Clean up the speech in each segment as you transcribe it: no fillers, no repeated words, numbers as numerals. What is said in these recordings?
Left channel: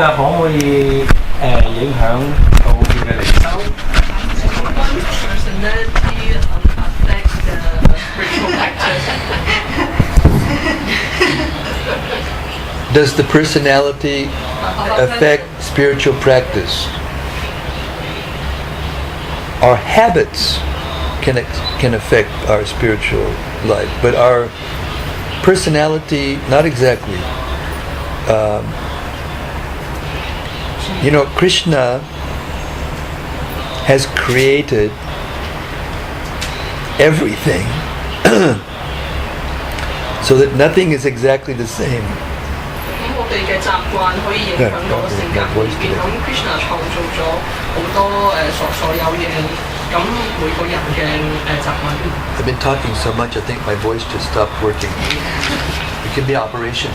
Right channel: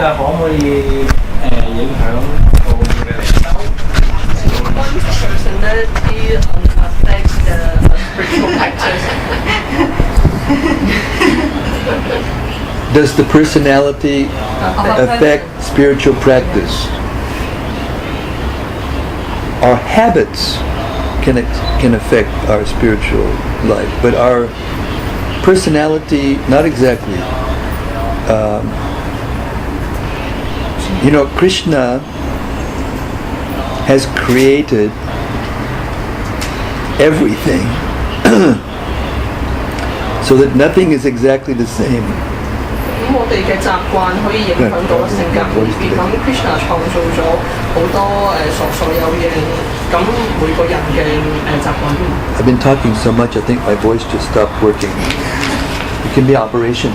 可唔可以影響到佢嘅靈修？ One's personality affects the spiritual practice. Does the personality affect spiritual practice? Our habits can affect our spiritual life, but our personality, not exactly. Krishna has created everything so that nothing is exactly the same. 咁我哋嘅習慣可以影響到性格而變。咁 Krishna 創造咗好多所有嘢，咁每個人嘅習慣。I've been talking so much, I think my voice just stopped working. It can be operation.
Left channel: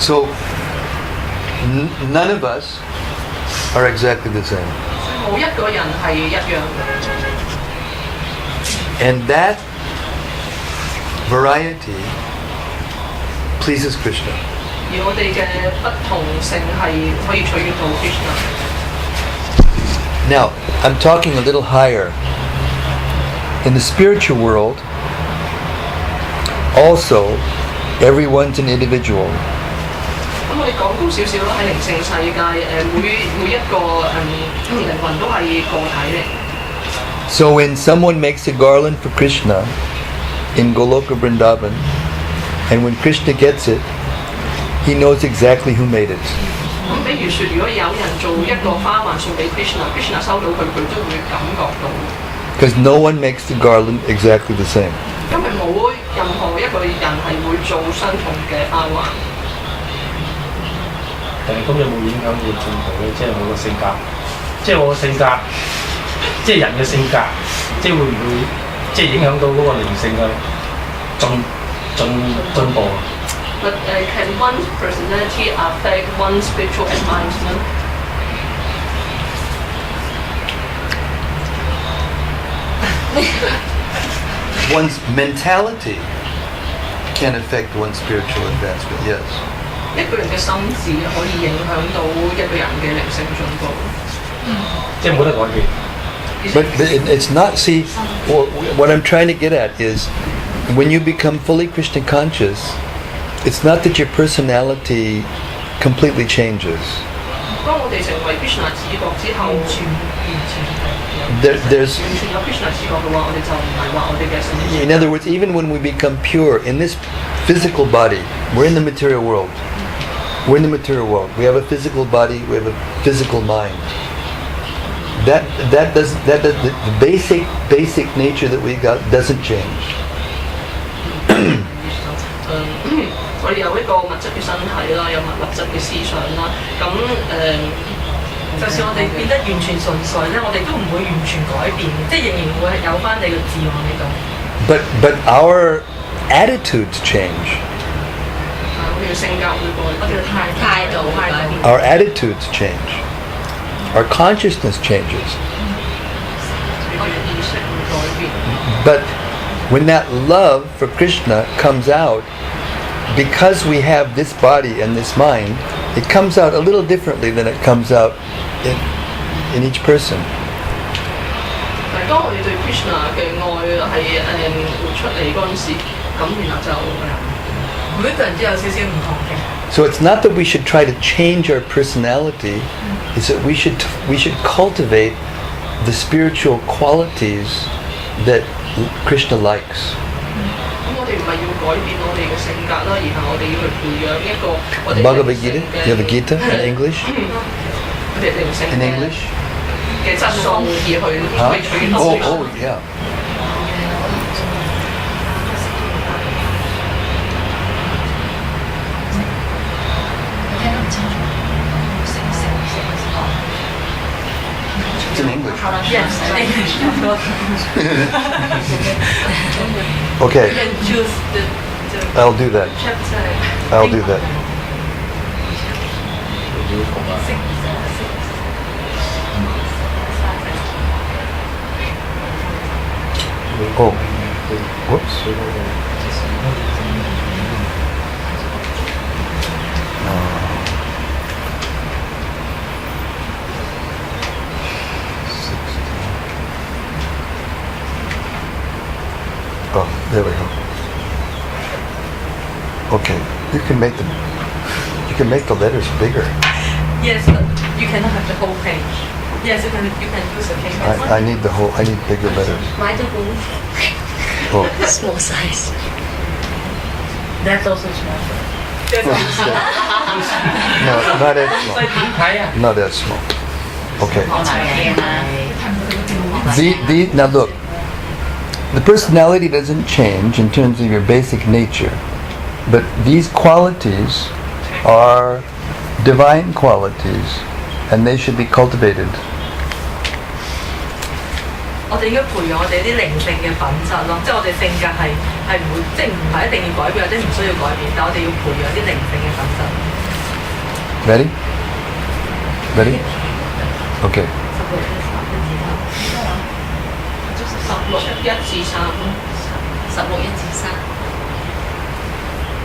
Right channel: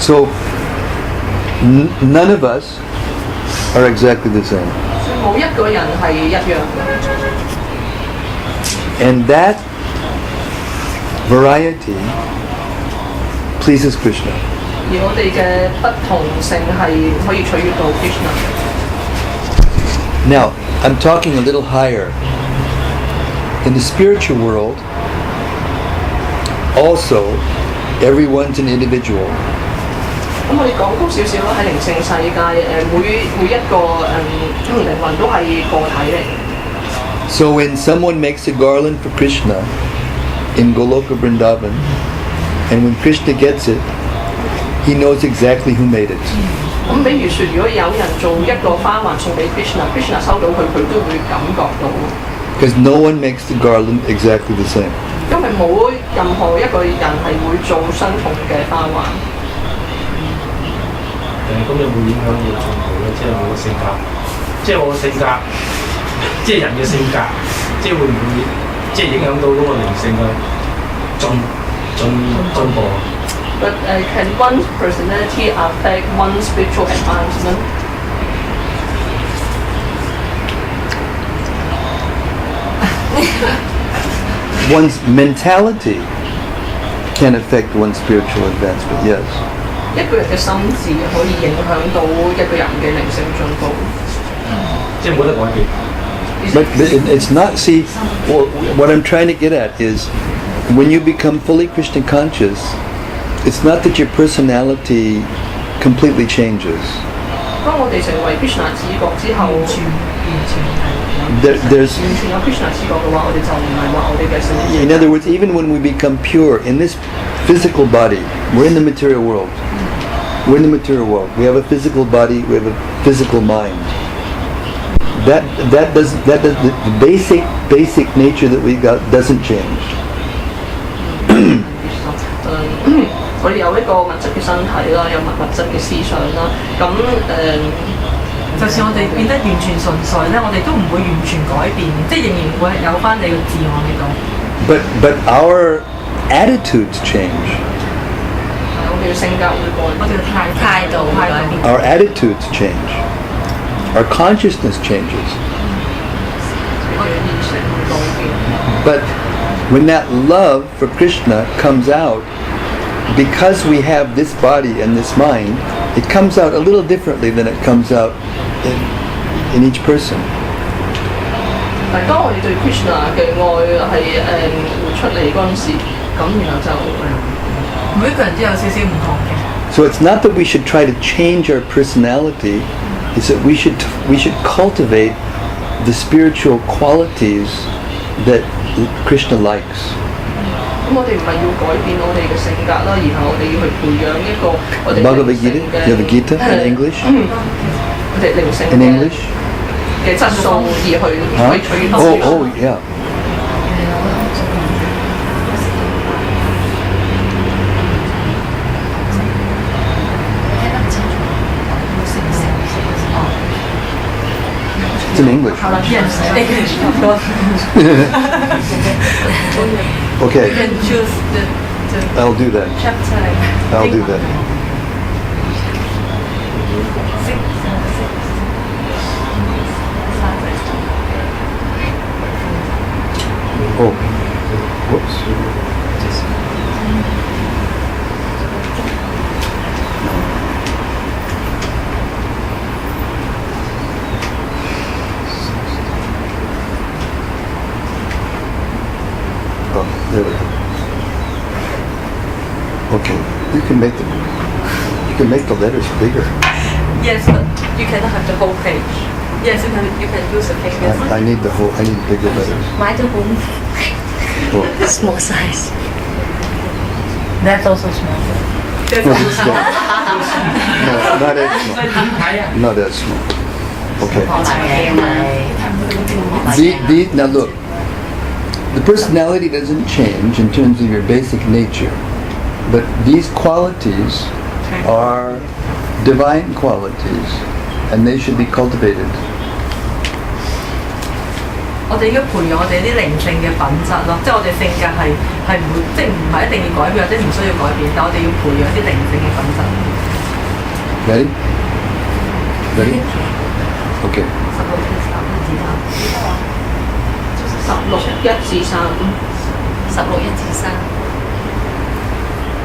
So, none of us are exactly the same. 冇一個人係一樣嘅。 And that variety pleases Krishna. 而我哋嘅不同性係可以取悅到 Krishna。 Now, I'm talking a little higher. In the spiritual world, also, everyone's an individual. 咁我哋講高少少啦，喺靈性世界，每一個靈魂都係個體嚟。 So when someone makes a garland for Krishna in Goloka Vrindavan, and when Krishna gets it, he knows exactly who made it. 咁比如說，如果有人做一個花環送俾 Krishna 收到佢都會感覺到。 Because no one makes the garland exactly the same. 因為冇任何一個人係會做相同嘅花環。 咁有冇影響到進步咧？即係我個性格，即係我個性格，即係人嘅性格，即係會唔會即係影響到嗰個靈性嘅進步But can one's personality affect one's spiritual advancement? One's mentality can affect one's spiritual advancement, yes. 一個人嘅心智可以影響到一個人嘅靈性進步。即係冇得改變。 But it's not, see, what I'm trying to get at is, when you become fully Krishna conscious, it's not that your personality completely changes. 當我哋成為 Krishna 自覺之後，There's, 完全有 Krishna 自覺嘅話，我哋就唔係話我哋嘅性質。 in other words, even when we become pure in this physical body, we're in the material world. We're in the material world. We have a physical body. We have a physical mind. The basic nature that we got doesn't change. 我哋有一個物質嘅身體啦，有物質嘅思想啦，咁就算我哋變得完全純粹咧，我哋都唔會完全改變，即係仍然會有翻你嘅自我喺度。But our attitudes change. 我哋嘅性格會改，我哋嘅態度會改變。 Our attitudes change. Our consciousness changes. 我哋意識會改變。 But when that love for Krishna comes out, because we have this body and this mind, it comes out a little differently than it comes out in each person. 但係當我哋對 Krishna 嘅愛係活出嚟嗰陣時，咁然後就每一個人都有少少唔同嘅。 So it's not that we should try to change our personality, it's that we should cultivate the spiritual qualities that Krishna likes. 咁我哋唔係要改變我哋嘅性格啦，然後我哋要去培養一個我哋 Bhagavad Gita, you have a Gita in English? 我哋靈性 In English? 嘅質素而去 Huh? 取悅 Oh, yeah. It's in English. Yes, English. Okay, You can choose the I'll do that. chapter. I'll do that. Oh, whoops. Oh, there we go. Okay, you can make the letters bigger. Yes, but you cannot have the whole page. Yes, you can use a page. I need bigger letters. 買咗本 Oh, small size. That's also small. no, this is big. No, not as small. 點睇啊？ Not as small. Okay. 我買嘅咪 Now look, the personality doesn't change in terms of your basic nature, but these qualities are divine qualities, and they should be cultivated. 我哋要培養我哋啲靈性嘅品質咯，即係我哋性格係唔會，即係唔係一定要改變或者唔需要改變，但我哋要培養啲靈性嘅品質。 Ready? Ready? Okay.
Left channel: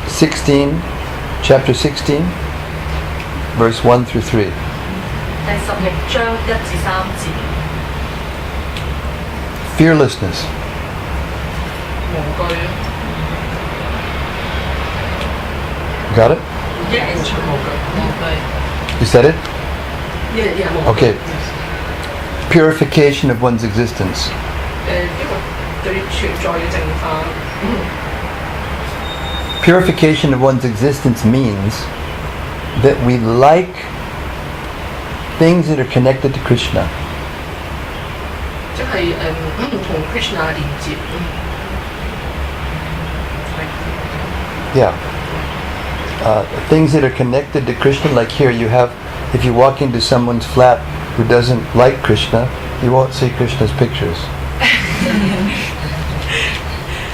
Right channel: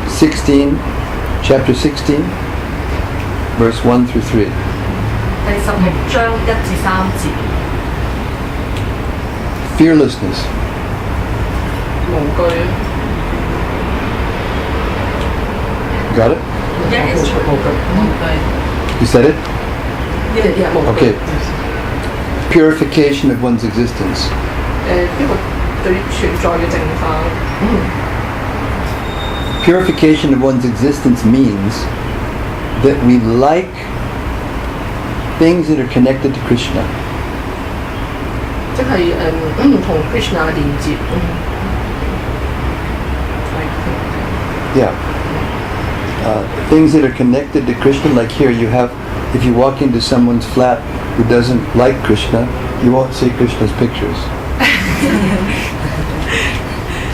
16, chapter 16, verse 1 through 3. 第16章1至3節。 Fearlessness. 無懼。 Got it? Yes，無懼。 You said it? Yeah，無懼。 Okay. Purification of one's existence. 呢個對存在嘅淨化。Purification of one's existence means that we like things that are connected to Krishna. 即係同 Krishna 嘅連接。 Yeah. Things that are connected to Krishna, like here you have, if you walk into someone's flat who doesn't like Krishna, you won't see Krishna's pictures.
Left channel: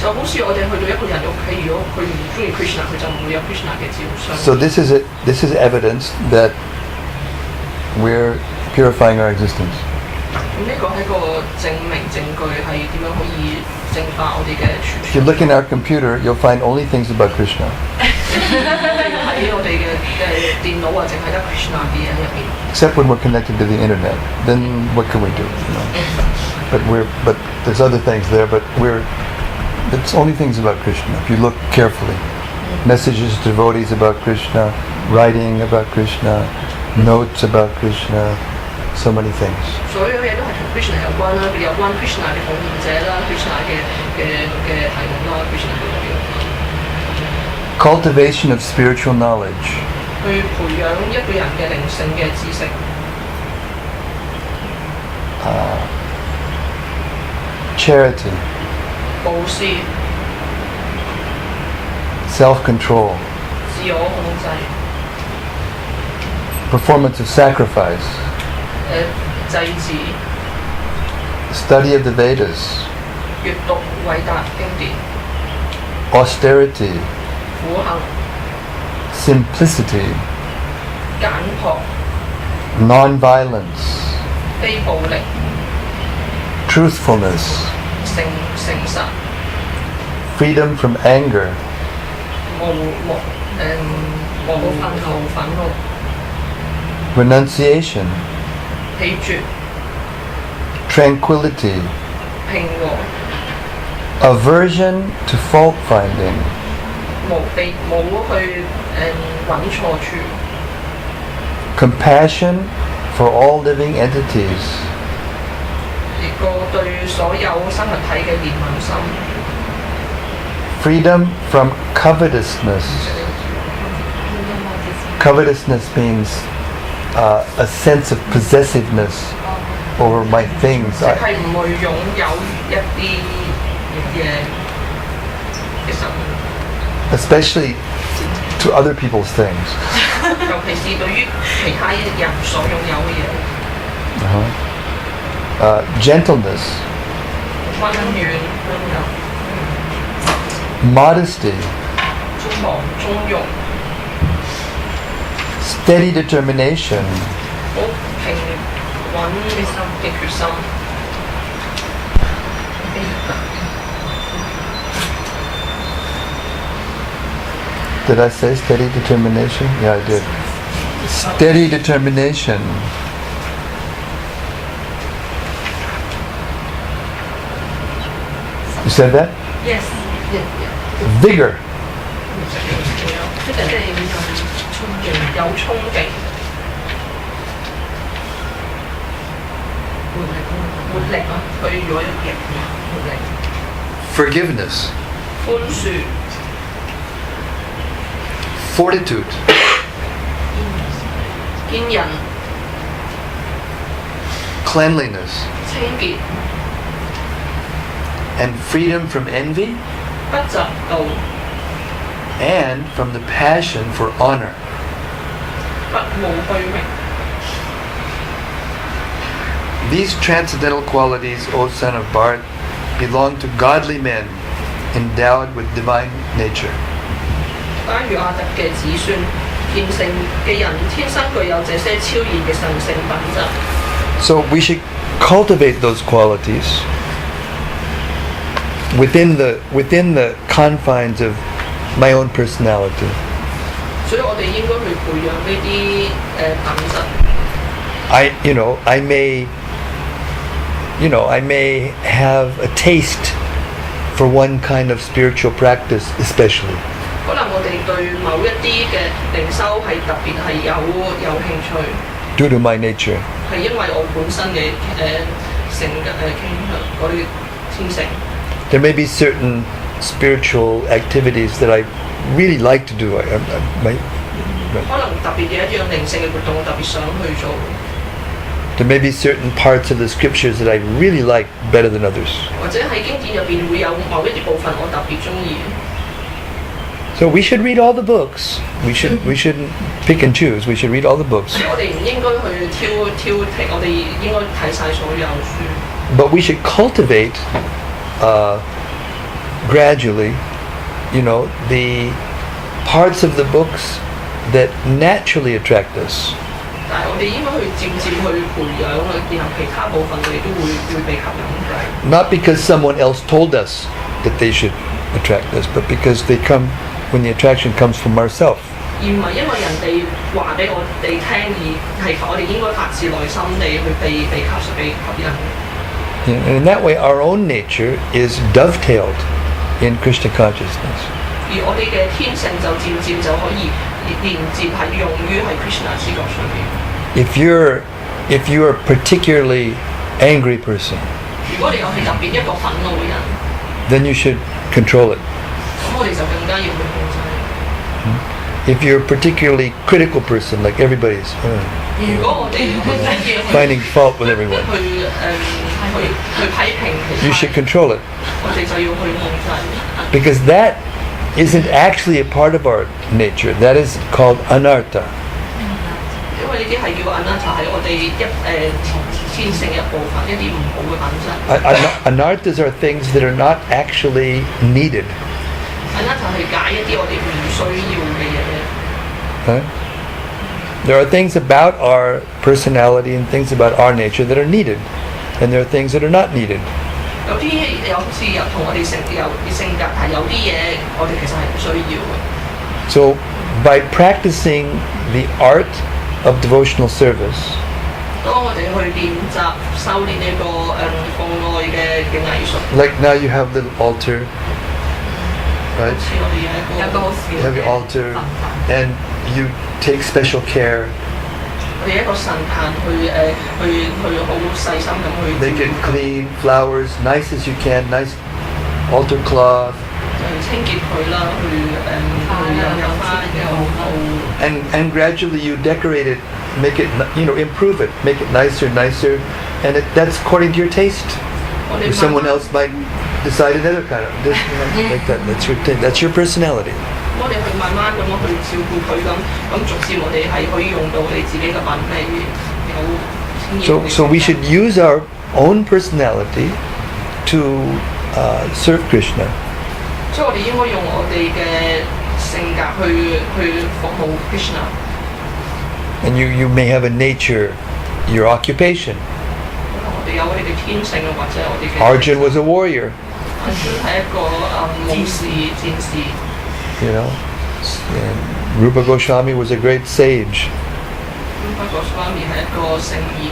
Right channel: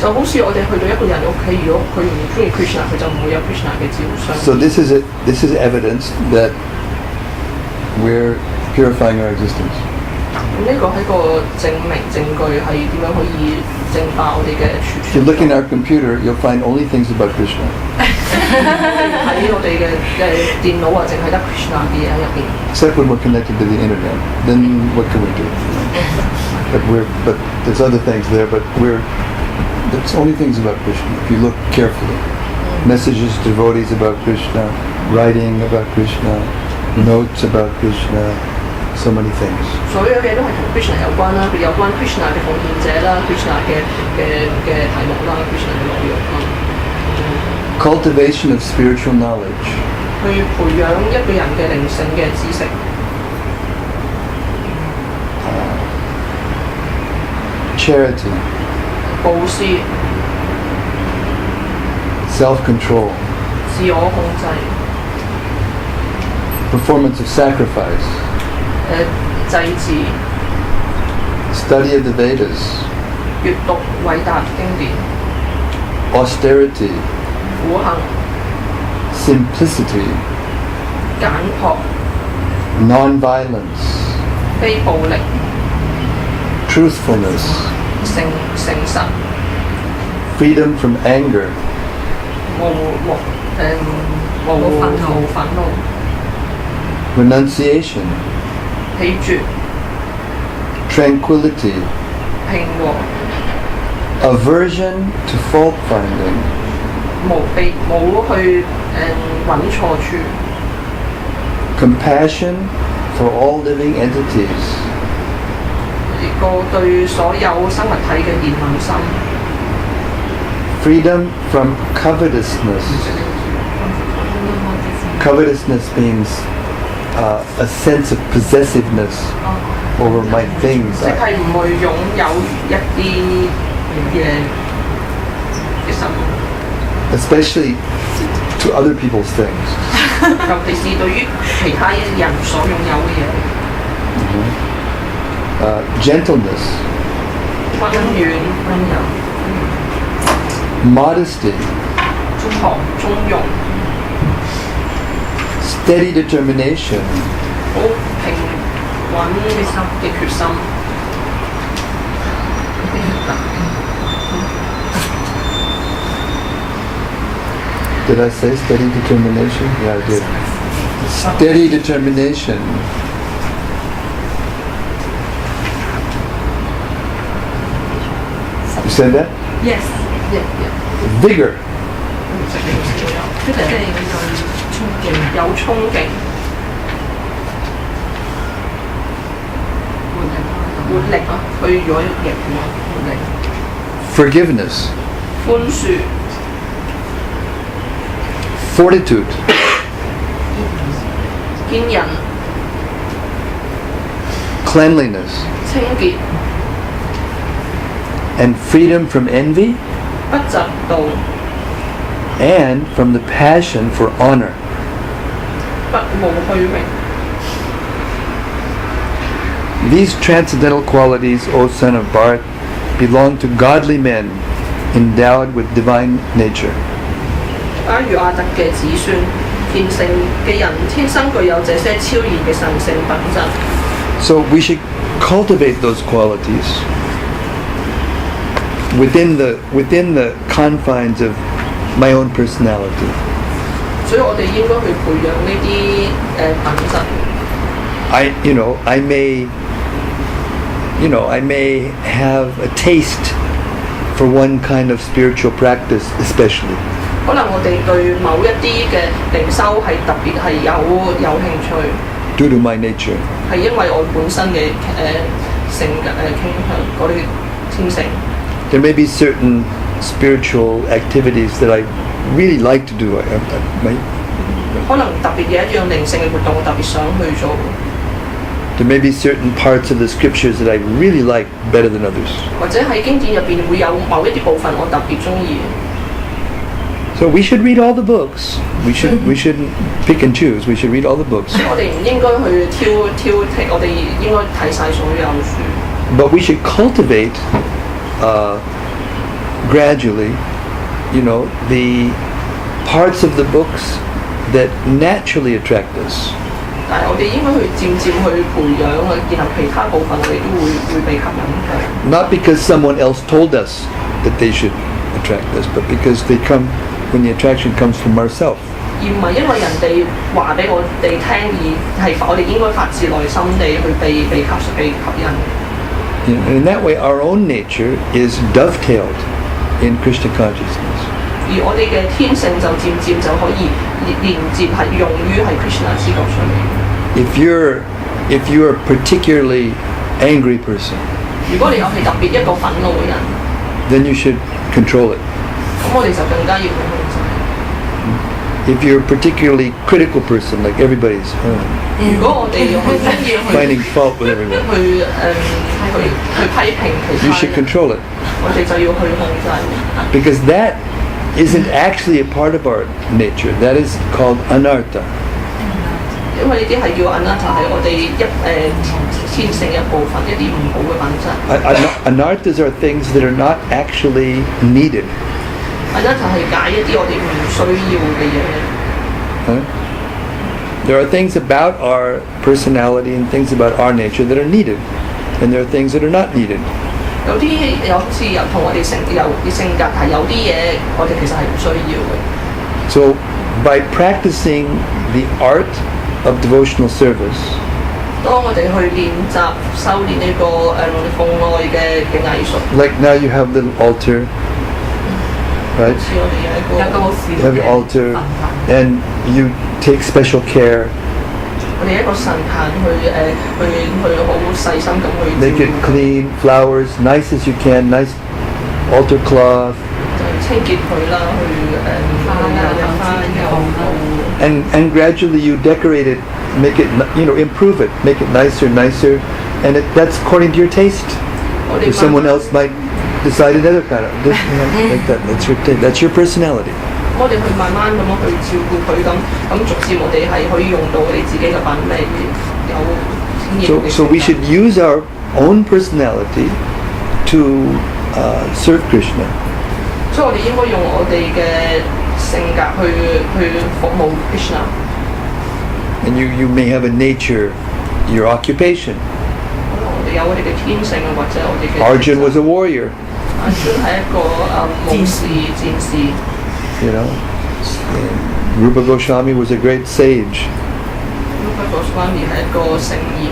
就好似我哋去到一個人屋企，如果佢唔中意 Krishna， 佢就唔會有 Krishna 嘅照相。 So this is evidence that we're purifying our existence. 呢個係個證據係點樣可以淨化我哋嘅 If you look in our computer, you'll find only things about Krishna. 喺我哋嘅電腦啊，淨係得 Krishna 嘅嘢喺入邊。 Except when we're connected to the internet, then what can we do? You know? But there's other things there. But it's only things about Krishna. If you look carefully, messages to devotees about Krishna, writing about Krishna, notes about Krishna, so many things. 所有嘢都係同 Krishna 有關啦，有關 Krishna 嘅奉獻者啦 ，Krishna 嘅題目啦 ，Krishna 嘅內容啦。 Cultivation of spiritual knowledge. 去培養一個人嘅靈性嘅知識。 Charity. 布施。 Self-control. 自我控制。 Performance of sacrifice. 祭祀。 Study of the Vedas. 閱讀偉大經典。 Austerity. 苦行。 Simplicity. 簡樸。 Non-violence. 非暴力。 Truthfulness. 誠實。 Freedom from anger. 無憤怒。 Renunciation. 棄絕。 Tranquility. 平和。 Aversion to fault finding. 冇去揾錯處。 Compassion for all living entities. 一個對所有生物體嘅憐憫心。 Freedom from covetousness. Covetousness means a sense of possessiveness over my things. 即係唔會擁有一啲嘢嘅生活。 Especially to other people's things. 尤其是對於其他人所擁有嘅嘢。Gentleness. 溫柔。 Modesty. 中庸。 Steady determination. 好平穩嘅決心。Did I say steady determination? Yeah, I did. Steady determination. You said that? Yes. Vigor. 即係對衝勁，有衝勁，活力啊！佢如果贏活力， Forgiveness. 寬恕、 Fortitude. 堅忍、 Cleanliness. 清潔、 And freedom from envy 不嫉妒、 and from the passion for honor. 不慕虛榮。 These transcendental qualities, O son of Bharat, belong to godly men endowed with divine nature. 假如亞特嘅子孫，虔誠嘅人，天生具有這些超然嘅神聖品質。 So we should cultivate those qualities within the confines of my own personality. 所以我哋應該去培養呢啲品質。I may have a taste for one kind of spiritual practice, especially. 可能我哋對某一啲嘅靈修係特別係有興趣， Due to my nature. 係因為我本身嘅性格傾向，我哋天性。 There may be certain spiritual activities that I really like to do. 可能特別嘅一樣靈性嘅活動，我特別想去做。 There may be certain parts of the scriptures that I really like better than others. 或者喺經典入邊會有某一啲部分我特別中意。 So we should read all the books. We shouldn't pick and choose. We should read all the books. 我哋唔應該去挑剔，我哋應該睇晒所有書。 But we should cultivate gradually, the parts of the books that naturally attract us. 但係我哋應該去漸漸去培養，去然後其他部分我哋都會被吸引嘅。 Not because someone else told us that they should attract us, but because they come when the attraction comes from ourselves. 而唔係因為人哋話俾我哋聽，而係我哋應該發自內心地去被吸引。 And in that way, our own nature is dovetailed in Krishna consciousness. 而我哋嘅天性就漸漸就可以連接係用於係 Krishna 知覺上面。 If you're a particularly angry person, 如果你又係特別一個憤怒嘅人， then you should control it. 咁我哋就更加要去控制。 If you're a particularly critical person, like everybody's 如果我哋去 finding fault with everyone, 去批評其 you 他 should 人， control it. 我哋就要去控制。 Because that isn't actually a part of our nature. That is called anartha. 因為呢啲係叫 anatta， 係我哋天性一部分，一啲唔好嘅品質。 Anarthas are things that are not actually needed. anatta 係解一啲我哋唔需要嘅嘢。 Huh? There are things about our personality and things about our nature that are needed, and there are things that are not needed. 有啲有同我哋性格係有啲嘢，我哋其實係唔需要嘅。 So, by practicing the art of devotional service, 當我哋去練習修練呢個奉愛嘅藝術， like now you have little altar, right? 似我哋有一個 You have your altar, and you take special care, 我哋一個神壇去好細心咁去 make it clean, flowers, nice as you can, nice altar cloth, 清潔佢啦，去花有 and gradually you decorate it, make it, improve it, make it nicer, and that's according to your taste. 我哋 Or someone else might decide another kind of, like that. That's your personality. 我哋去慢慢咁樣去照顧佢咁逐漸我哋係可以用到我哋自己嘅品味，有經驗。 So we should use our own personality to serve Krishna. 所以我哋應該用我哋嘅性格去服務 Krishna。 And you may have a nature, your occupation. 我哋有我哋嘅天性或者我哋嘅。Arjun was a warrior. Arjun 係一個武士戰士。And Rupa Goswami was a great sage. Rupa Goswami 係一個聖賢。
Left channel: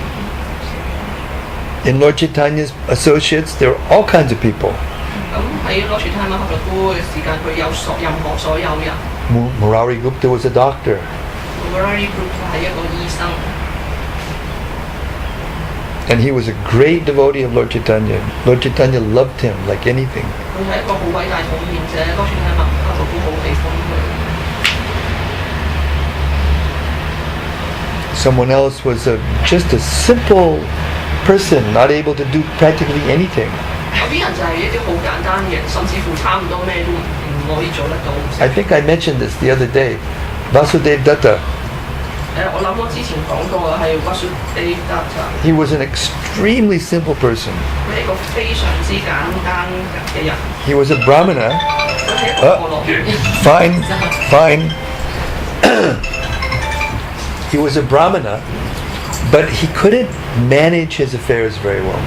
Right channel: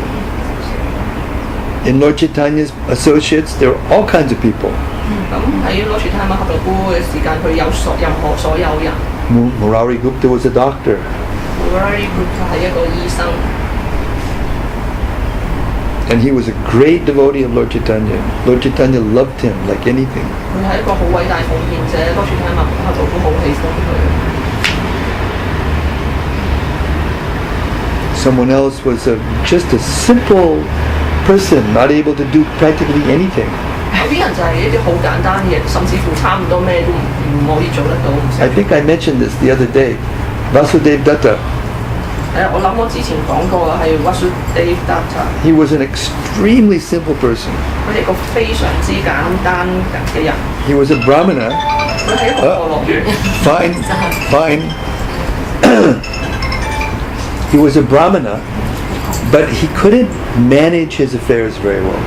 In Lord Chaitanya's associates, there were all kinds of people. 咁喺羅傳泰馬哈普夫嘅時間，佢有任何所有人。Murari Gupta was a doctor. Murari Gupta 係一個醫生。And he was a great devotee of Lord Chaitanya. Lord Chaitanya loved him like anything. 佢係一個好偉大奉獻者，羅傳泰馬哈普夫好喜歡佢。Someone else was just a simple person, not able to do practically anything. 有啲人就係一啲好簡單嘅，甚至乎差唔多咩都唔可以做得到。I think I mentioned this the other day. Vasudev Datta. 我諗我之前講過係 Vasudev Datta。He was an extremely simple person. 佢係個非常之簡單嘅人。He was a Brahmana. 佢係一個過落嘅。Fine. He was a Brahmana, but he couldn't manage his affairs very well.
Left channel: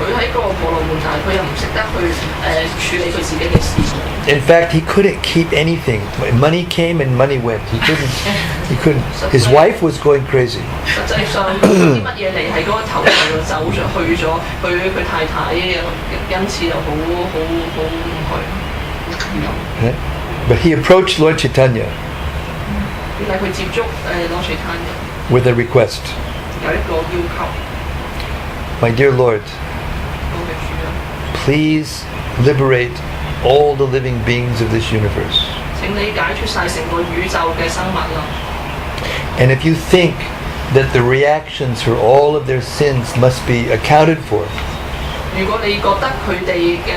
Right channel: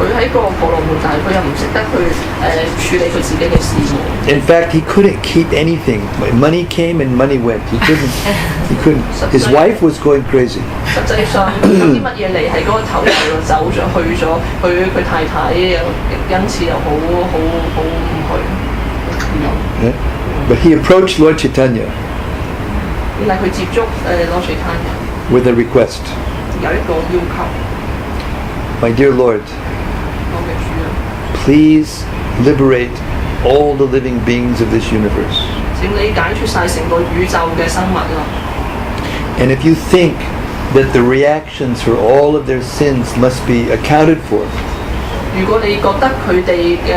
佢喺個過落門，但係佢又唔識得去處理佢自己嘅事。In fact, he couldn't keep anything. Money came and money went. He couldn't. His wife was going crazy. 實際上啲乜嘢嚟係嗰個頭就走咗去咗，佢太太因此又好唔去。Yeah? But he approached Lord Chaitanya 但係佢接觸羅傳泰人 with a request. 有一個要求。My dear Lord, please liberate all the living beings of this universe. 請你解決晒成個宇宙嘅生物啦。And if you think that the reactions for all of their sins must be accounted for, 如果你覺得佢哋嘅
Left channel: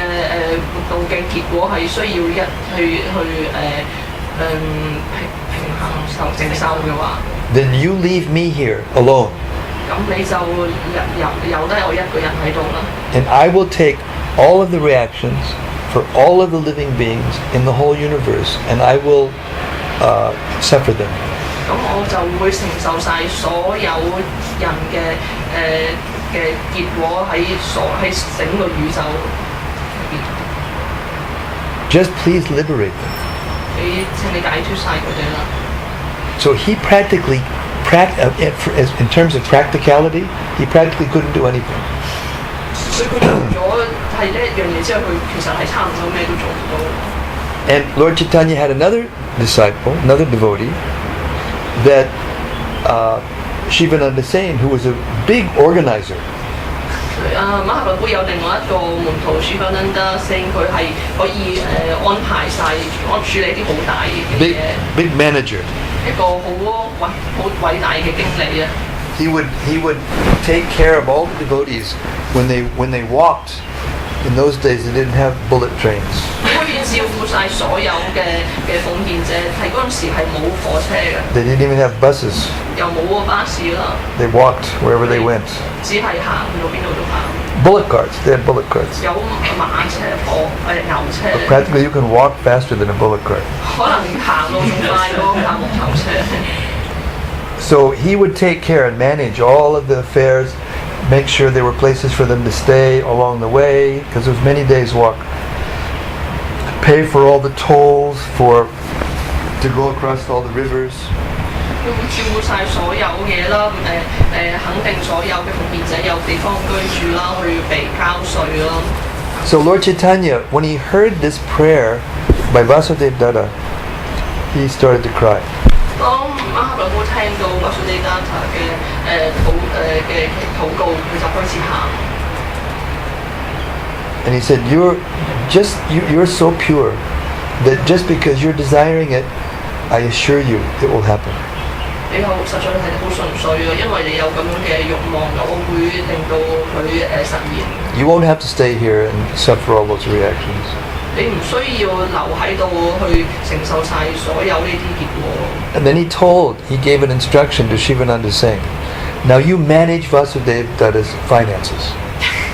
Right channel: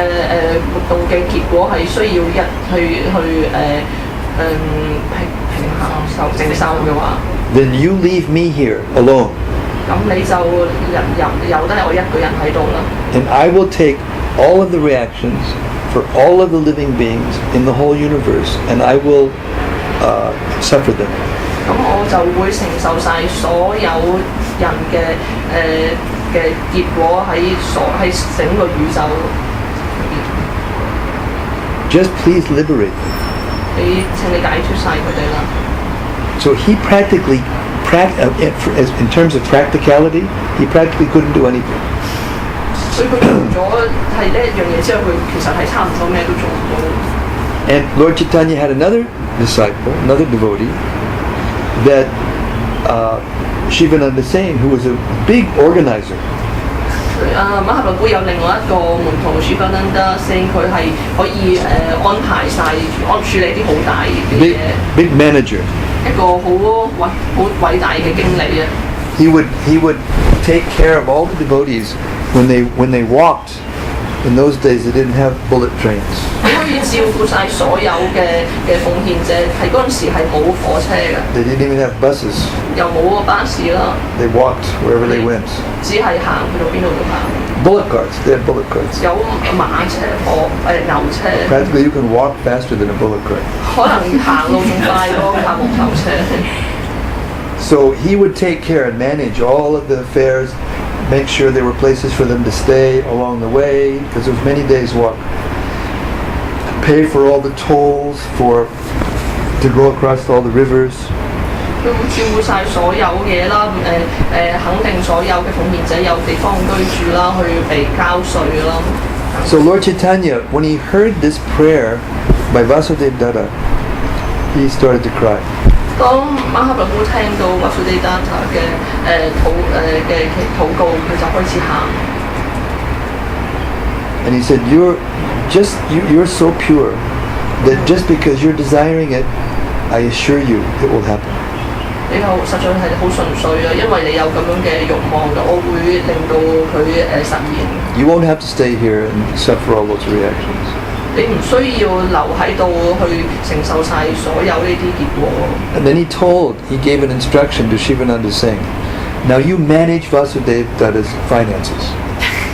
活動嘅結果係需要平承受嘅話， then you leave me here alone. 咁你就由得我一個人喺度啦。And I will take all of the reactions for all of the living beings in the whole universe, and I will suffer them. 咁我就會承受晒所有人嘅結果喺整個宇宙。Just please liberate them. 請你解脫晒佢哋啦。So he practically, in terms of practicality, he practically couldn't do anything. 所以佢做咗係呢一樣嘢之後，佢其實係差唔多咩都做唔到。And Lord Chaitanya had another disciple, another devotee, that Shivananda Sain, who was a big organizer. 馬哈倫會有另外一個門徒 Shivananda Sain，佢係可以安排晒、處理啲好大嘅嘢。Big manager. 一個好偉大嘅經理啊！ He would take care of all the devotees when they walked. In those days, they didn't have bullet trains. 可以照顧晒所有嘅奉獻者，喺嗰陣時係冇火車嘅。 They didn't even have buses. 又冇巴士啦。 They walked wherever they went. 只係行去到邊度都行。 Bullet carts. They had bullet carts. 有馬車、牛車。Practically, you can walk faster than a bullet cart. 可能行路仲快過架木頭車。 So he would take care and manage all of the affairs, make sure there were places for them to stay along the way, because it was many days' walk. Pay for all the tolls to go across all the rivers. 佢會照顧晒所有嘢啦，肯定所有嘅奉獻者有地方居住啦，去被交稅啦。 So Lord Chaitanya, when he heard this prayer by Vasudev Datta, he started to cry. 當馬哈倫會聽到 Vasudev Datta 嘅禱告，佢就開始喊。 And he said, you're so pure that just because you're desiring it, I assure you it will happen. 你又實在係好純粹啊，因為你有咁樣嘅慾望，我會令到佢實現。 You won't have to stay here and suffer all those reactions. 你唔需要留喺度去承受晒所有呢啲結果。 And then he gave an instruction to Shivananda Singh. Now you manage Vasudev Datta's finances.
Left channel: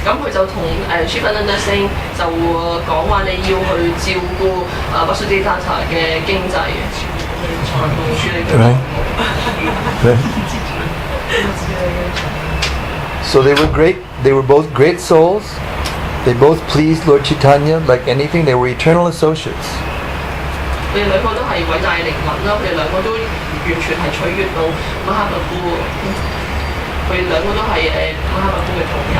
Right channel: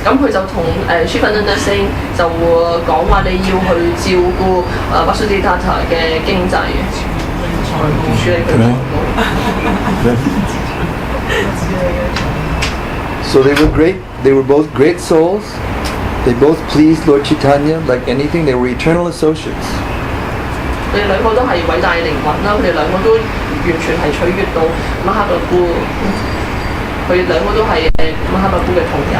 咁佢就同Shivananda Singh 就講話你要去照顧Vasudev Datta 嘅經濟，財務處理佢財務。 Right. So they were great. They were both great souls. They both pleased Lord Chaitanya like anything. They were eternal associates. 佢哋兩個都係係偉大靈魂啦，佢哋兩個都完全係取悅到馬哈巴夫，佢哋兩個都係馬哈巴夫嘅徒友。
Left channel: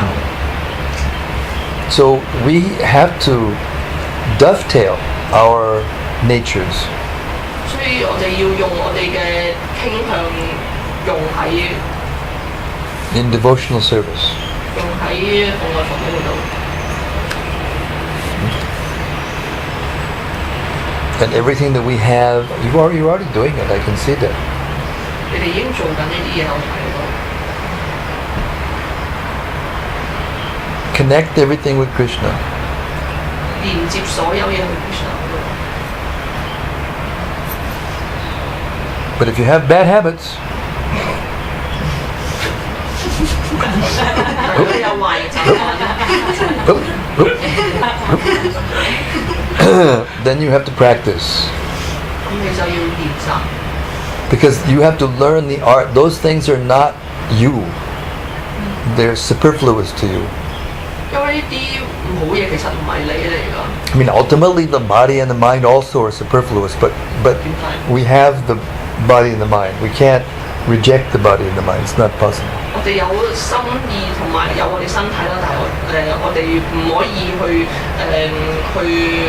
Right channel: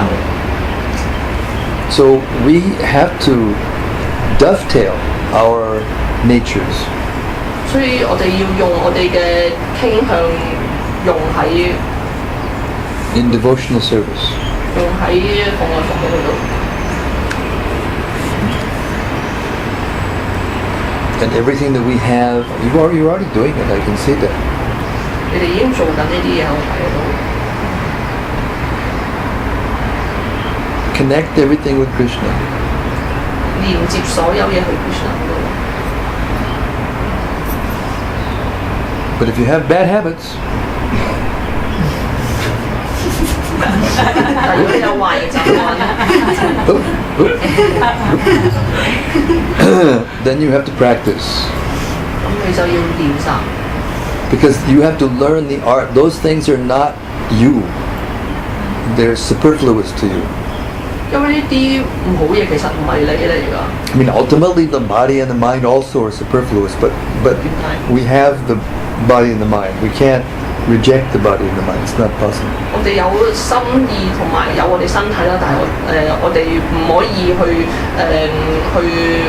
So we have to dovetail our natures. 所以我哋要用我哋嘅傾向用喺 in devotional service. 用喺奉愛服務嗰度。And everything that we have, you're already doing it. I can see that. 你哋已經做緊呢啲嘢，我睇到。Connect everything with Krishna. 連接所有嘢去 Krishna 嗰度。 But if you have bad habits, 但如果你有壞習慣， then you have to practice. 咁你就要練習。 Because you have to learn the art. Those things are not you. They're superfluous to you. 因為呢啲唔好嘢其實唔係你嚟㗎。I mean, ultimately, the body and the mind also are superfluous. But we have the body and the mind. We can't reject the body and the mind. It's not possible. 我哋有心意同埋有我哋身體啦，但係我哋唔可以去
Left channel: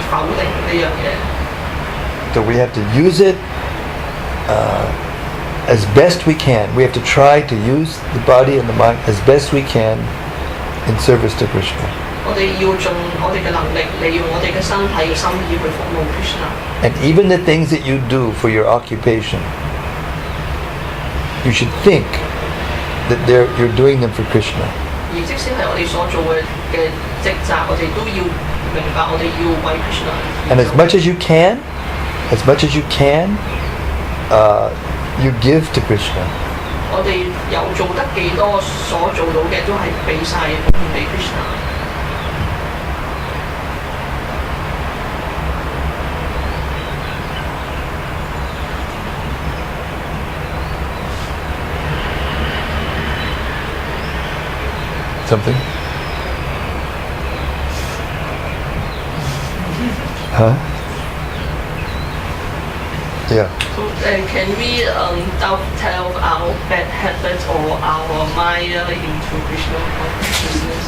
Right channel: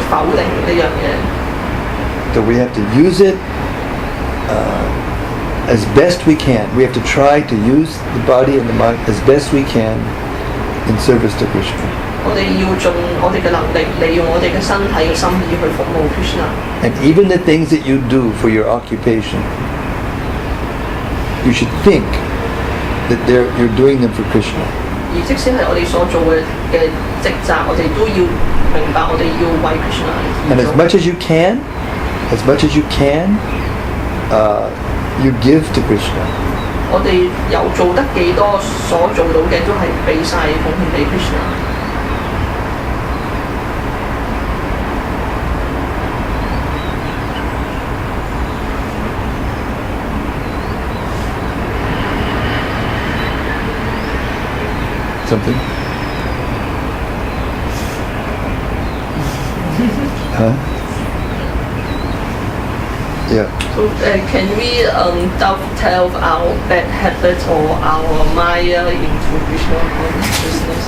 否定呢樣嘢。 So we have to use it as best we can. We have to try to use the body and the mind as best we can in service to Krishna. 我哋要盡我哋嘅能力，利用我哋嘅身體嘅心意去服務 Krishna。 And even the things that you do for your occupation, you should think that you're doing them for Krishna. 而即使係我哋所做嘅職責，我哋都要明白，我哋要為 Krishna。 And as much as you can, you give to Krishna. 我哋有做得幾多，所做到嘅都係俾晒奉獻俾 Krishna。 Something? Huh? Yeah. So can we dovetail our bad habits or our Maya into Krishna consciousness?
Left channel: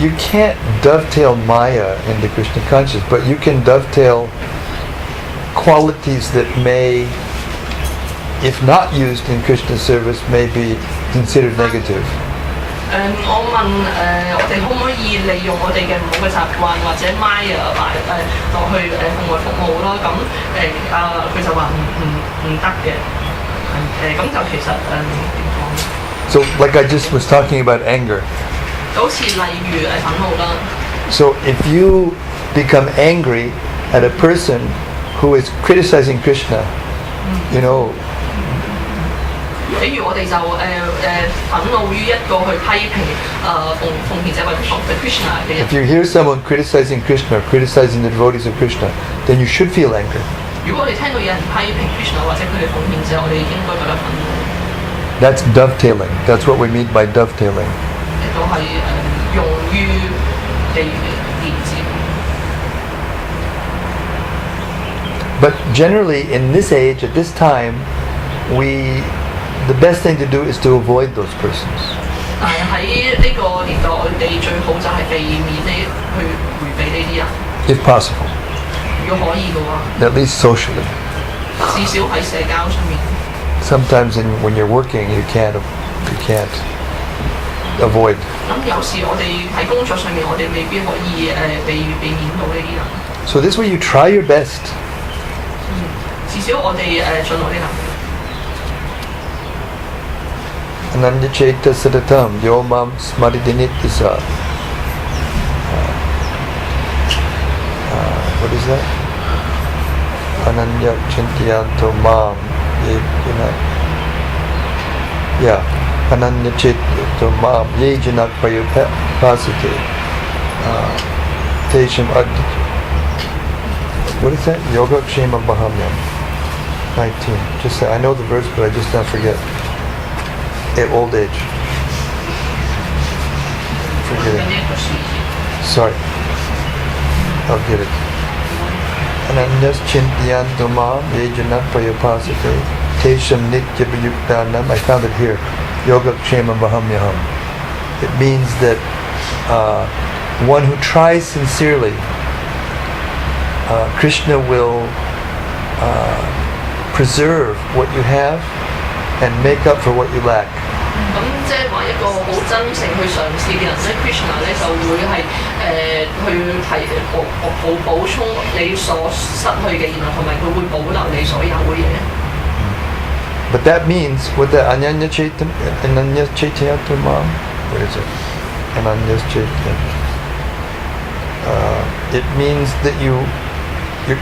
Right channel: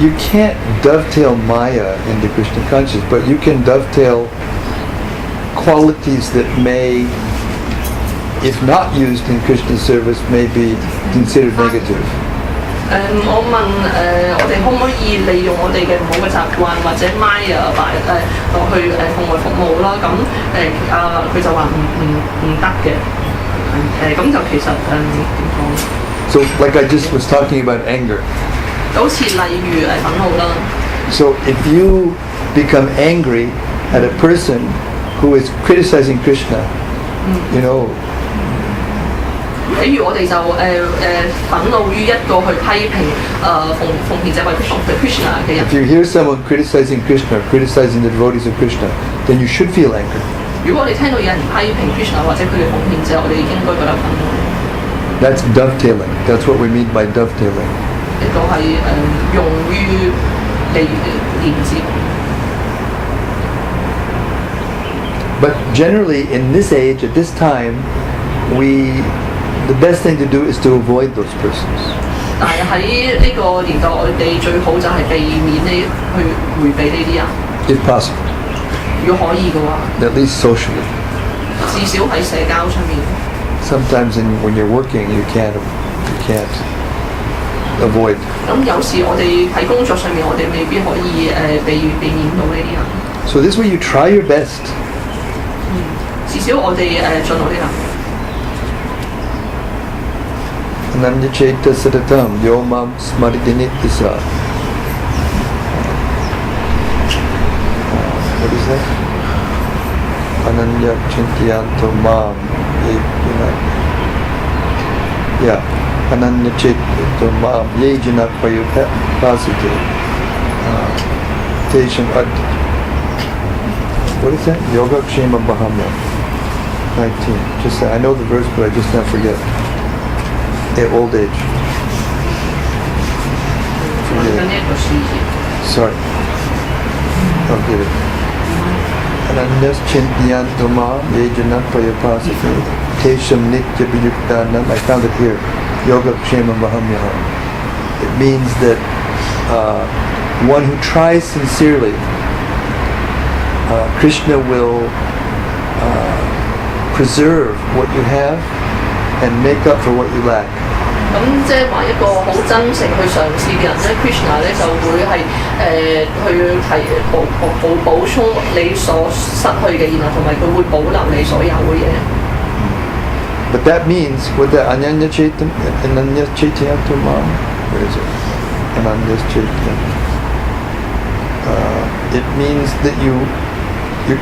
You can't dovetail Maya into Krishna consciousness, but you can dovetail qualities that may, if not used in Krishna service, may be considered negative. 我問我哋可唔可以利用我哋嘅唔好嘅習慣或者 Maya 落去奉愛服務啦？咁佢就話唔得嘅。咁就其實點講？ So, like I just was talking about anger. 好似例如憤怒啦。 So, if you become angry at a person who is criticizing Krishna, you know. 比如我哋就憤怒於一個去批評奉獻者為 Krishna 嘅人。 If you hear someone criticizing Krishna or criticizing the devotees of Krishna, then you should feel anger. 如果我哋聽到有人批評 Krishna 或者佢嘅奉獻者，我哋應該覺得憤怒。 That's dovetailing. That's what we mean by dovetailing. 呢個係用於連接。 But generally, in this age, at this time, the best thing to do is to avoid those persons. 但係喺呢個年代，我哋最好就係避免去迴避呢啲人。 If possible. 如果可以嘅話， At least socially. 至少喺社交上面。 Sometimes when you're working, you can't avoid. 咁有時我哋喺工作上面，我哋未必可以避免到呢啲人。 So this way you try your best. 至少我哋盡我哋能力。 Ananya Chaita Sadatam Yomam Smaridinitisa. What is that? Ananya Chintiyanto Mam. Yeah. Ananya Chaita Mam Yejanak Payupasite. Tesham Ad. What is that? Yoga Kshema Bahamya. 19. Just I know the verse, but I just not forget. At old age. Forget it. Sorry. I'll get it. Ananyas Chintyanto Mam Yejana Prayapasate Tesham Nitya Biyuktanam. I found it here. Yoga Kshemam Vahamyaham. It means that one who tries sincerely, Krishna will preserve what you have and make up for what you lack. 咁即係話一個好真誠去嘗試嘅人咧 ，Krishna 咧就會係去補充你所失去嘅，然後同埋佢會保留你所有嘅嘢。But that means with the Ananya Chaitanya Mam, what is it? Ananya Chaitanya. It means that you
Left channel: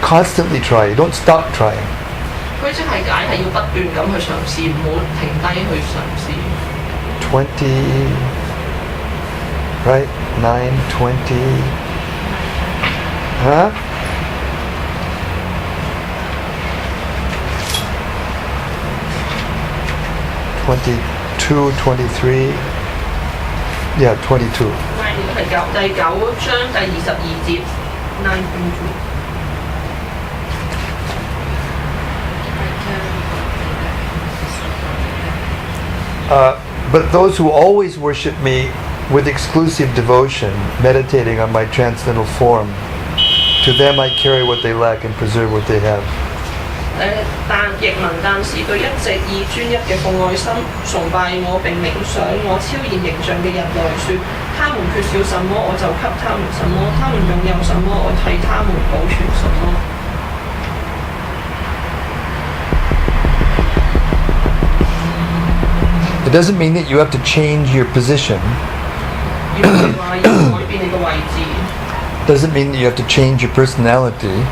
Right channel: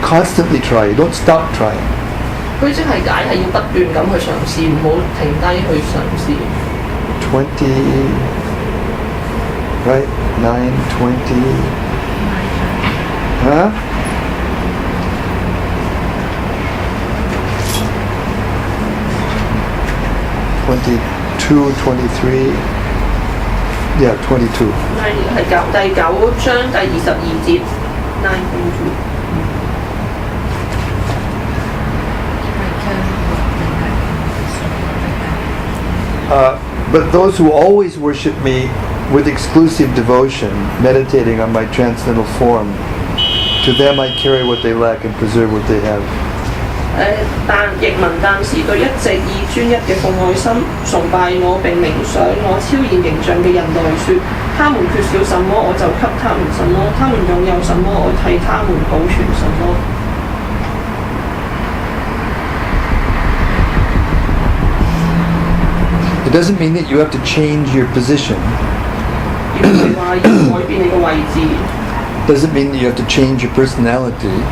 constantly try. You don't stop trying. 佢即係解係要不斷咁去嘗試，唔好停低去嘗試。20, right? 9, 20. Huh? $22, 23. Yeah, 22. 係第9章第22節 9.2。But those who always worship me with exclusive devotion, meditating on my transcendental form, to them I carry what they lack and preserve what they have. 但是對一直以專一嘅奉愛心崇拜我並冥想我超然形象嘅人來說，他們缺少什麼我就給他們什麼，他們擁有什麼我替他們保存什麼。It doesn't mean that you have to change your position. Doesn't mean that you have to change your personality.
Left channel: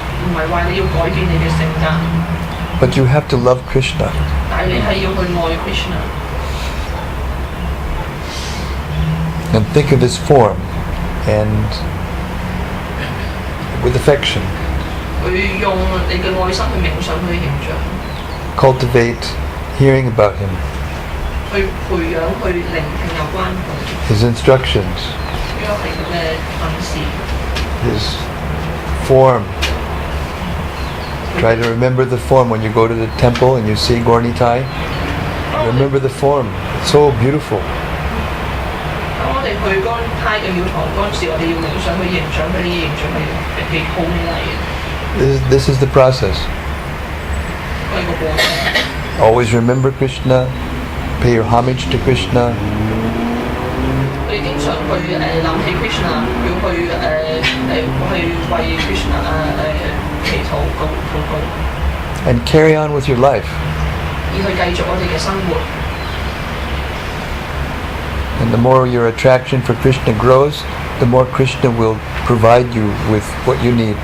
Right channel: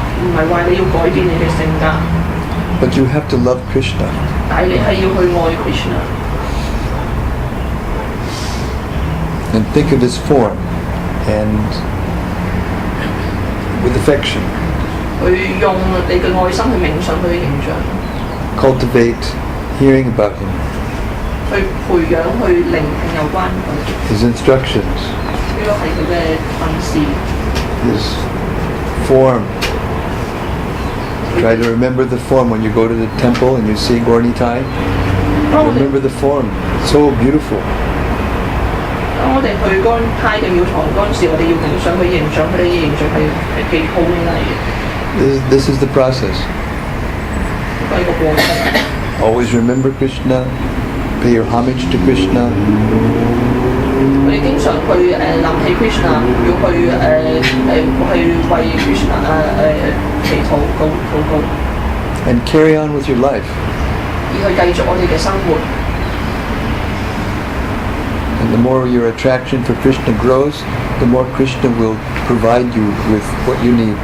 But you have to love Krishna. And think of his form and with affection. Cultivate hearing about him. His instructions. His form. Try to remember the form when you go to the temple and you see Gaurnitai. Remember the form. It's so beautiful. This is the process. Always remember Krishna. Pay your homage to Krishna. And carry on with your life. And the more your attraction for Krishna grows, the more Krishna will provide you with what you need.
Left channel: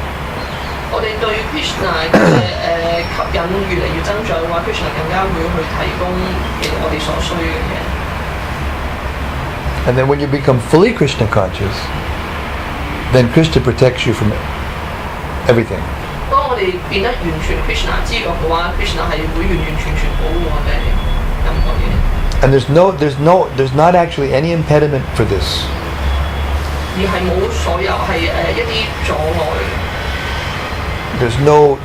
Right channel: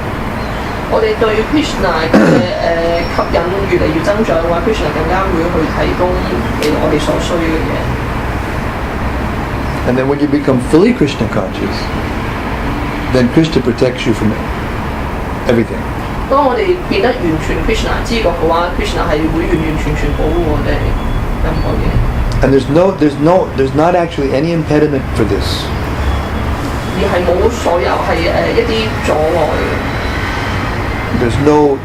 And then when you become fully Krishna conscious, then Krishna protects you from everything. And there's not actually any impediment for this.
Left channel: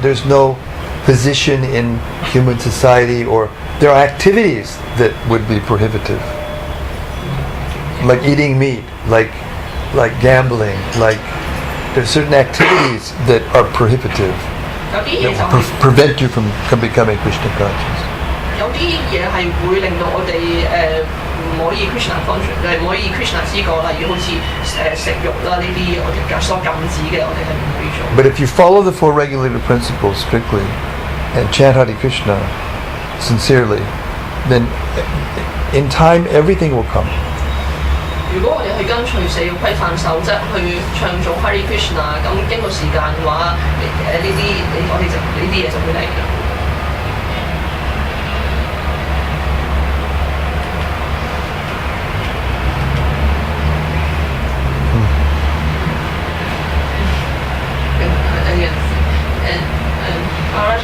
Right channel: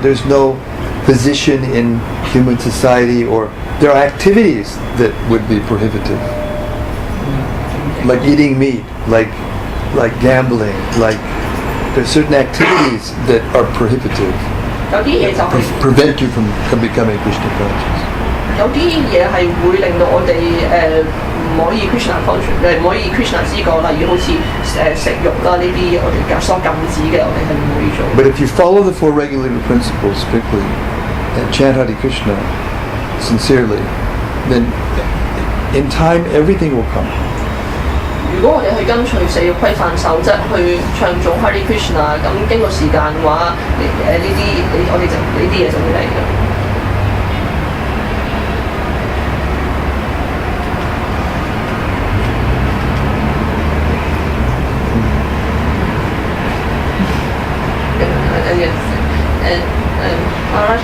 There's no position in human society, or there are activities that would be prohibitive, like eating meat, like gambling, like there's certain activities that are prohibitive, that prevent you from becoming Krishna conscious. But if you follow the four regulative principles strictly and chant Hare Krishna sincerely, then in time everything will come.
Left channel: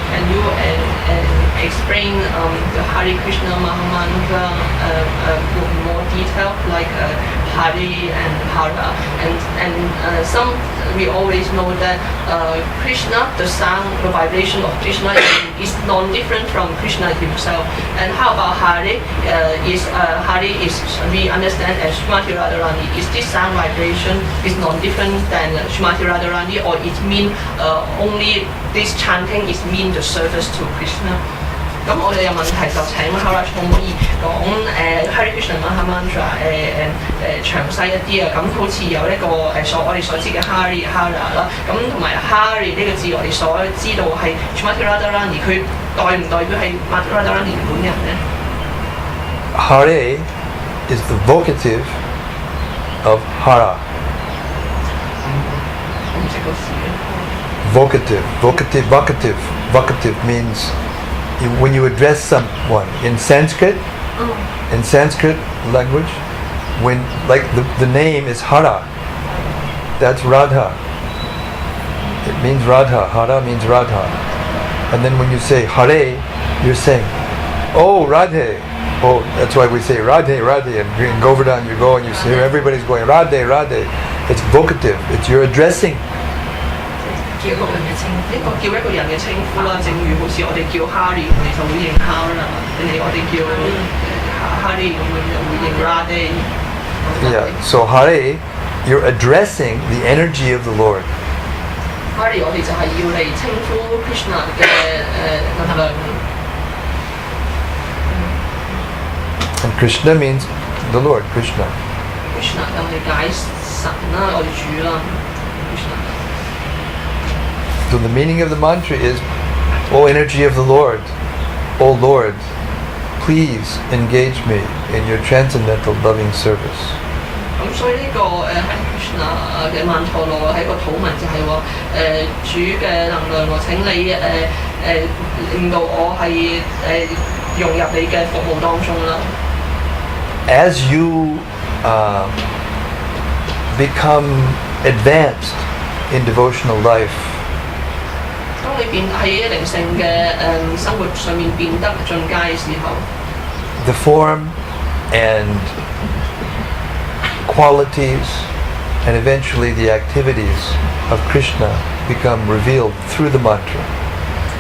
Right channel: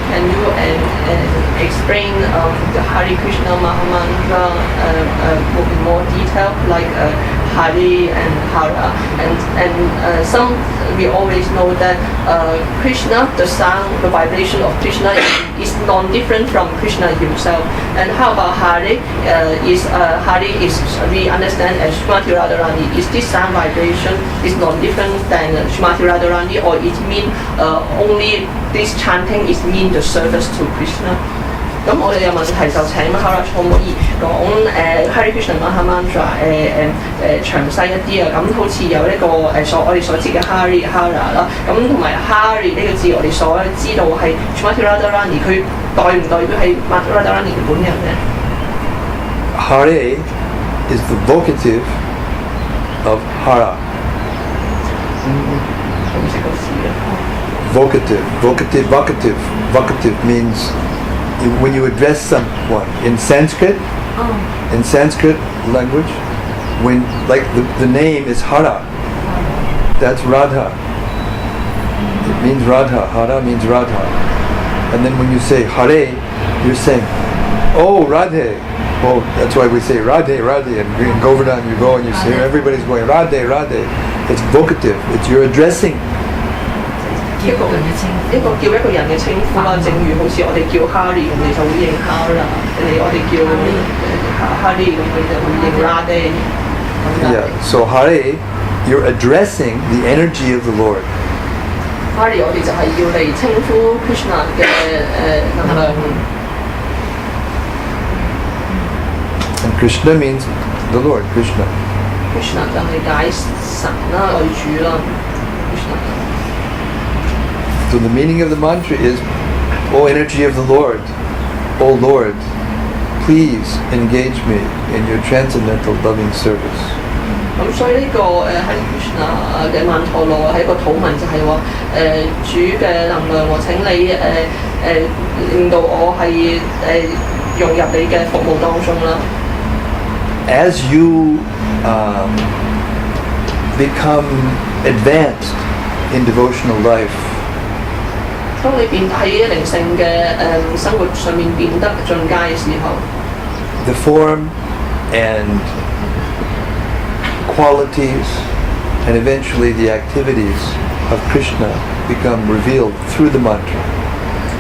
Can you explain the Hare Krishna Mahamantra in more detail, like Hari and Hara, and some we always know that Krishna, the sound, the vibration of Krishna is non-different from Krishna himself. And how about Hari? Hari is we understand as Srimati Radharani. Is this sound vibration is non-different than Srimati Radharani, or it mean only this chanting is mean the service to Krishna? 咁我哋有問題就請 Maharaj 可唔可以講Hare Krishna Maha Mantra 詳細一啲啊？咁好似有呢個我哋所知嘅 Hare Hara 啦，咁同埋 Hare 呢個字我哋所知道係 Srimati Radharani， 佢代唔代表係 Radharani 本人咧 ？Hare is the vocative of Hara. Vocative means when you address someone in Sanskrit language, when like the name is Hara, that's Radha. It means Radha. Hara means Radha. And then when you say Hare, you're saying, oh Radhe. Oh, that's why we say Radhe, Radhe. And in Govardhan you go and you say, everybody's going Radhe, Radhe. It's vocative. It's you're addressing. 一個叫一個人嘅稱呼啦，正如好似我哋叫 Hari， 我哋就會認 Hara， 我哋叫 Hari， 我哋就會認 Radhe。Yeah, so Hare, you're addressing the energy of the Lord. Hari 我哋就係要嚟稱呼 Krishna 嘅能量。And Krishna means the Lord, Krishna. Krishna 就係解神啦，我哋主啦。So the meaning of the mantra is, O energy of the Lord, O Lord, please engage me in your transcendental loving service. 咁所以呢個喺 Krishna 嘅曼陀羅係一個禱文，就係話主嘅能量，我請你令到我係融入你嘅服務當中啦。As you become advanced in devotional life, 當你變喺靈性嘅生活上面變得進階嘅時候 the form and qualities and eventually the activities of Krishna become revealed through the mantra.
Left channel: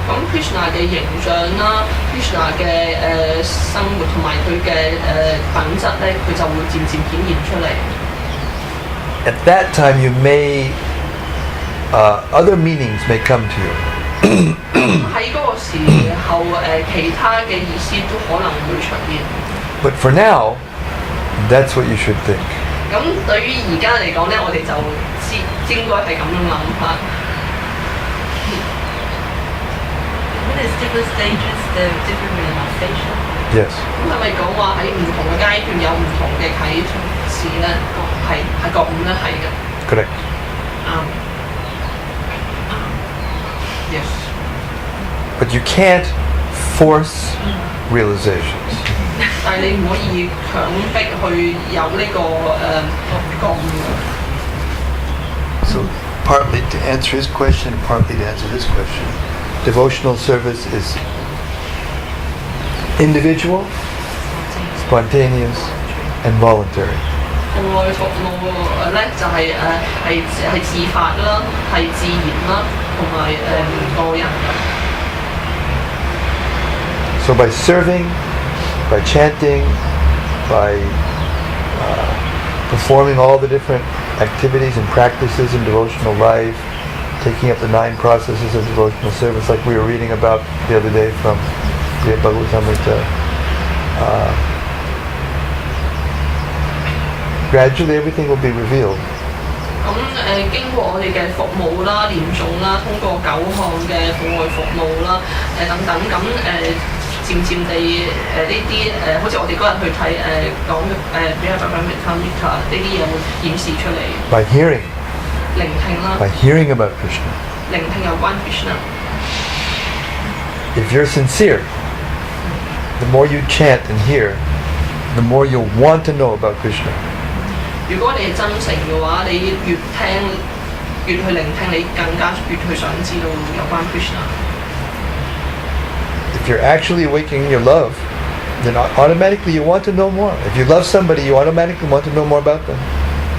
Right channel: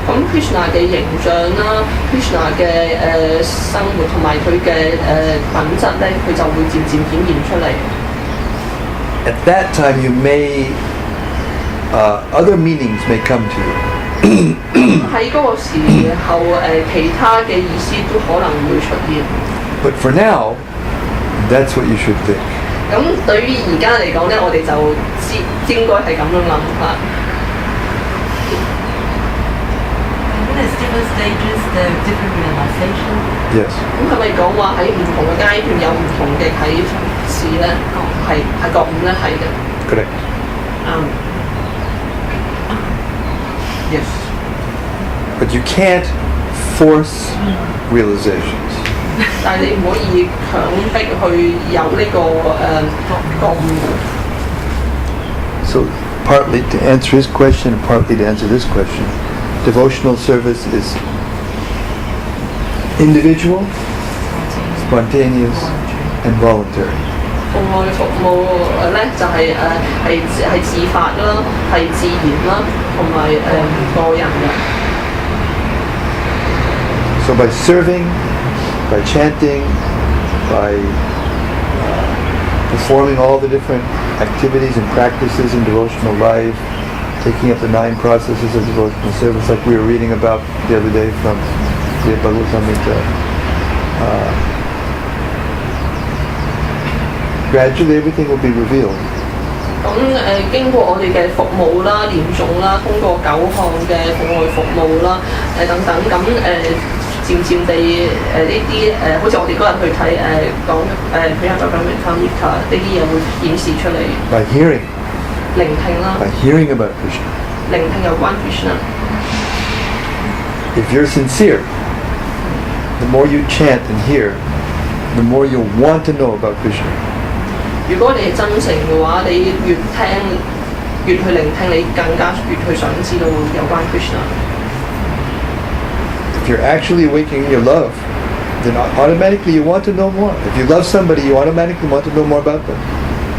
咁 Krishna 嘅形象啦 ，Krishna 嘅生活同埋佢嘅品質咧，佢就會漸漸顯現出嚟。At that time you may other meanings may come to you. 喺嗰個時候其他嘅意思都可能會出現。But for now, that's what you should think. 咁對於而家嚟講咧，我哋就應該係咁樣諗法。There's different stages, there are different realization. Yes. 咁係咪講話喺唔同嘅階段有唔同嘅啟示咧？係覺悟咧，係嘅。Correct. Yes. But you can't force realizations. 但係你唔可以強迫去有呢個覺悟。So partly to answer his question, and partly to answer this question, devotional service is individual, spontaneous, and voluntary. 服務咧就係自發啦，係自然啦，同埋個人嘅。So by serving, by chanting, by performing all the different activities and practices in devotional life, taking up the 9 processes of devotional service, like we were reading about the other day from the Bhagavatamrita. Gradually, everything will be revealed. 咁經過我哋嘅服務啦、念誦啦，通過9項嘅課外服務啦，等等，咁漸漸地呢啲好似我哋嗰日去睇講比較就咁嘅 Tamika 呢啲嘢會顯示出嚟。By hearing. 聆聽啦。By hearing about Krishna. 聆聽有關 Krishna。If you're sincere, the more you chant and hear, the more you'll want to know about Krishna. 如果你係真誠嘅話，你越聽越去聆聽，你更加越去想知道有關 Krishna。If you're actually awakening your love then automatically you want to know more. If you love somebody, you automatically want to know more about them.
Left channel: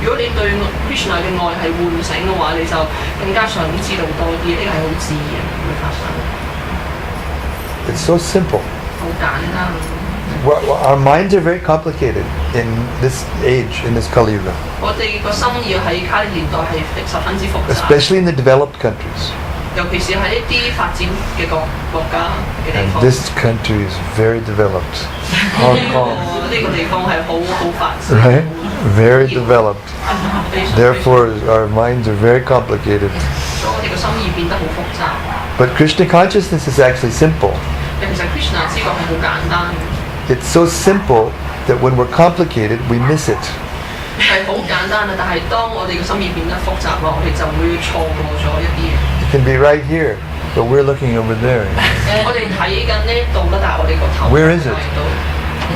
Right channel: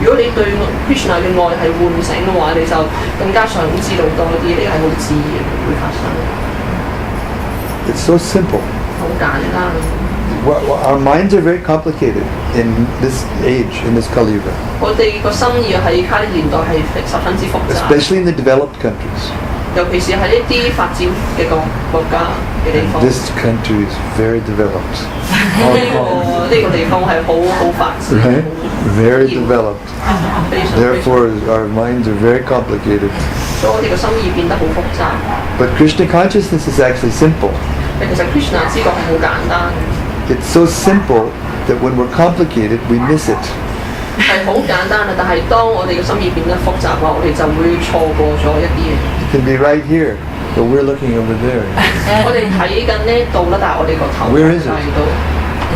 如果你對 Krishna 嘅愛係喚醒嘅話，你就更加想知道多啲，呢個係好自然會發生。It's so simple. 好簡單。Our minds are very complicated in this age, in this Kali Yuga. 我哋個心意喺卡呢年代係十分之複雜。Especially in the developed countries. 尤其是喺一啲發展嘅國家嘅地方。This country is very developed. Hong Kong. 呢個地方係好發展。Right? Very developed. Therefore, our minds are very complicated. 所以我哋個心意變得好複雜。But Krishna consciousness is actually simple. 其實 Krishna 知覺係好簡單。It's so simple that when we're complicated, we miss it. 係好簡單啊！但係當我哋嘅心意變得複雜嘅話，我哋就會錯過咗一啲。It can be right here, but we're looking over there. 我哋睇緊呢度啦，但係我哋個頭 Where is it? 睇到。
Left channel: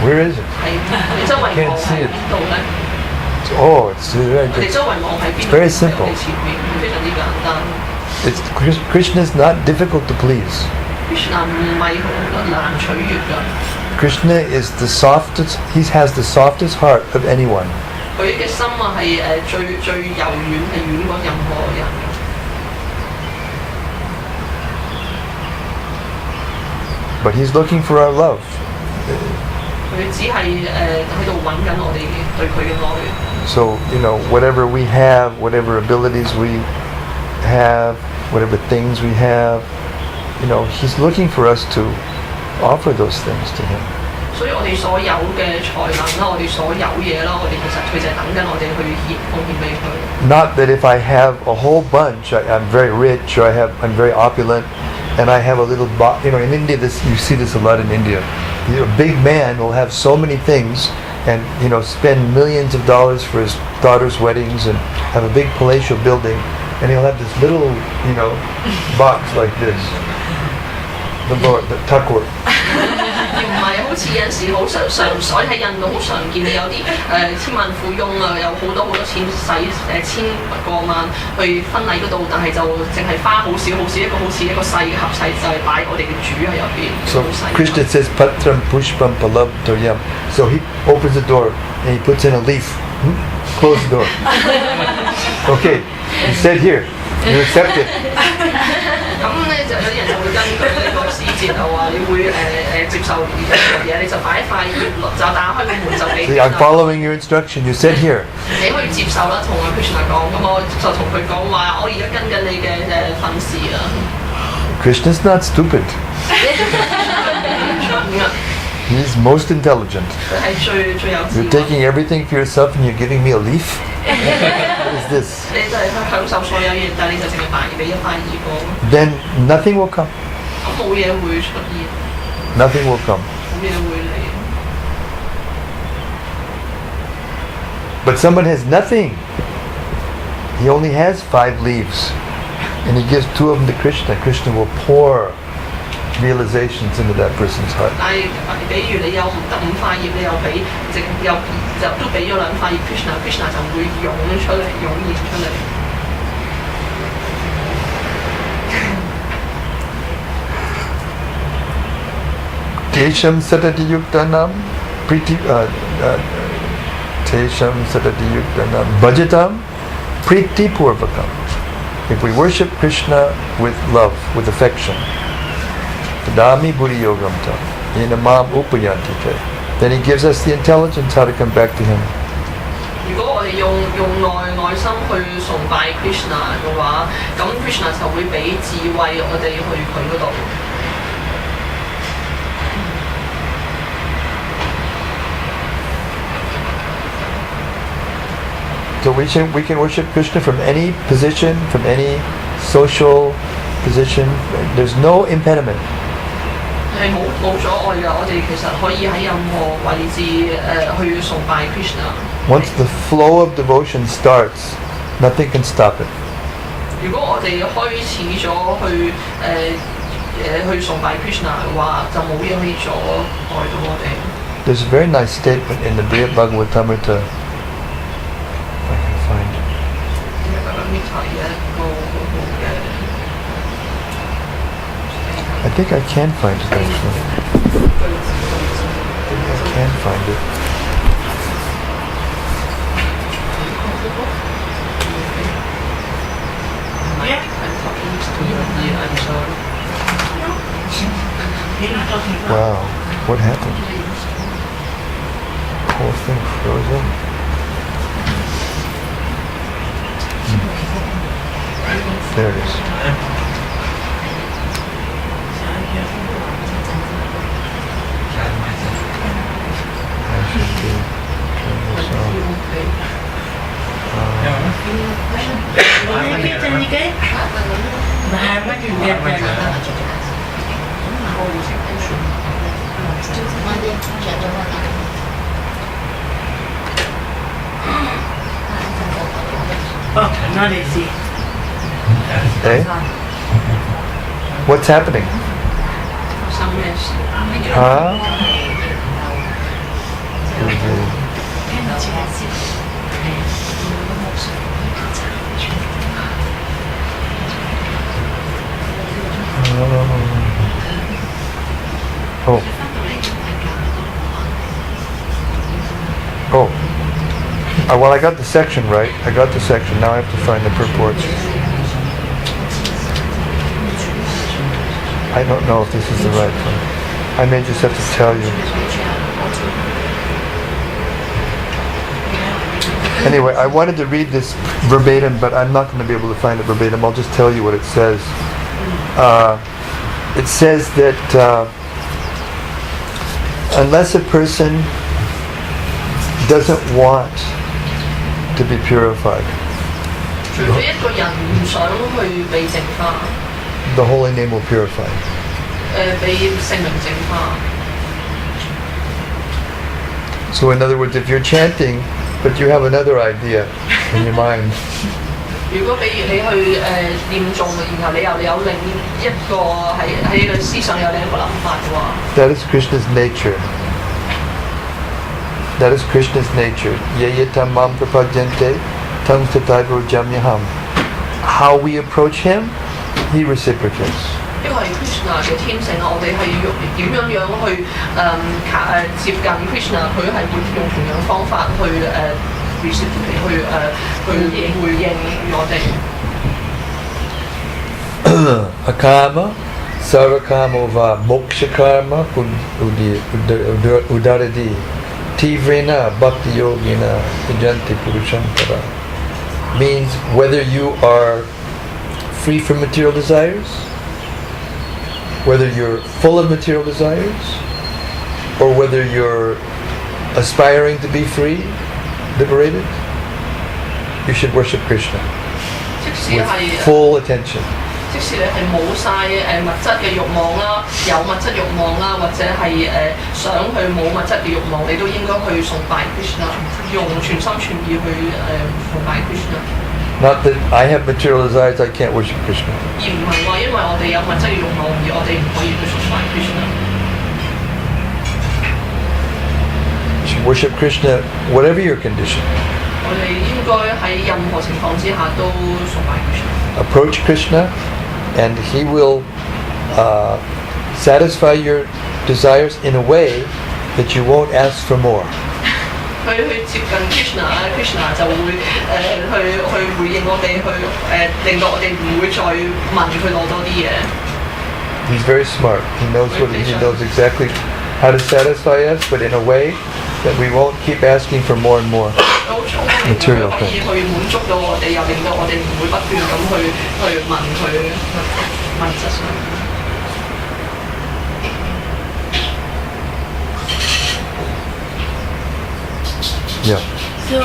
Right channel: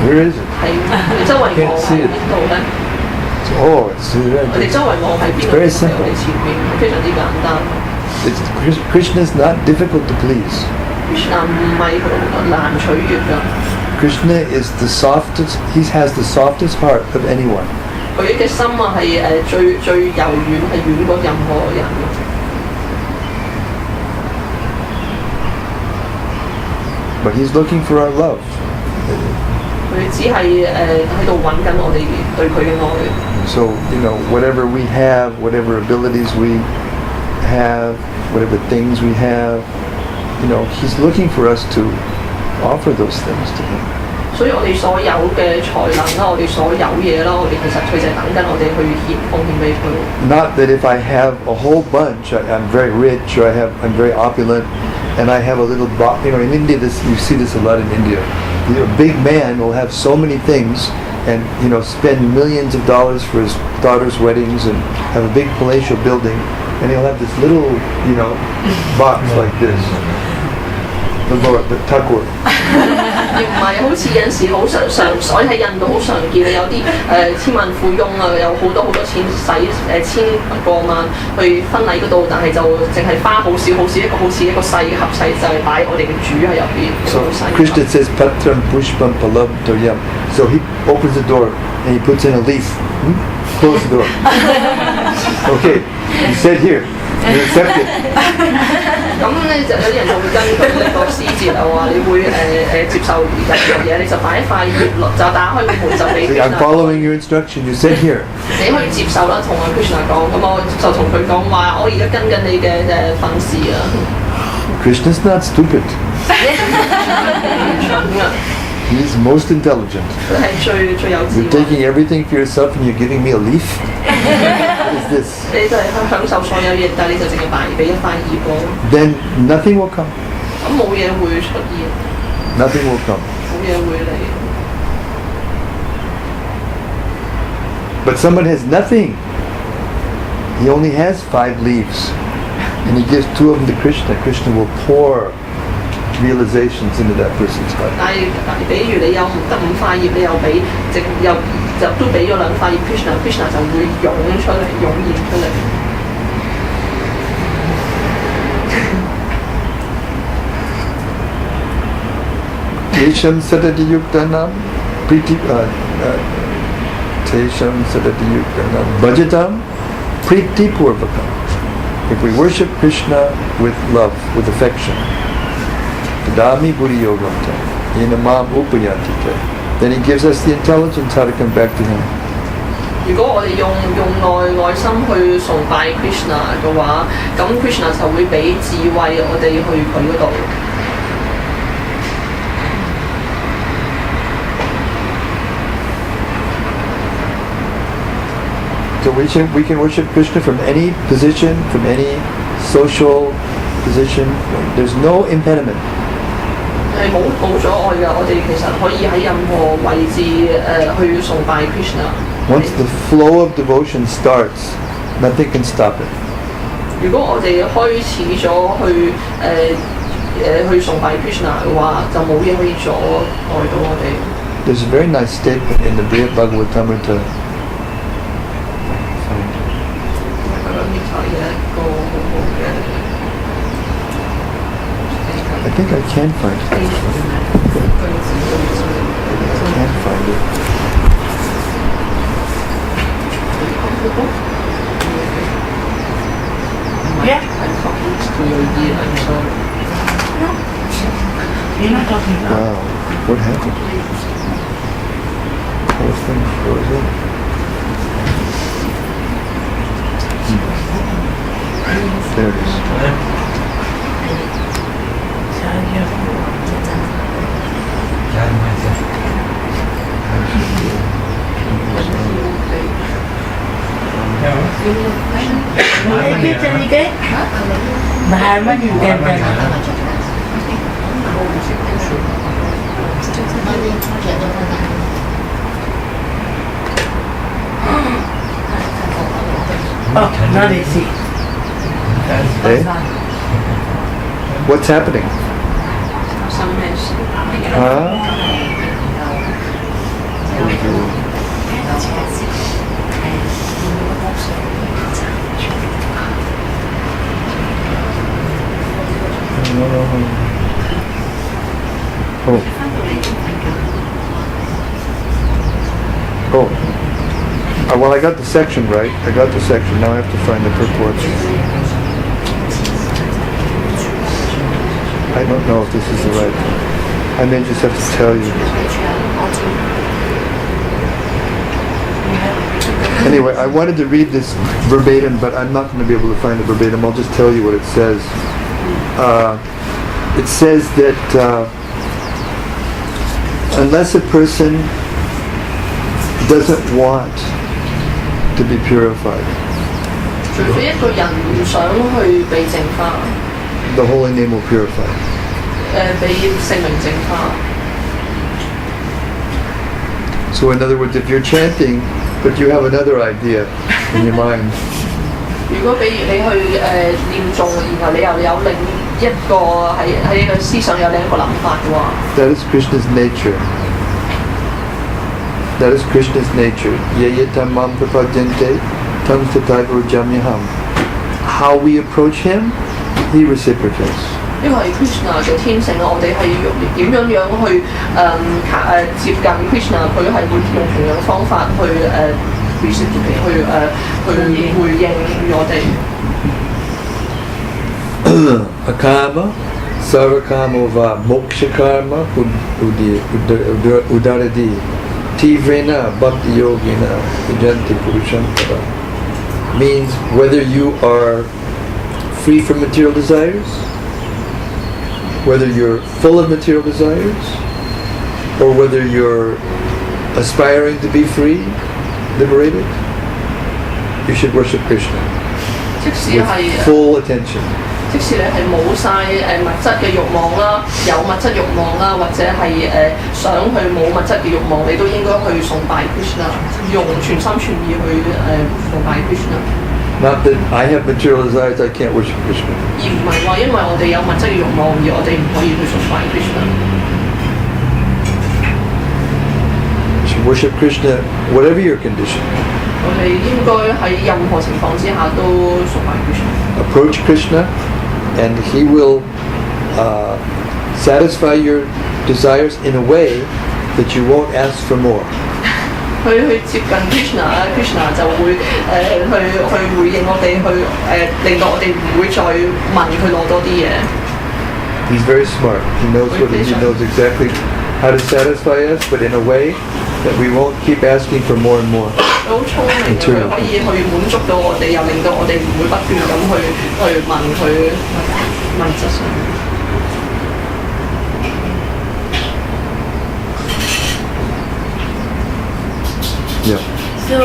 Where is it? 係我哋周圍望喺邊度咧？ Oh, it's right 我哋 there. 周圍望喺邊 It's 度？ very 喺我 simple. 哋前面，非常之簡單。Krishna is not difficult to please. Krishna 唔係好難取悅㗎。Krishna is the softest. He has the softest heart of anyone. 佢嘅心啊係最柔軟，係軟過任何人。But he's looking for our love. 佢只係喺度揾緊我哋對佢嘅愛。So, whatever we have, whatever abilities we have, whatever things we have, he's looking for us to offer those things to him. 所以我哋所有嘅才能啦，我哋所有嘢啦，我哋其實佢就係等緊我哋去獻奉獻俾佢。Not that if I have a whole bunch, I'm very rich, or I'm very opulent, and I have a little box. In India, you see this a lot in India. A big man will have so many things, and spend millions of dollars for his daughter's weddings, and have a big palatial building, and he'll have this little, box like this. The tuckwort. 而唔係好似有陣時好常喺印度好常見，你有啲千萬富翁啊，有好多錢使千過萬去婚禮嗰度，但係就淨係花好少一個好似一個細盒細就係擺我哋嘅主喺入邊。So Krishna says patram pushpam palam toyam. So he opens the door and he puts in a leaf. Close the door. Okay, you said here. You accept it. 咁咧就有啲人就會根據呢個詩節啊話，你會接受一樣嘢，你就擺一塊葉落，就打開個門就俾。See, I'm following your instruction. You said here. 你可以接受啦，同阿 Krishna 講，咁我就同佢講話，我而家跟緊你嘅訓示啊。Krishna's not stupid. He's most intelligent. 佢係最有智慧。You're taking everything for yourself and you're giving me a leaf? What is this? 你就係去享受所有嘢，但係你就淨係俾一塊葉我。Then nothing will come. 咁冇嘢會出現。Nothing will come. 冇嘢會嚟。But someone has nothing. He only has 5 leaves. And he gives 2 of them to Krishna. Krishna will pour realizations into that person's heart. 但係比如你有得5塊葉，你又俾就都俾咗2塊葉 Krishna 就會湧現出嚟。Tesham sadati yuktanam priti Tesham sadati yuktanam bhajatam priti purvakam. If we worship Krishna with love, with affection, Tadami buddhi yogam tam inamam upayanti te, then he gives us the intelligence how to come back to him. 如果我哋用內心去崇拜 Krishna 嘅話，咁 Krishna 就會俾智慧我哋去佢嗰度。So we can worship Krishna from any position, from any social position. There's no impediment. 係冇阻礙㗎，我哋其實可以喺任何位置去崇拜 Krishna。Once the flow of devotion starts, nothing can stop it. 如果我哋開始咗去崇拜 Krishna 嘅話，就冇嘢可以阻礙到我哋。There's a very nice statement in the Brihad Bhagavatamrita. I think I can find it. can find it. Yeah. I'm talking to your dear, I'm sorry. You're not talking about. Wow, what happened? The whole thing froze up. There it is. I should turn this on. Oh, not easy. Eh? What's happening? Some mess. Huh? Oh. Oh. Well, I got the section right. I got the section. Now I have to find the purport. I don't know if this is the right one. I may just have to tell you. Anyway, I wanted to read this verbatim, but I'm not going to be able to find it verbatim. I'll just tell you what it says. It says that unless a person doesn't want to be purified, 除非一個人唔想去被淨化， the holy name will purify. 被聖名淨化。 So in other words, if you're chanting, but you have another idea in your mind, 如果比如你去念誦，然後你又有另一個喺你嘅思想有另一個諗法嘅話， that is Krishna's nature. That is Krishna's nature. Yeyetam mam prapadyante tam tataiva jamyaham. How we approach him, he reciprocates. 因為 Krishna 嘅天性，我哋係要點樣去接近 Krishna， 佢係會用同樣方法去回應我哋。Akama, sarakama va moksha karma udaradi tivrena bhakti yogina vijanti purushantara. Means whether you are free from material desires, whether you're full of material desires, or whether you're aspiring to be free, liberated, you should worship Krishna 即使 with 係 full attention. 即使你係冇晒物質嘅慾望啦，有物質慾望啦，或者係想去冇物質嘅慾望，你都應該去崇拜 Krishna， 用全心全意去崇拜 Krishna。 Not that I have material desires, I can't worship Krishna. 而唔係話因為我哋有物質嘅慾望而我哋唔可以去崇拜 Krishna。 You should worship Krishna whatever your condition. 我哋應該喺任何情況之下都崇拜 Krishna。 Approach Krishna and he will satisfy your desires in a way that you won't ask for more. 去接近 Krishna 就會去回應我哋，令到我哋唔會再問佢攞多啲嘢。 He's very smart. He knows exactly how to satisfy us, but in a way that we won't keep asking for more and more 好聰明，佢可以去滿足到我哋，又令到我哋唔會不斷咁去問佢物質上。 Yeah. So,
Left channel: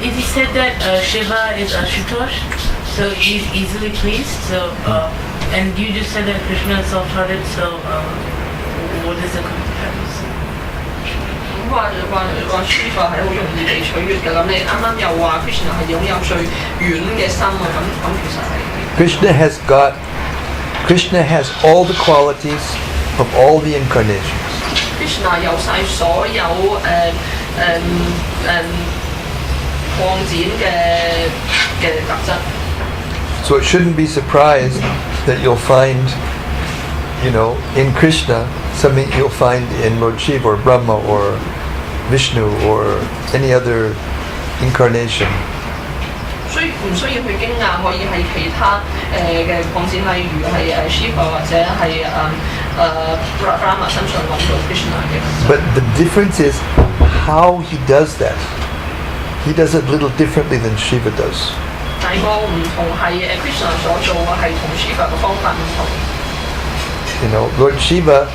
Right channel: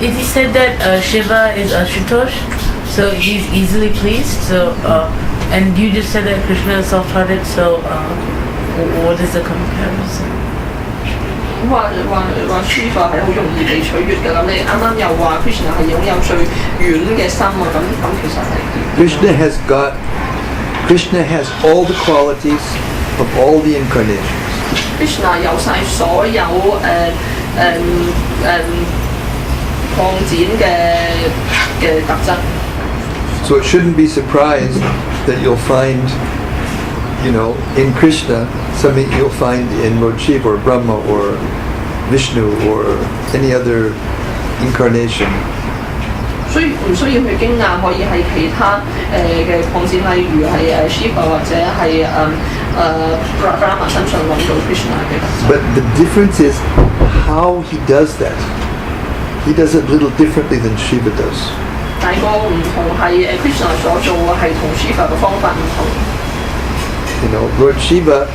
if you said that Shiva is Ashutosh, so he's easily pleased. So, and you just said that Krishna is soft-hearted. So, what is the comparison? 話 Shiva 係好容易被取悅嘅，咁你啱啱又話 Krishna 係擁有最軟嘅心啊，咁其實係 Krishna has all the qualities of all the incarnations. Krishna 有晒所有擴展嘅特質。 So it shouldn't be surprised that you'll find, in Krishna something you'll find in Lord Shiva or Brahma or Vishnu or any other incarnation. 所以唔需要去驚訝，可以喺其他嘅擴展，例如係Shiva 或者係Brahma 身上揾到 Krishna 嘅。But the difference is how he does that. He does it a little differently than Shiva does. 但係個唔同係Krishna 所做嘅係同 Shiva 嘅方法唔同。You know, Lord Shiva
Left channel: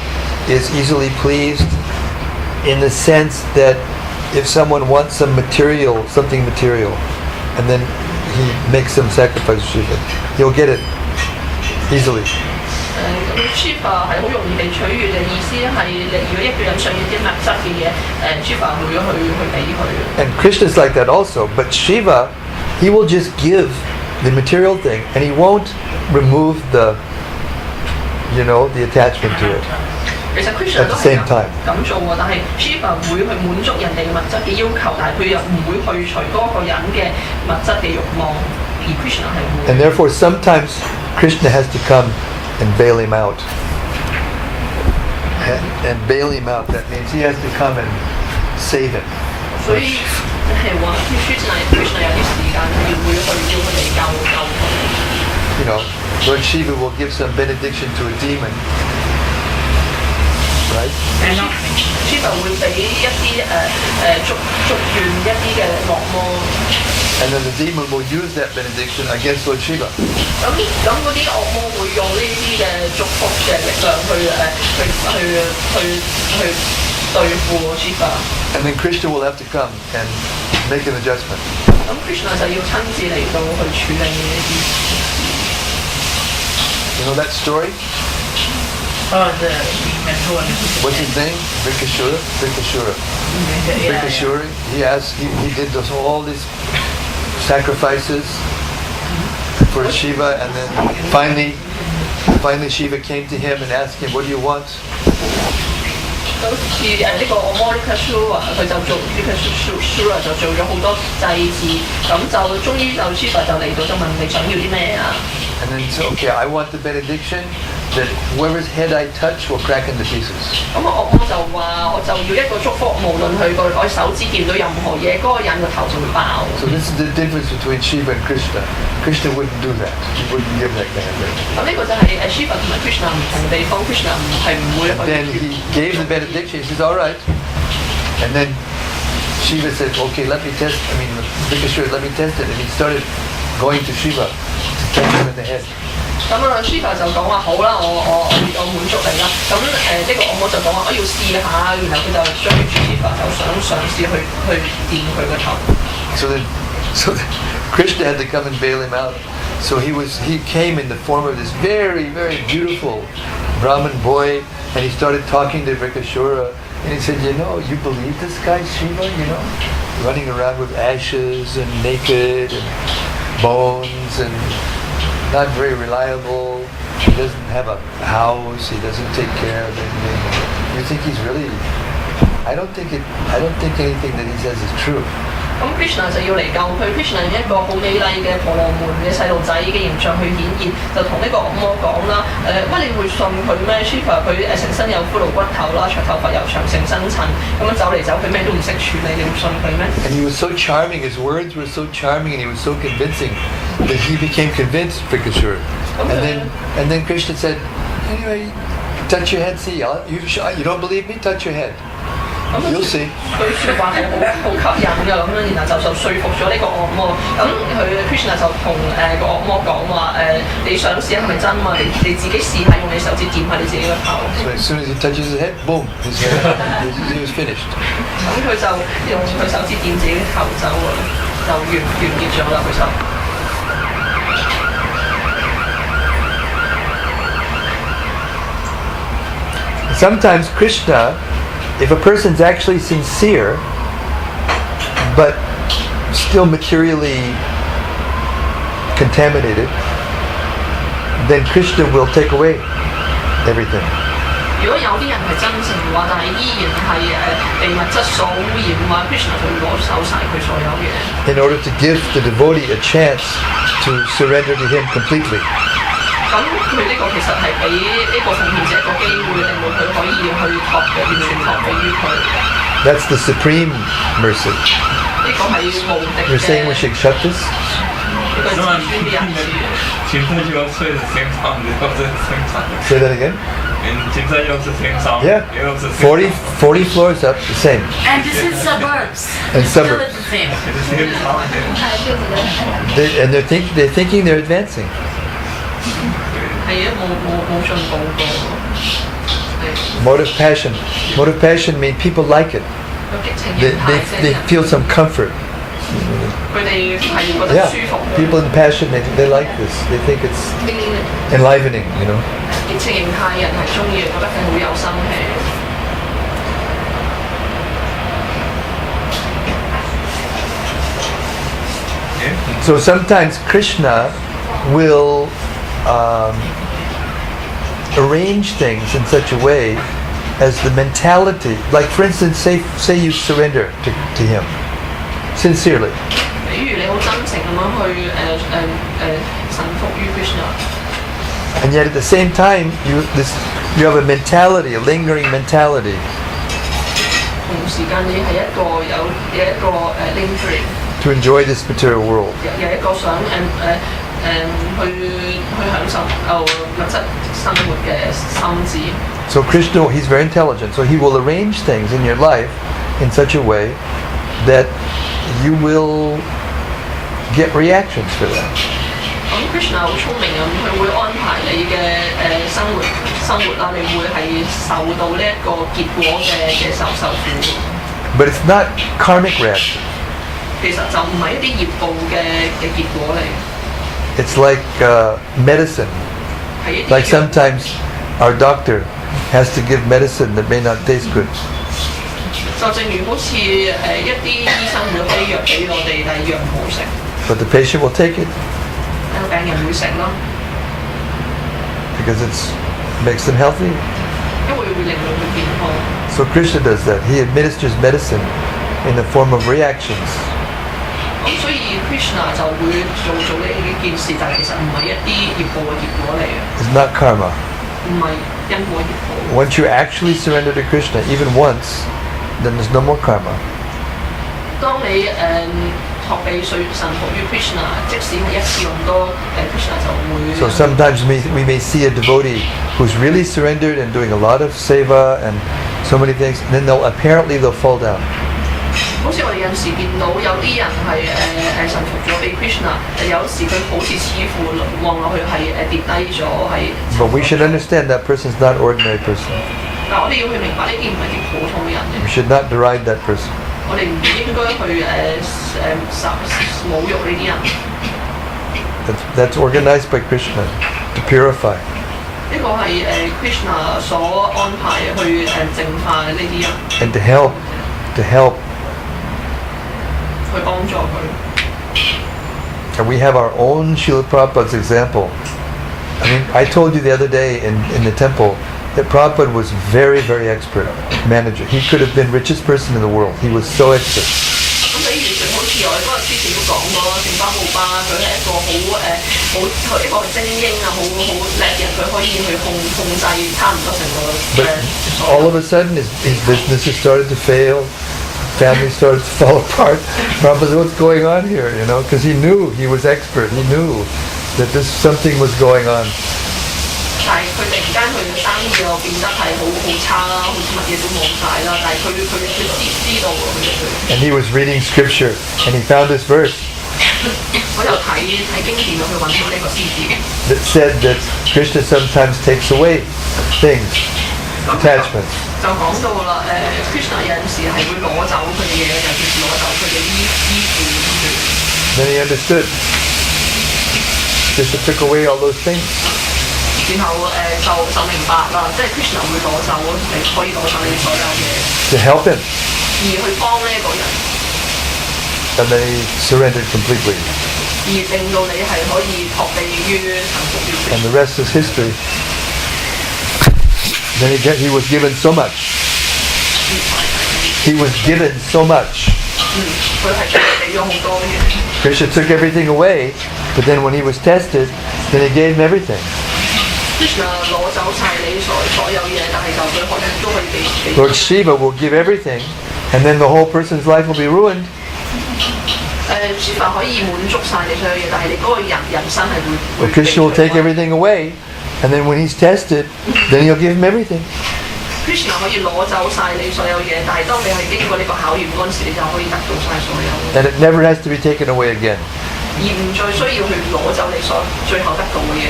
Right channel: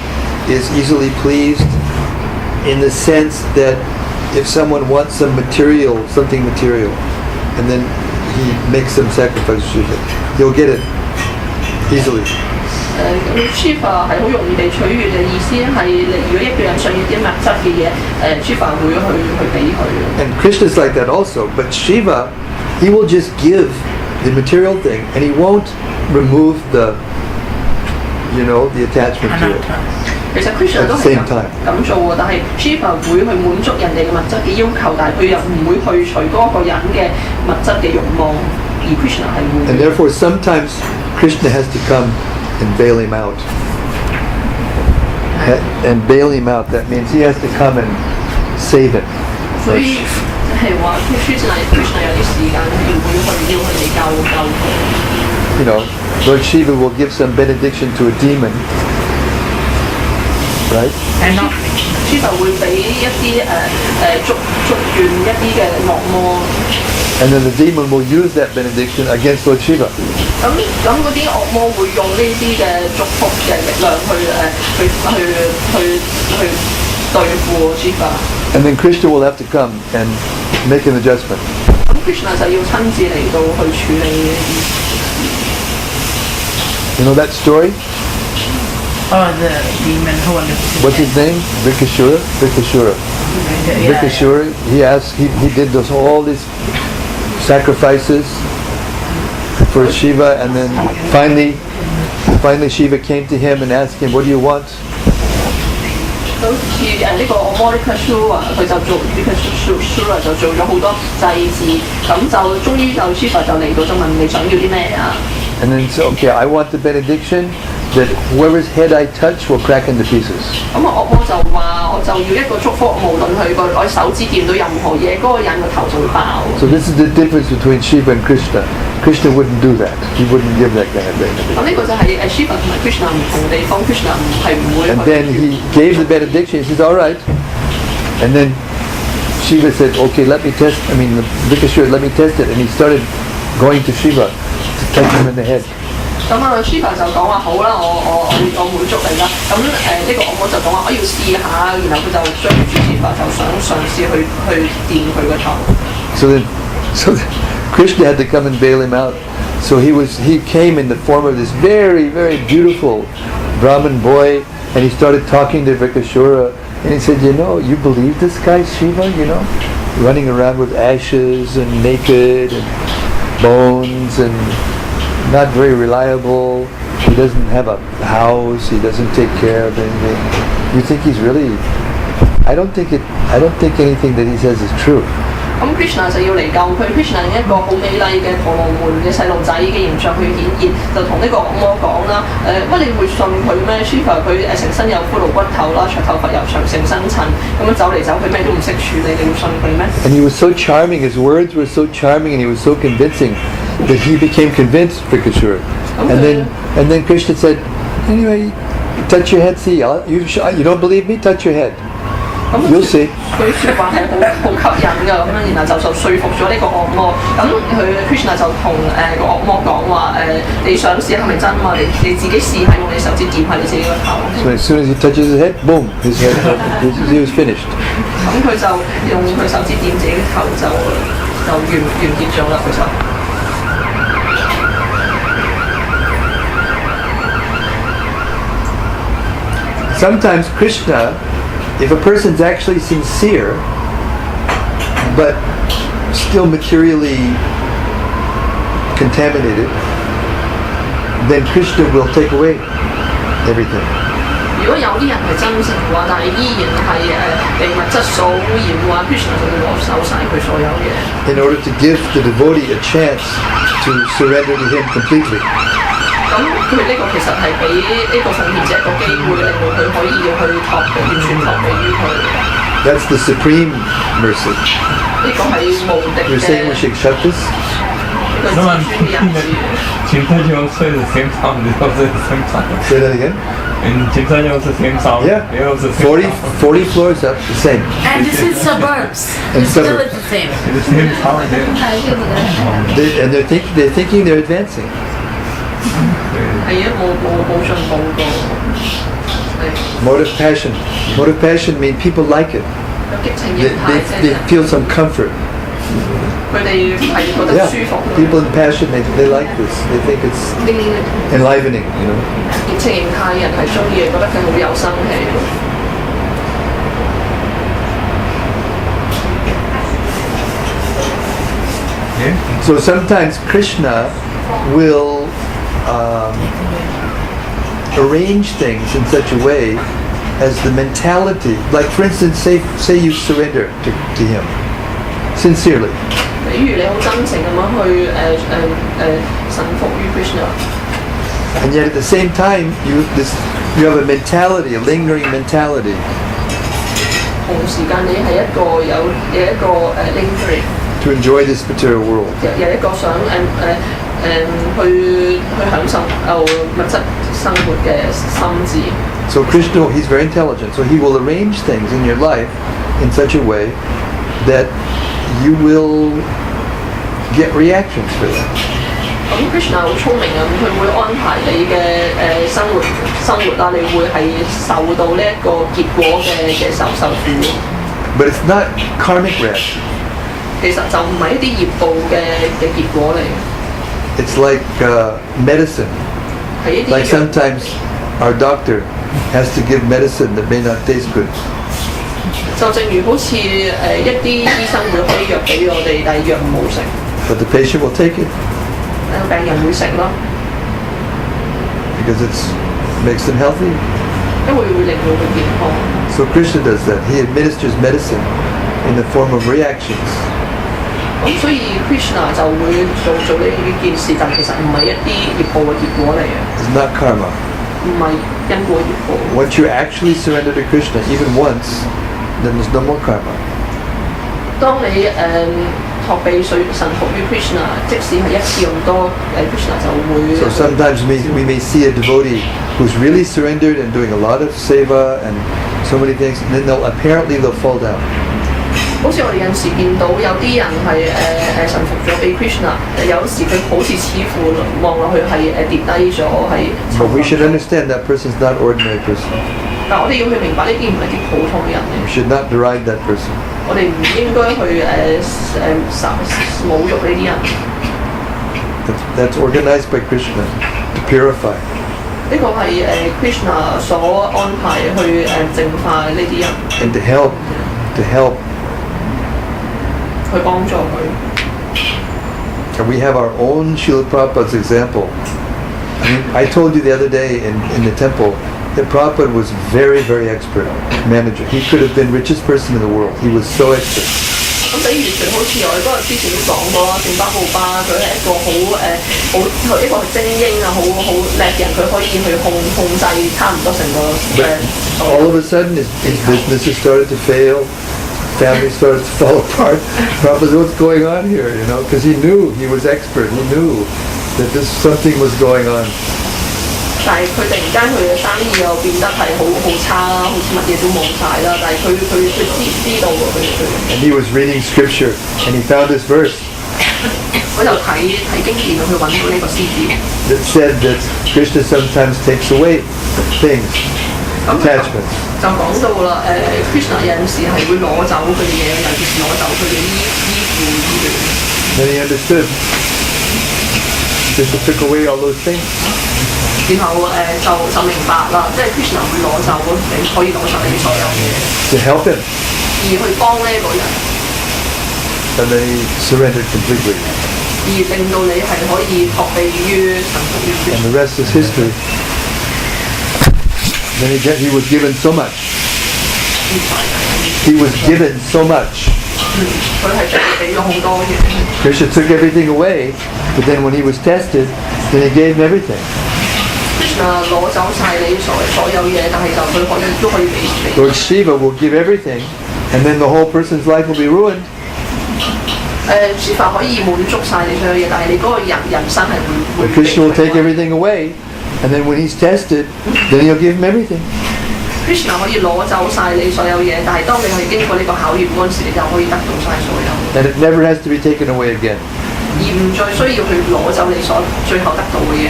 is easily pleased in the sense that if someone wants something material, and then he makes some sacrifice to Shiva, he'll get it easily. Shiva 係好容易地取悅嘅意思係，如果一個人想要啲物質嘅嘢，Shiva 會去俾佢。And Krishna's like that also, but Shiva, he will just give the material thing, and he won't remove the attachment to it. 其實 Krishna 都係咁做喎，但係 Shiva 會去滿足人哋嘅物質嘅要求，但係佢又唔會去除嗰個人嘅物質嘅慾望，而 Krishna 係會。And therefore, sometimes Krishna has to come and bail him out. And bail him out, that means he has to come and save him. 所以係話 Krishna 有啲時間係會要佢哋救佢。You know, Lord Shiva will give some benediction to a demon. Right? Shiva 會俾一啲祝願一啲嘅惡魔。And then the demon will use that benediction against Lord Shiva. 咁嗰啲惡魔會用呢啲嘅祝福嘅力量去對付 Shiva。And then Krishna will have to come and make an adjustment. 咁 Krishna 就要親自嚟到去處理。You know that story? The demon What's his name? Vikashura. Vikashura. He did all these sacrifices for Shiva, and then finally Shiva came to him and asked him, "What do you want?" 好似呢個惡魔 Vikashura 佢就做 Vikashura 就做咗好多祭祀，咁就終於就 Shiva 就嚟到就問你想要啲咩啊？ And then he said, "Okay, I want the benediction that whoever's head I touch will crack into pieces." 咁惡魔就話：我就要一個祝福，無論佢個手指見到任何嘢，嗰個人個頭就會爆。So this is the difference between Shiva and Krishna. Krishna wouldn't do that. He wouldn't give that kind of benediction. 咁呢個就係Shiva 同埋 Krishna 唔同地方 ，Krishna 係唔會。And then he gave the benediction. He says, "All right." And then Shiva said, "Okay, Vikashura, let me test it." And he started going to Shiva to touch him in the head. 咁Shiva 就講話好啦，我滿足你啦。咁呢個惡魔就講話我要試下，然後佢就追住 Shiva 就想嘗試去掂佢個頭。So then Krishna had to come and bail him out. So he came in the form of this very, very beautiful Brahmin boy, and he started talking to Vikashura, and he said, "You believe this guy Shiva, running around with ashes and naked and bones and not very reliable. He doesn't have a house. He doesn't take care of anything. You think he's really? I don't think anything that he says is true." 咁 Krishna 就要嚟救佢 ，Krishna 以一個好美麗嘅婆羅門嘅細路仔嘅形象去顯現，就同呢個惡魔講啦。乜你會信佢咩 ？Shiva 佢成身有骷髏骨頭啦，長頭髮又長，成身塵，咁樣走嚟走去咩都唔識處理，你會信佢咩 And he was so charming. His words were so charming, and he was so convincing that he became convinced, Vikashura. Okay. And then Krishna said, "Anyway, touch your head. See, you don't believe me? Touch your head. You'll see." 佢説話係好吸引㗎，咁樣然後就說服咗呢個惡魔。咁佢 Krishna 就同個惡魔講話你想試係咪真嘛？你自己試下用你手指掂下你自己個頭。So as soon as he touches his head, boom, his head, he was finished. 咁佢就用佢手指掂自己個頭就完結咗啦，佢就。Sometimes Krishna, if a person's actually sincere, but still materially contaminated, then Krishna will take away everything. 如果有啲人係真誠嘅話，但係依然係被物質所污染嘅話 ，Krishna 就會攞走晒佢所有嘢。In order to give the devotee a chance to surrender to him completely. 咁佢呢個其實係俾呢個奉獻者一個機會，令到佢可以去完全託俾於佢。That's the supreme mercy. 呢個係無敵 You're saying we 嘅 should shut this? 呢個 No, I'm 至尊嘅人子。 Kim Tajin also the same sound. They also the same sound. Say that again? In Kim Tajin also the same sound. Yeah. They also the same 40, sound. 40 floors up, the same. And this is suburbs. And It's still suburbs. the same. The same sound. And they're thinking they're advancing. 係啊，冇進步過。係 Motive passion. Motive passion means people like it. 有激情 They, 形 they, 態 they 啫， feel some comfort. 佢哋係覺得 Yeah. 舒服。 People in passion, they like this. They think it's enlivening, you know. 激情形態人係中意，覺得佢好有生氣。 Yeah. So sometimes Krishna will arrange things in such a way as the mentality, like for instance, say you surrender to him sincerely. 比如你好真情咁樣去臣服於 Krishna， And yet at the same time, you have a mentality, a lingering mentality 同時間你係有一個lingering， to enjoy this material world. 有一個想去享受物質生活嘅心智。 So Krishna, he's very intelligent, so he will arrange things in your life in such a way that you will get reactions for that. 咁 Krishna 好聰明啊，佢會安排你嘅生活啦，你會係受到呢一個結果嘅受苦。 But it's not karmic reaction. 其實就唔係一啲業報嘅結果嚟， It's like medicine. 係一啲 Like sometimes our doctor has to give medicine that may not taste good. 就正如好似一啲醫生會開藥俾我哋，但係藥唔好食， But the patient will take it 病人會食咯， because it makes them healthy. 因為會令到佢健康。 So Krishna does that. He administers medicine in the form of reactions. 咁所以 Krishna 就會做呢件事，但係其實唔係一啲業報嘅結果嚟嘅， It's not karma. 唔係因果業報。 Once you actually surrender to Krishna, even once, then there's no more karma. 當你學被神服於 Krishna， 即使係一次咁多，Krishna 就會。 So sometimes we may see a devotee who's really surrendered and doing a lot of seva and so many things, and then they'll fall down. 好似我哋有時見到有啲人係臣服咗俾 Krishna， 有時佢好似似乎望落去係跌低咗，係。 But we should understand that person's not ordinary person. 但我哋要去明白呢啲唔係啲普通人嚟， We should not deride that person. 我哋唔應該去侮辱呢啲人。 That's organized by Krishna to purify. 呢個係Krishna 所安排去淨化呢啲人， And to help 去幫助佢。 And we have our own Srila Prabhupada's example. I mean, I told you the other day in the temple that Prabhupada was very, very expert manager. He could have been richest person in the world. He was so expert. 咁比如好似我哋嗰日之前都講過，聖巴布巴佢係一個一個精英啊，好叻嘅人，佢可以去控制差唔多成個 But all of a sudden, his businesses started to fail. Family started to fall apart. Prabhupada said, "What's going on here?" You know, because he knew he was expert. He knew that something was going on. 但係佢突然間佢嘅生意又變得係好差啦，好似乜嘢都冇晒啦。但係佢知道佢。 And he was reading scripture, and he found this verse 我就睇經典去揾到呢個詩字， that said that Krishna sometimes takes away things, attachments. 就講到啦。Krishna 有陣時係會攞走佢哋嘅，有時攞走佢哋啲衣服。 Then he understood. Krishna took away all those things. 然後就明白啦，即係 Krishna 會攞走你可以攞走你所有嘢， To help him. 而去幫呢一個人， And then he surrendered completely. 而令到你係可以託庇於臣服於 And the rest is history. Then he was given so much. He was given so much. 佢係俾咗好多嘅。 Krishna took everything away, but then when he was tested, then he gave him everything. Krishna 攞走晒你所有嘢，但係就佢可以都可以俾。 Lord Shiva will give everything, And then the whole person's life will be ruined. 説法可以滿足晒你所有嘢，但係你嗰個人生係會 But Krishna will take everything away, and then when he's tested, then he'll give him everything. Krishna 可以攞走晒你所有嘢，但係當你去經過呢個考驗嗰陣時，你就可以得到晒所有。And it never has to be taken away again. 而唔再需要去攞走你所最後得到嘅嘢。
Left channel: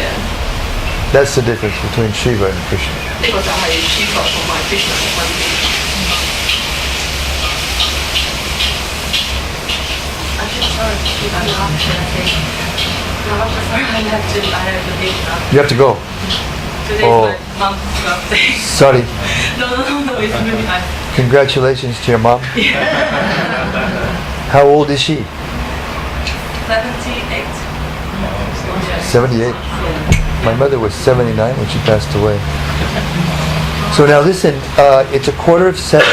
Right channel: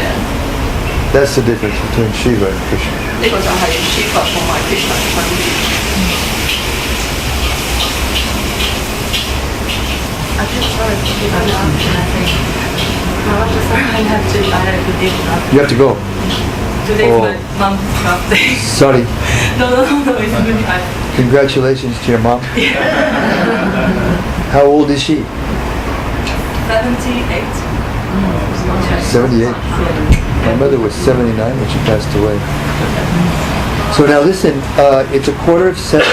That's the difference between Shiva and Krishna. 呢個就係 Shiva 同埋 Krishna 嘅分別。You have to go. Today's Oh. my mom's birthday. Sorry. No, it's really fine. Congratulations to your mom. How old is she? 78. 78. My mother was 79 when she passed away. So now listen, it's 6:45.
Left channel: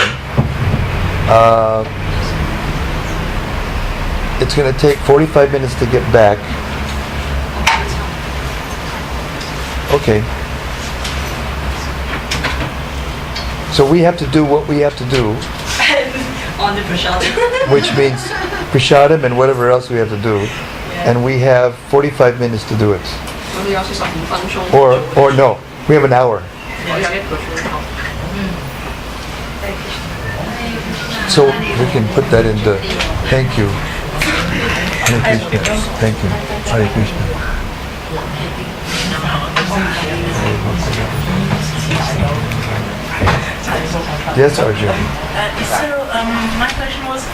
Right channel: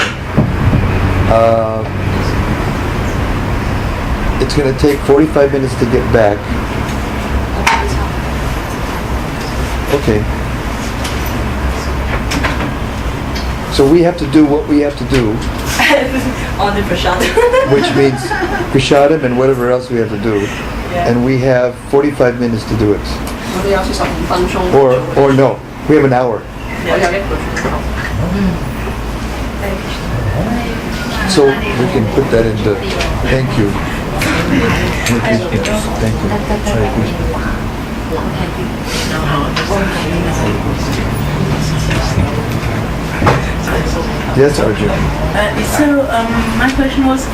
It's going to take 45 minutes to get back. Okay. So we have to do what we have to do, On the prashad. which means prashadam and whatever else we have to do. And we have 45 minutes to do it. 咁你有45分鐘。Or no, we have an hour. 我有1個鐘頭。 So we can put that into thank you. Hare Krishna. Thank you. Hare Krishna. Yes, Arjun. My question was,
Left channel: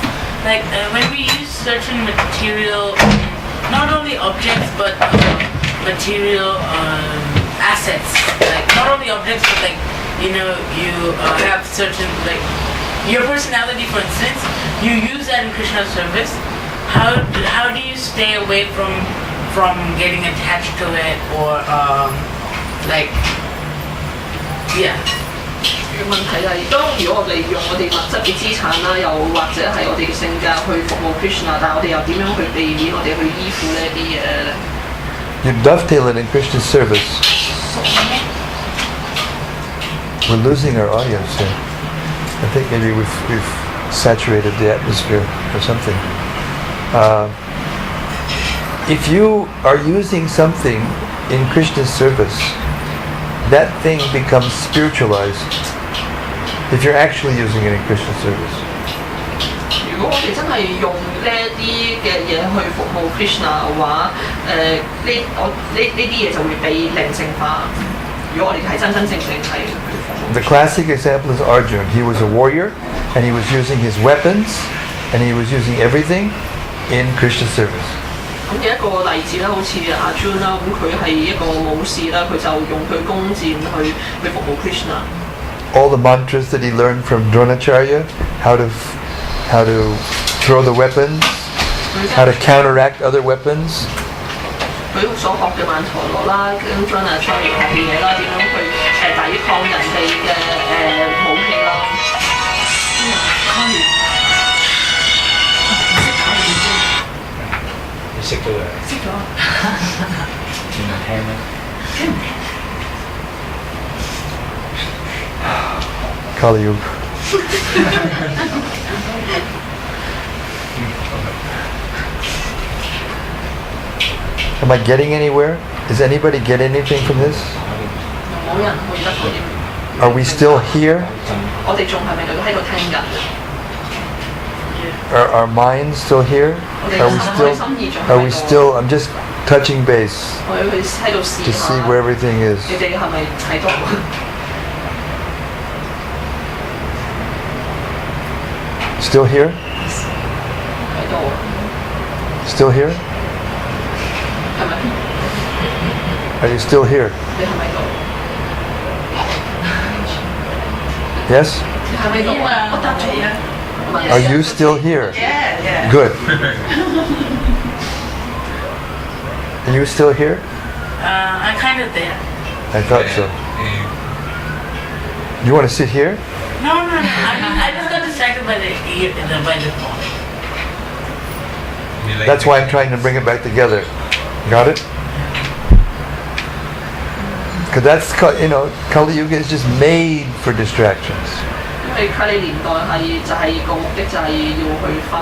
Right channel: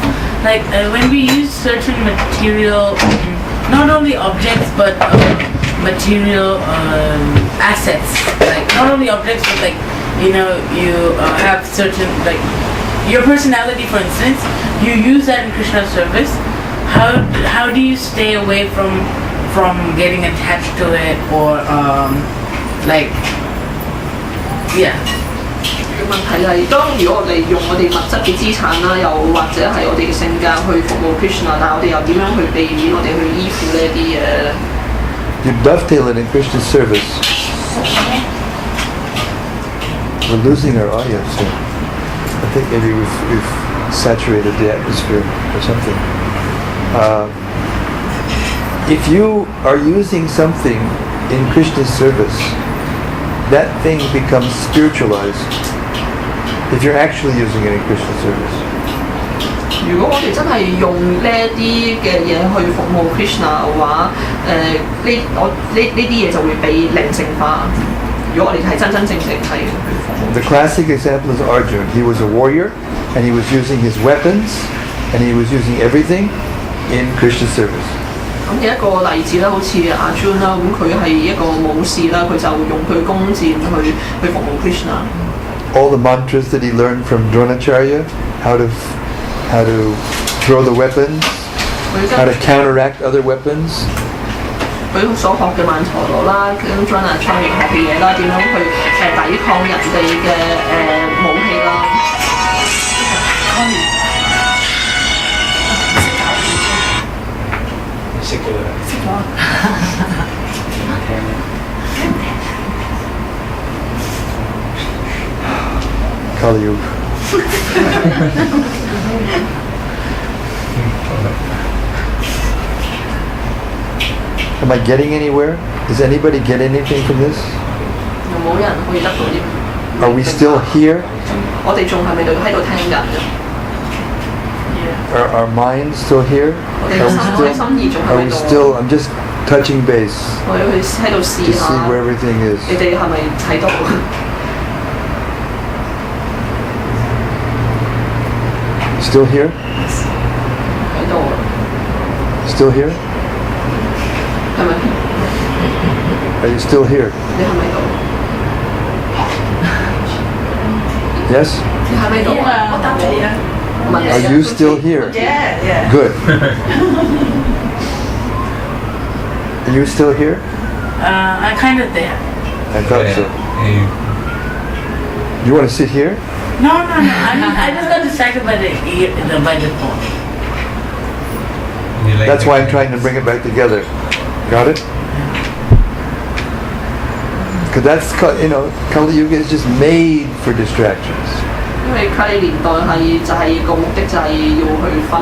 like, when we use certain material, not only objects but material assets, like not only objects but like, you know, you have certain, like, your personality, for instance, you use that in Krishna's service. How do you stay away from getting attached to it, or like, yeah? 問題係，當如果我哋用我哋物質嘅資產啦，又或者係我哋嘅性格去服務 Krishna，但係我哋又點樣去避免我哋去依附呢啲嘢咧？ You dovetail it in Krishna's service. We're losing our audience here. I think maybe we've saturated the atmosphere or something. If you are using something in Krishna's service, that thing becomes spiritualized. If you're actually using it in Krishna's service. 如果我哋真係用呢一啲嘅嘢去服務 Krishna 嘅話，呢啲嘢就會被靈性化。如果我哋係真真正正係去服務。 The classic example is Arjun. He was a warrior, and he was using his weapons, and he was using everything in Krishna's service. 咁嘅一個例子啦，好似阿 Jun 啦，咁佢係一個武士啦，佢就用佢弓箭去服務 Krishna。 All the mantras that he learned from Dronacharya, how to throw the weapons, how to counteract other weapons. 佢所學嘅曼陀羅啦，跟 Dronacharya 學嘅嘢啦，點樣去抵抗人哋嘅武器啦。你識咗佢？識咗。聽唔聽咧？聽唔聽啊？ Kali Yuga. Am I getting anywhere? Does anybody get anything from this? 有冇人可以得到啲？ Are we still here? 我哋仲係咪喺度聽緊？ Are our minds still here? Are we still? I'm just touching base 我要去喺度試 to 下。 see where everything is. 你哋係咪睇到？ Still here? 喺度， Still here? 係咪？ Are you still here? 你係咪喺度？ Yes? 你係咪喺度啊？我答你啊。 Are you still here? Yeah. Good. Are you still here? I'm kind of there. I thought so. You want to sit here? No. I just got distracted by the phone. That's why I'm trying to bring it back together. Got it? Because that's, Kali Yuga is just made for distractions. 因為 Kali 年代就係個目的就係要去分。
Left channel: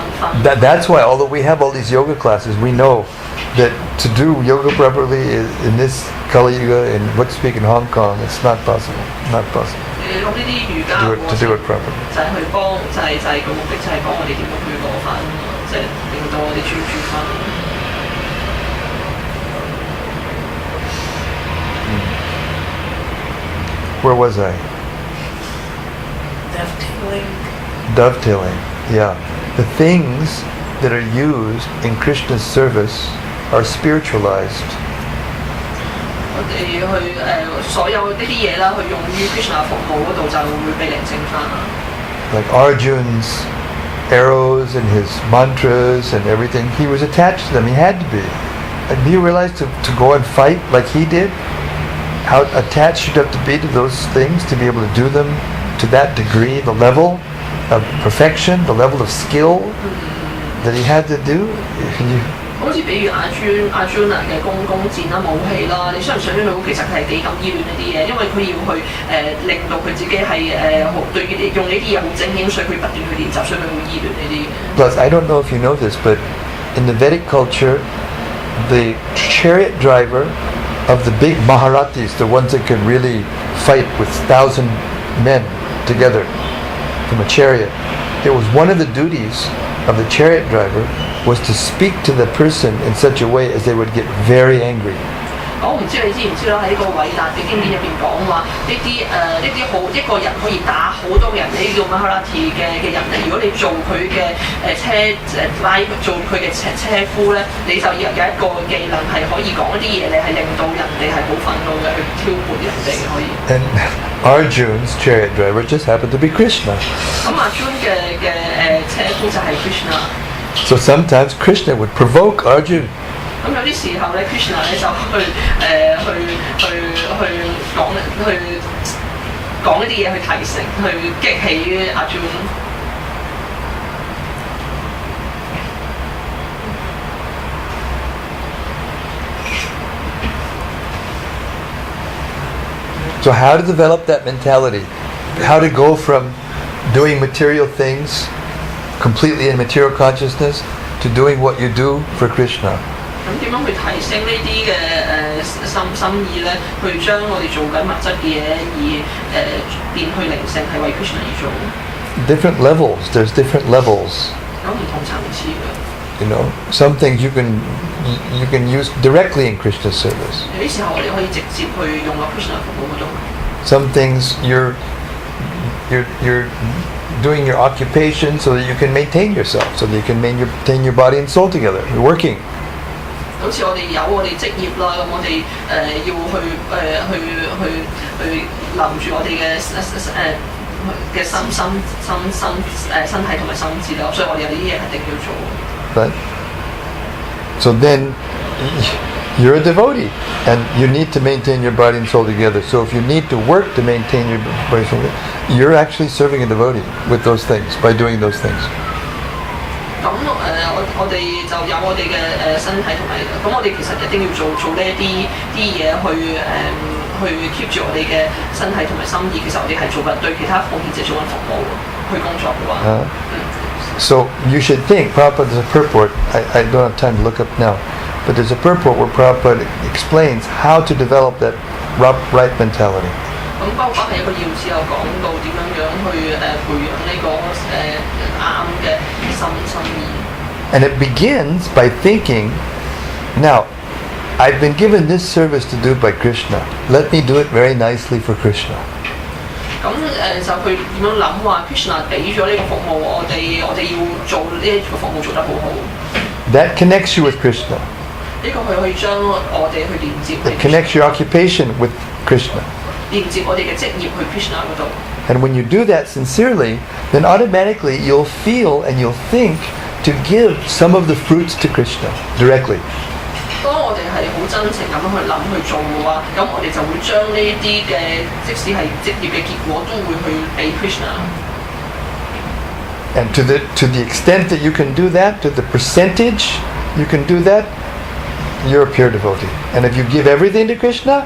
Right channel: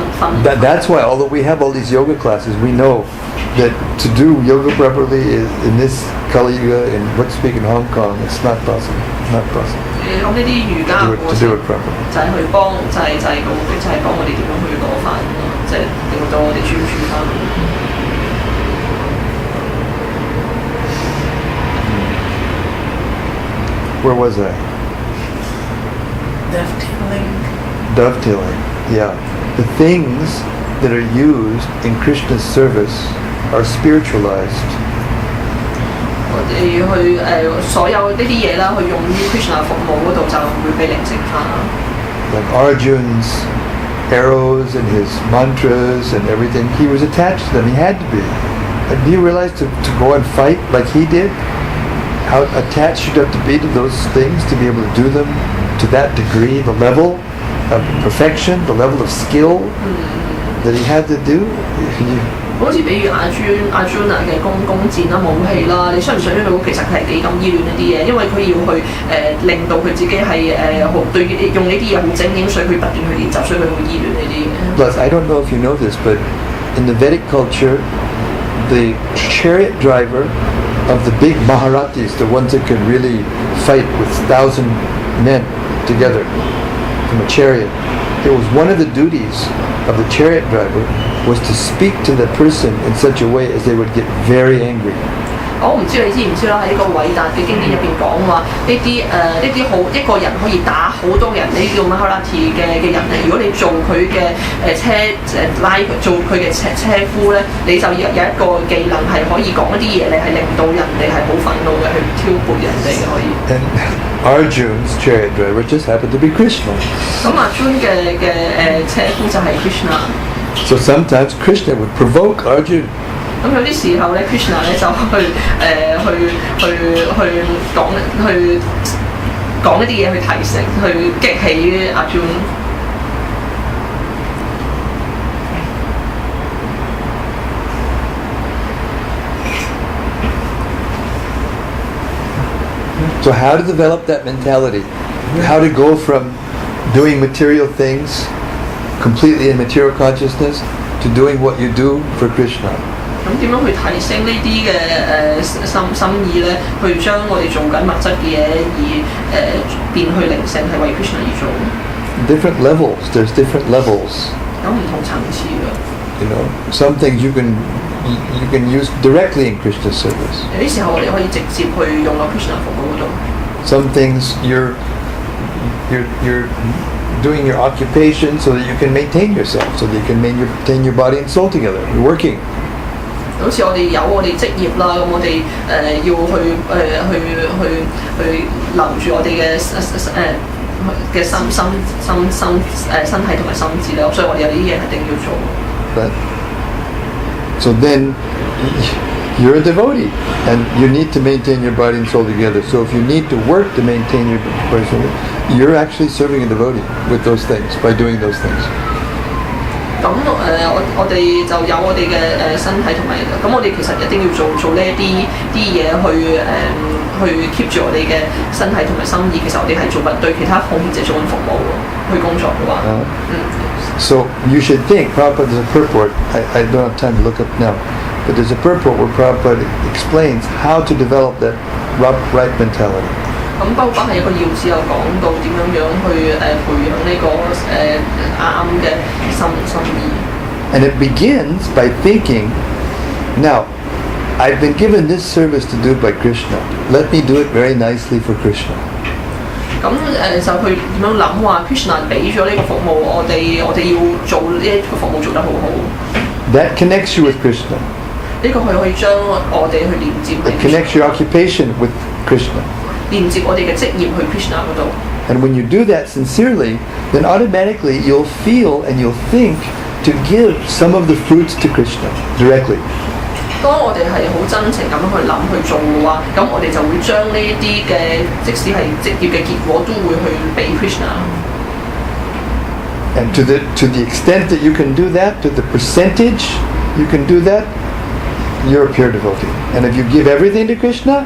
That's why, although we have all these yoga classes, we know that to do yoga properly in this Kali Yuga, in what speak in Hong Kong, it's not possible. Not possible. 咁呢啲瑜伽 To do it properly. 就係去幫，就係個目的就係幫我哋點樣去攞翻，即係令到我哋專注翻。Where was I? Dovetailing. Yeah. The things that are used in Krishna's service are spiritualized. 我哋去所有呢啲嘢啦，去用於 Krishna 服務嗰度就會被靈性化。Like Arjun's arrows and his mantras and everything, he was attached to them. He had to be. And do you realize to go and fight like he did, how attached you'd have to be to those things to be able to do them to that degree, the level of perfection, the level of skill that he had to do? 好似比如阿尊嘅弓箭啦、武器啦，你想唔想佢其實係幾咁依戀呢啲嘢？因為佢要去令到佢自己係對用呢啲嘢好精英，所以佢不斷去練習，所以佢會依戀呢啲嘢。Plus, I don't know if you know this, but in the Vedic culture, the chariot driver of the big Maharatis, the ones that could really fight with 1,000 men together from a chariot, it was one of the duties of the chariot driver was to speak to the person in such a way as they would get very angry. 我唔知你知唔知啦？喺呢個偉大嘅經典入邊講話，呢啲好一個人可以打好多人，呢叫 Maharati 嘅人咧。如果你做佢嘅做佢嘅車夫咧，你就有一個技能係可以講一啲嘢，你係令到人哋係好憤怒嘅，去挑撥人哋嘅可以。And Arjun's chariot driver just happened to be Krishna. 咁阿 Jun 嘅車夫就係 Krishna。So sometimes Krishna would provoke Arjun. 咁有啲時候咧 ，Krishna 咧就去講一啲嘢去提醒，去激起阿 Jun。So how to develop that mentality? How to go from doing material things completely in material consciousness to doing what you do for Krishna? 咁點樣去提升呢啲嘅心意咧？去將我哋做緊物質嘅嘢而變去靈性，係為 Krishna 而做。Different levels. There's different levels. 有唔同層次嘅。You know, some things you can use directly in Krishna's service. 有啲時候我哋可以直接去用喺 Krishna 服務嗰度。Some things you're doing your occupation so that you can maintain yourself, so that you can maintain your body and soul together. You're working. 好似我哋有我哋職業啦，咁我哋要去留住我哋嘅身體同埋心智啦，所以我哋有啲嘢一定要做。Right. So then you're a devotee and you need to maintain your body and soul together. So if you need to work to maintain your body and soul together, you're actually serving a devotee with those things, by doing those things. 咁我哋就有我哋嘅身體同埋，咁我哋其實一定要做呢啲嘢去 keep 住我哋嘅身體同埋心意。其實我哋係做緊對其他奉獻者做緊服務去工作嘅話。So you should think, Prabhupada, there's a purport, I don't have time to look up now, but there's a purport where Prabhupada explains how to develop that right mentality. 咁包括係一個要旨有講到點樣去培養呢個啱嘅心意。And it begins by thinking, now, I've been given this service to do by Krishna. Let me do it very nicely for Krishna. 咁就去點樣諗話 Krishna 俾咗呢個服務，我哋要做呢一個服務做得好好。That connects you with Krishna. 呢個係可以將我哋去連接。It connects your occupation with Krishna. 連接我哋嘅職業去 Krishna 嗰度。And when you do that sincerely, then automatically you'll feel and you'll think to give some of the fruits to Krishna directly. 當我哋係好真情咁去諗去做嘅話，咁我哋就會將呢啲嘅即使係職業嘅結果都會去俾 Krishna。And to the extent that you can do that, to the percentage you can do that, you're a pure devotee. And if you give everything to Krishna,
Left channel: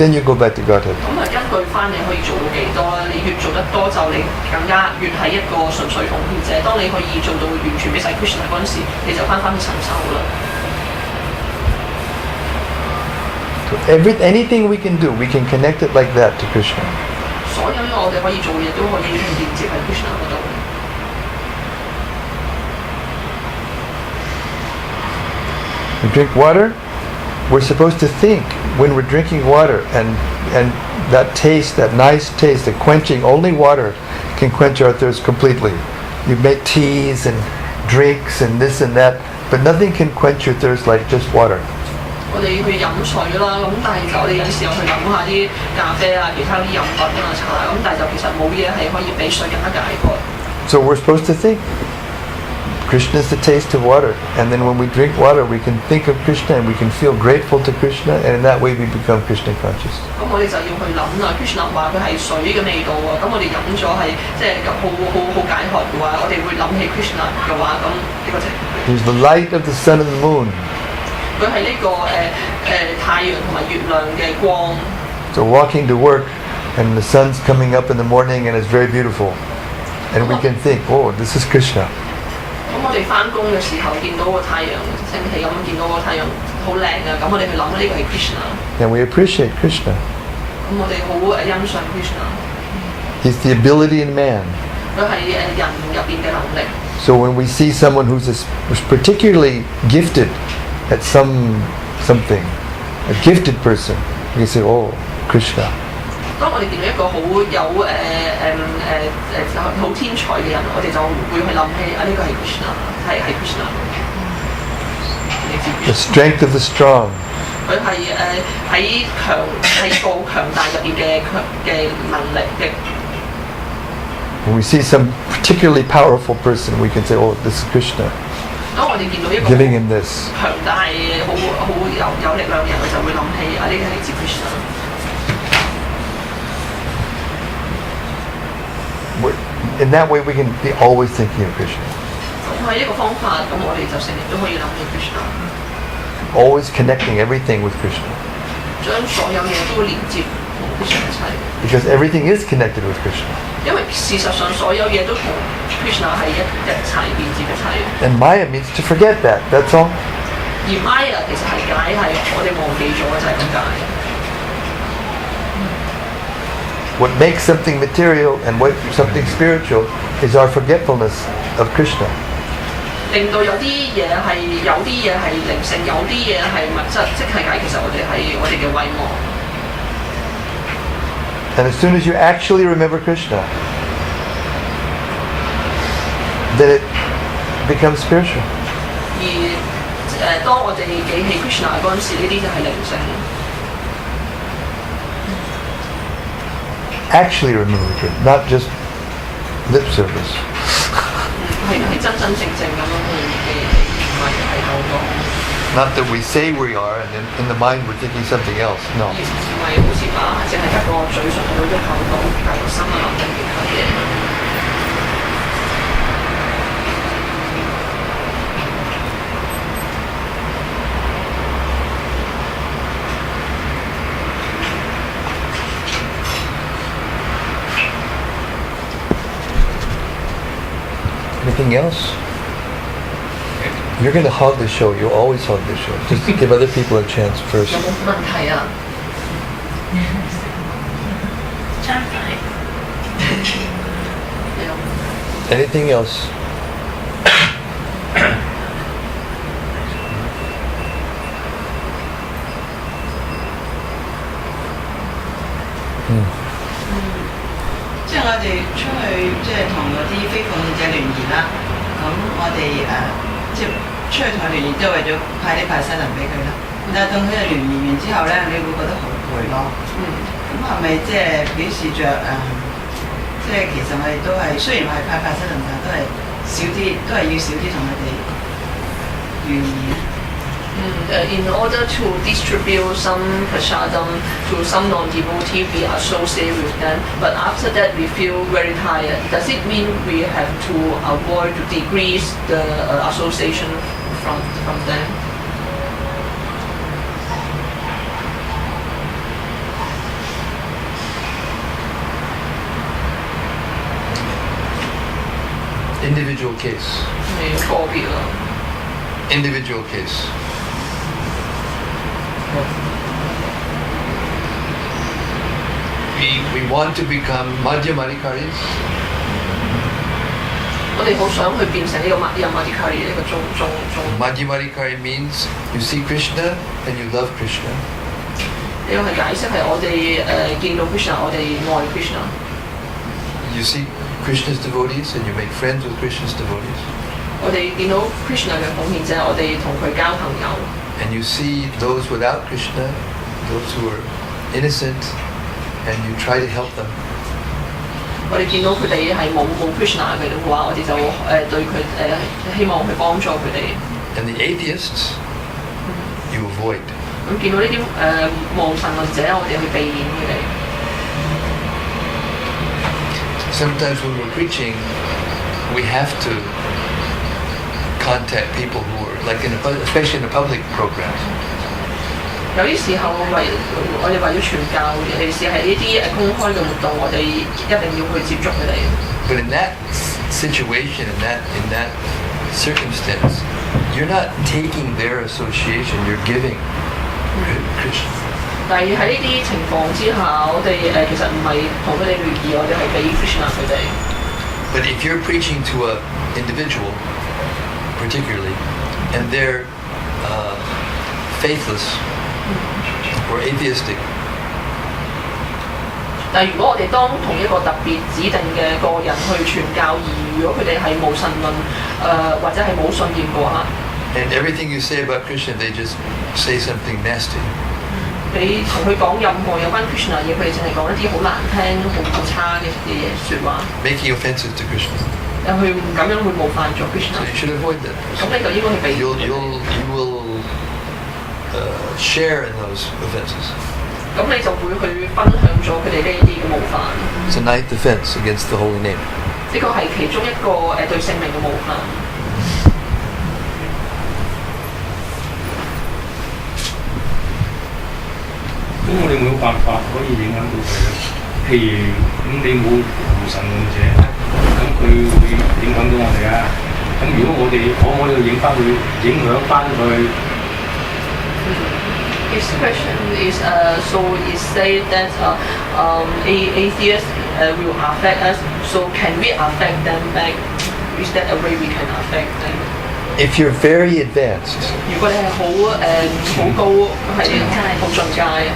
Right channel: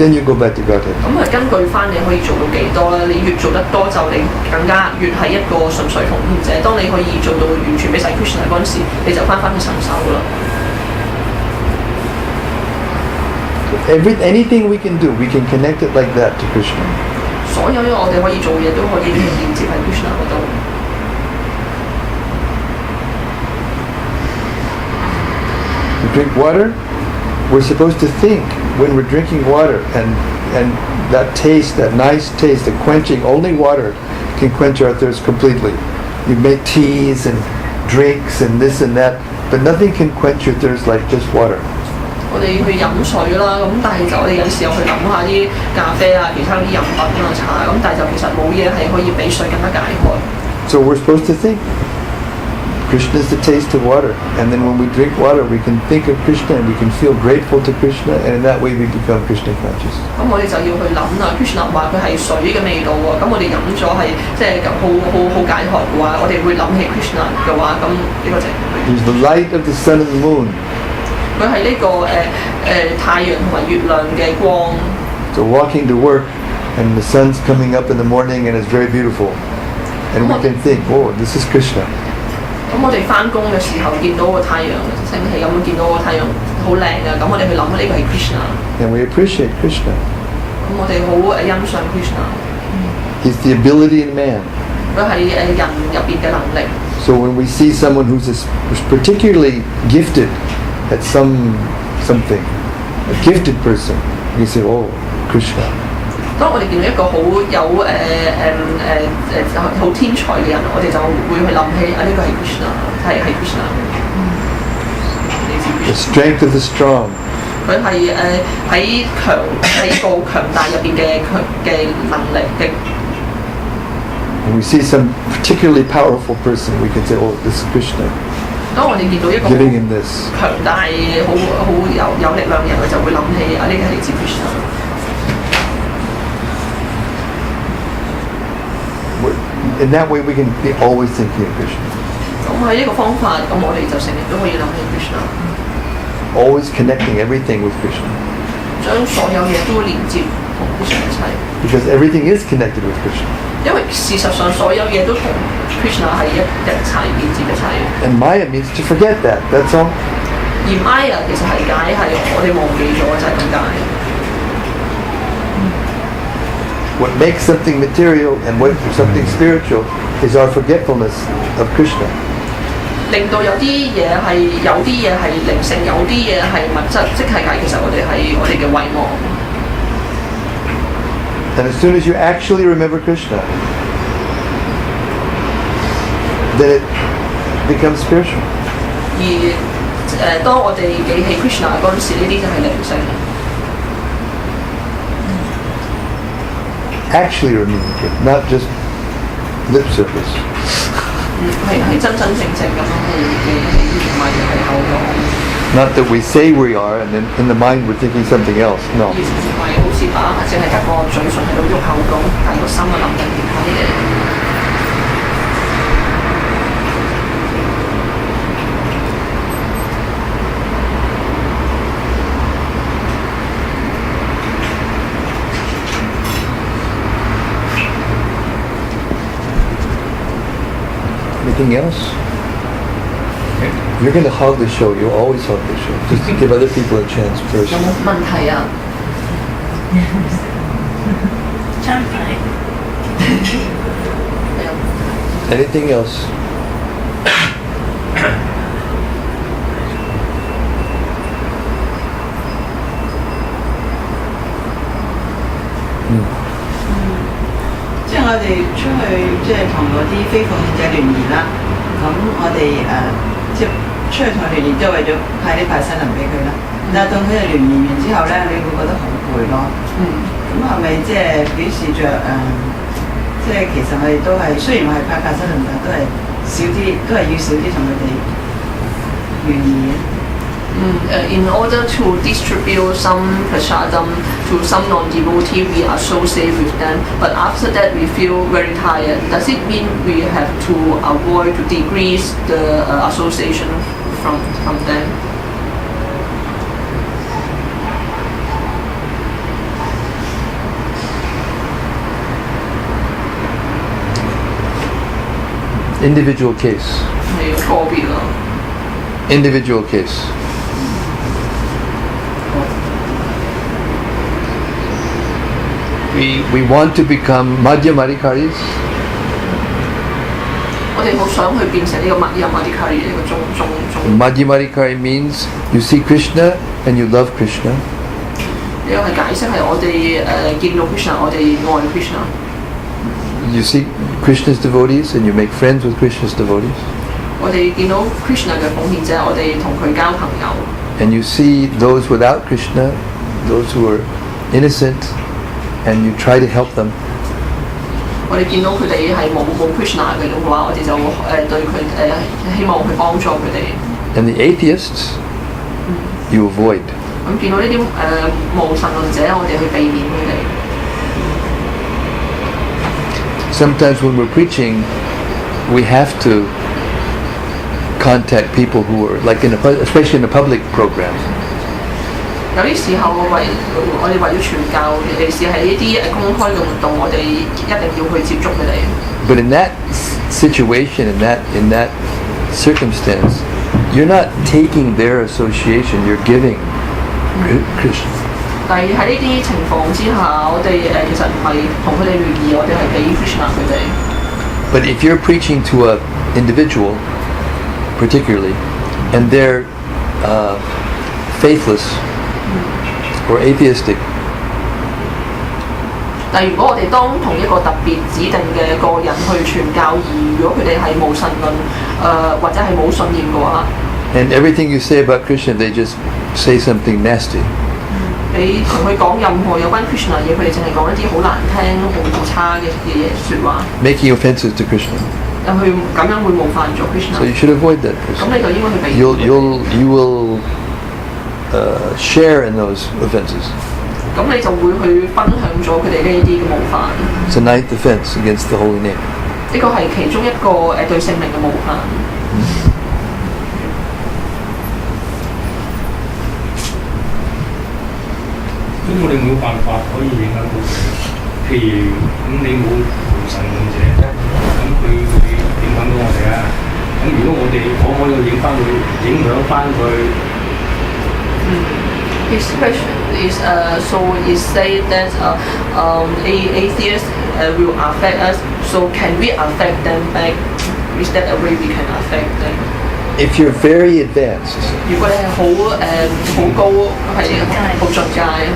then you go back to Godhead. 咁根據翻你可以做到幾多啦？你越做得多，就你更加越係一個純粹奉獻者。當你可以做到完全俾晒 Krishna 嗰陣時，你就翻去神手啦。Anything we can do, we can connect it like that to Krishna. 所有呢個我哋可以做嘅嘢都可以連接喺 Krishna 嗰度。We drink water, we're supposed to think when we're drinking water, and that taste, that nice taste, the quenching, only water can quench our thirst completely. You make teas and drinks and this and that, but nothing can quench your thirst like just water. 我哋去飲水啦，咁但係就我哋有時候去諗下啲咖啡啊、其他啲飲品啊、茶，咁但係就其實冇嘢係可以比水更加解渴。So we're supposed to think. Krishna is the taste of water, and then when we drink water, we can think of Krishna and we can feel grateful to Krishna, and in that way we become Krishna conscious. 咁我哋就要去諗啦 ，Krishna 話佢係水嘅味道喎，咁我哋飲咗係即係好解渴嘅話，我哋會諗起 Krishna 嘅話，咁呢個就係 He's the light of the sun and the moon. 佢係呢個太陽同埋月亮嘅光。So walking to work, and the sun's coming up in the morning and it's very beautiful, and we can think, oh, this is Krishna. 咁我哋翻工嘅時候見到個太陽升起，咁見到個太陽好靚啊！咁我哋去諗呢個係 Krishna。And we appreciate Krishna. 咁我哋好欣賞 Krishna。 He's the ability in man. 佢係人入邊嘅能力。So when we see someone who's particularly gifted at something, a gifted person, we say, oh, Krishna. 當我哋見到一個好有好天才嘅人，我哋就會去諗起呢個係 Krishna， 係 Krishna。 The strength of the strong. 佢係喺細個強大入邊嘅能力嘅。 When we see some particularly powerful person, we can say, oh, this is Krishna. 當我哋見到一個 Giving him this. 強大好有力量嘅人，我就會諗起呢個係嚟自 Krishna。 In that way, we can be always thinking of Krishna. 咁係一個方法，咁我哋就成日都可以諗起 Krishna。 Always connecting everything with Krishna. 將所有嘢都連接同 Krishna 一齊。 Because everything is connected with Krishna. 因為事實上所有嘢都同 Krishna 係一齊連接一齊。 And Maya means to forget that. That's all. 而 Maya 其實係解係我哋忘記咗就係咁解。 What makes something material and what something spiritual is our forgetfulness of Krishna. 令到有啲嘢係靈性，有啲嘢係物質，即係解其實我哋係我哋嘅遺忘。 And as soon as you actually remember Krishna, then it becomes spiritual. 而當我哋記起 Krishna 嗰陣時，呢啲就係靈性。 Actually remember Krishna, not just lip service. 係真正咁樣去記起，唔係係口講。 Not that we say we are, and then in the mind we're thinking something else. No. 唔係好似把只係一個嘴唇喺度喐口講，但係個心係諗緊其他嘢。 Anything else? You're going to hog the show. You always hog the show. Just to give other people a chance first. 有冇問題啊？ Anything else? Hmm. 即係我哋出去，即係同嗰啲非奉獻者聯誼啦。咁我哋即係出去同佢聯誼，都係為咗派啲新人俾佢啦。但係當佢哋聯誼完之後咧，你會覺得好攰咯。咁係咪即係表示着即係其實我哋都係雖然我係派新人，但係都係少啲，都係要少啲同佢哋聯誼。 In order to distribute some prasadam to some non-devotee, we associate with them. But after that, we feel very tired. Does it mean we have to avoid to decrease the association from them? individual case. 係個別咯。Individual case. We want to become Madhyamadikaris. 我哋好想去變成呢個Madhyamadikari呢個中。Madhyamadikari means you see Krishna and you love Krishna. 呢個係解釋係我哋見到 Krishna， 我哋愛 Krishna。You see Krishna's devotees and you make friends with Krishna's devotees. 我哋見到 Krishna 嘅奉獻者，我哋同佢交朋友。And you see those without Krishna, those who are innocent, and you try to help them. 我哋見到佢哋係冇 Krishna 嘅話，我哋就對佢希望去幫助佢哋。And the atheists, you avoid. 咁見到呢啲無神論者，我哋去避免佢哋。Sometimes when we're preaching, we have to contact people who are like especially in a public program. 有啲時候我哋為咗傳教，尤其是係呢啲公開嘅活動，我哋一定要去接觸佢哋。But in that situation, in that circumstance, you're not taking their association, you're giving Krishna. 但係喺呢啲情況之下，我哋其實唔係同佢哋聯誼，我哋係俾 Krishna 佢哋。But if you're preaching to an individual, particularly, and they're faithless or atheistic, 但如果我哋當同一個特別指定嘅個人去傳教，而如果佢哋係無神論或者係冇信念嘅話， and everything you say about Krishna, they just say something nasty. 你同佢講任何有關 Krishna 嘢，佢哋淨係講一啲好難聽、好差嘅説話， making offenses to Krishna. 去咁樣會冒犯咗 Krishna。 So you should avoid that 咁 person. 你就應該去避免。You will share in those offenses. 咁你就會去分享咗佢哋呢啲嘅冒犯。 It's a ninth offense against the holy name. 呢個係其中一個對聖名嘅冒犯。咁我哋冇辦法可以影響到佢咧。譬如咁，你冇神論者，咁佢會影響到我哋啊。咁如果我哋可唔可以影響翻佢？ His question is so it said that atheists will affect us. So can we affect them back? Is that a way we can affect them? If you're very advanced, 如果你係好高，係好進階。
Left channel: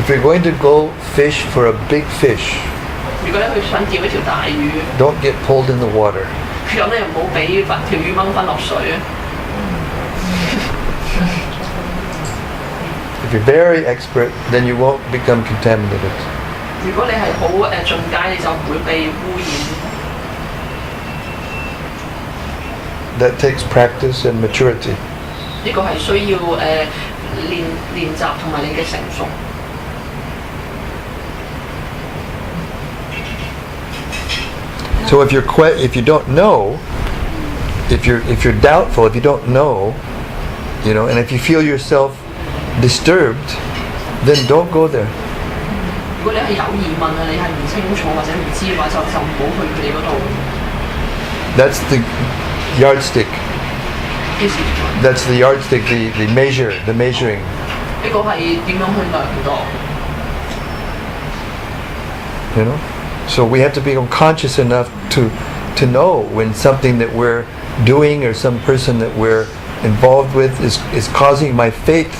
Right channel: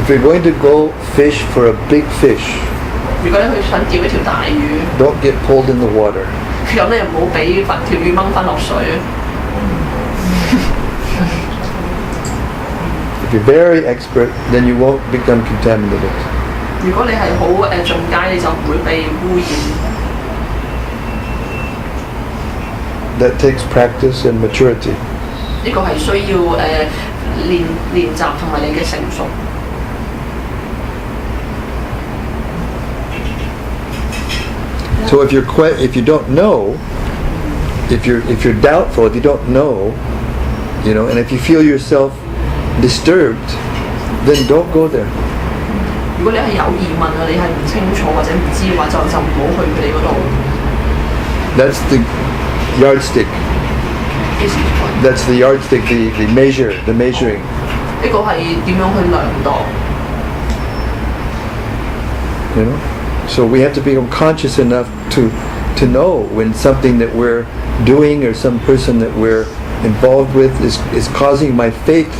if you're going to go fish for a big fish, 如果你去想釣一條大魚， don't get pulled in the water. 咁你唔好俾條魚掹翻落水。 If you're very expert, then you won't become contaminated. 如果你係好進階，你就唔會被污染。 That takes practice and maturity. 呢個係需要練習同埋你嘅成熟。 So if you don't know, if you're doubtful, if you don't know, and if you feel yourself disturbed, then don't go there. 如果你係有疑問啊，你係唔清楚或者唔知嘅話，就唔好去佢哋嗰度。 That's the yardstick. That's the yardstick, the measuring. 呢個係點樣去量度？ So we have to become conscious enough to know when something that we're doing or some person that we're involved with is causing my faith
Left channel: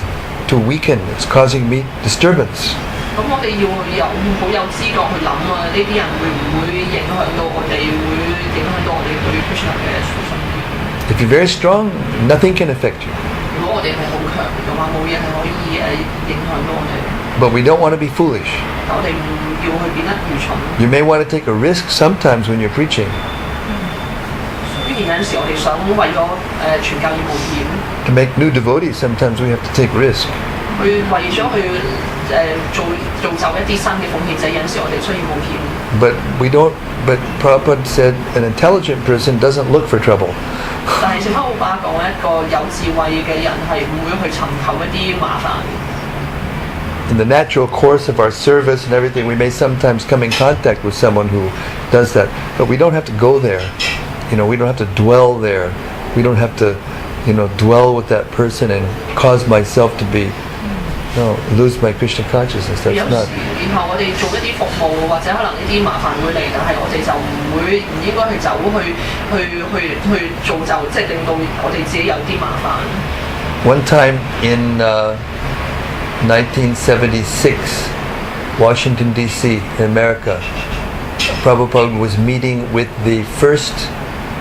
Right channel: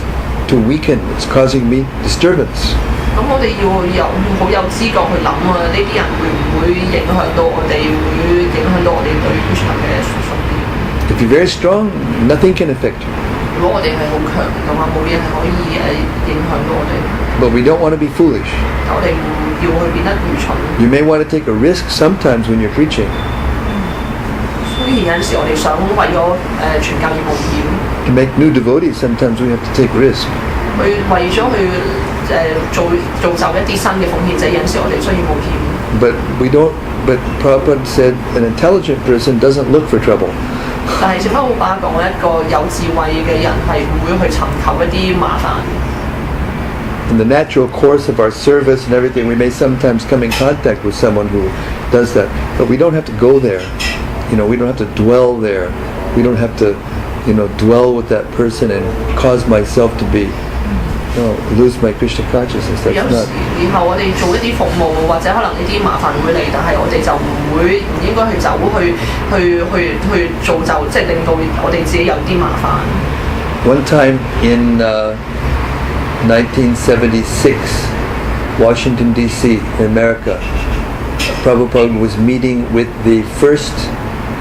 to weaken. It's causing me disturbance. 咁我哋要好有知覺去諗啊！呢啲人會唔會影響到我哋？會影響到我哋對 Krishna 嘅信念？ If you're very strong, nothing can affect you. 如果我哋係好強嘅話，冇嘢係可以影響到我哋。 But we don't want to be foolish. 我哋唔要去變得愚蠢。 You may want to take a risk sometimes when you're preaching. 雖然有陣時我哋想為咗傳教而冒險。 To make new devotees, sometimes we have to take risk. 為咗去造就一啲新嘅奉獻者，有陣時我哋需要冒險。 But Prabhupada said an intelligent person doesn't look for trouble. 但係聖德奧巴講一個有智慧嘅人係唔會去尋求一啲麻煩。in the natural course of our service and everything, we may sometimes come in contact with someone who does that, but we don't have to go there. We don't have to dwell there. We don't have to, dwell with that person and cause myself to lose my Krishna consciousness. That's 有 not. 時然後我哋做一啲服務，或者可能呢啲麻煩會嚟，但係我哋就唔應該去走去造就，即係令到我哋自己有啲麻煩。One time in 1976, Washington D.C. in America, Prabhupada was meeting with the first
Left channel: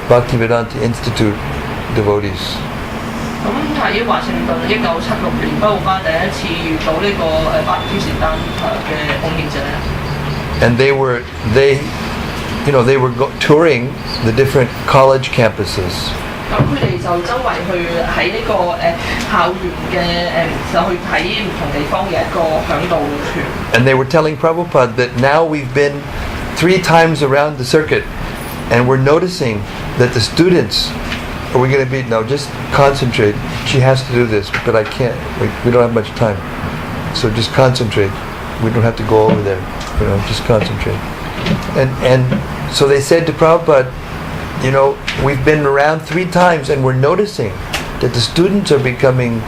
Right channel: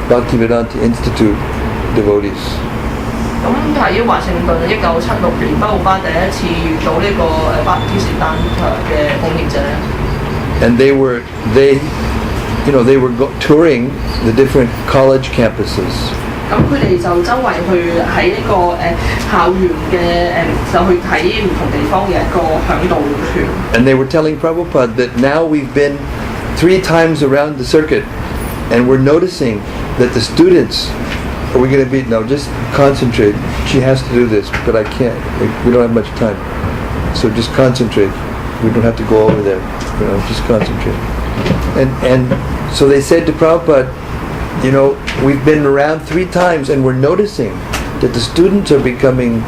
Bhaktivedanta Institute devotees. 咁喺華盛頓1976年，不魯巴第一次遇到呢個巴基斯坦嘅貢獻者。And they were touring the different college campuses. 咁佢哋就周圍去喺呢個校園嘅就去睇唔同地方嘅一個響導團。And they were telling Prabhupada that now we've been 3 times around the circuit, and we're noticing that the students. Are we going to be... No, just concentrate. She has to do this, but I can't. We don't have much time. So just concentrate. We don't have to go over there. Just concentrate. And so they said to Prabhupada, we've been around 3 times and we're noticing that the students are becoming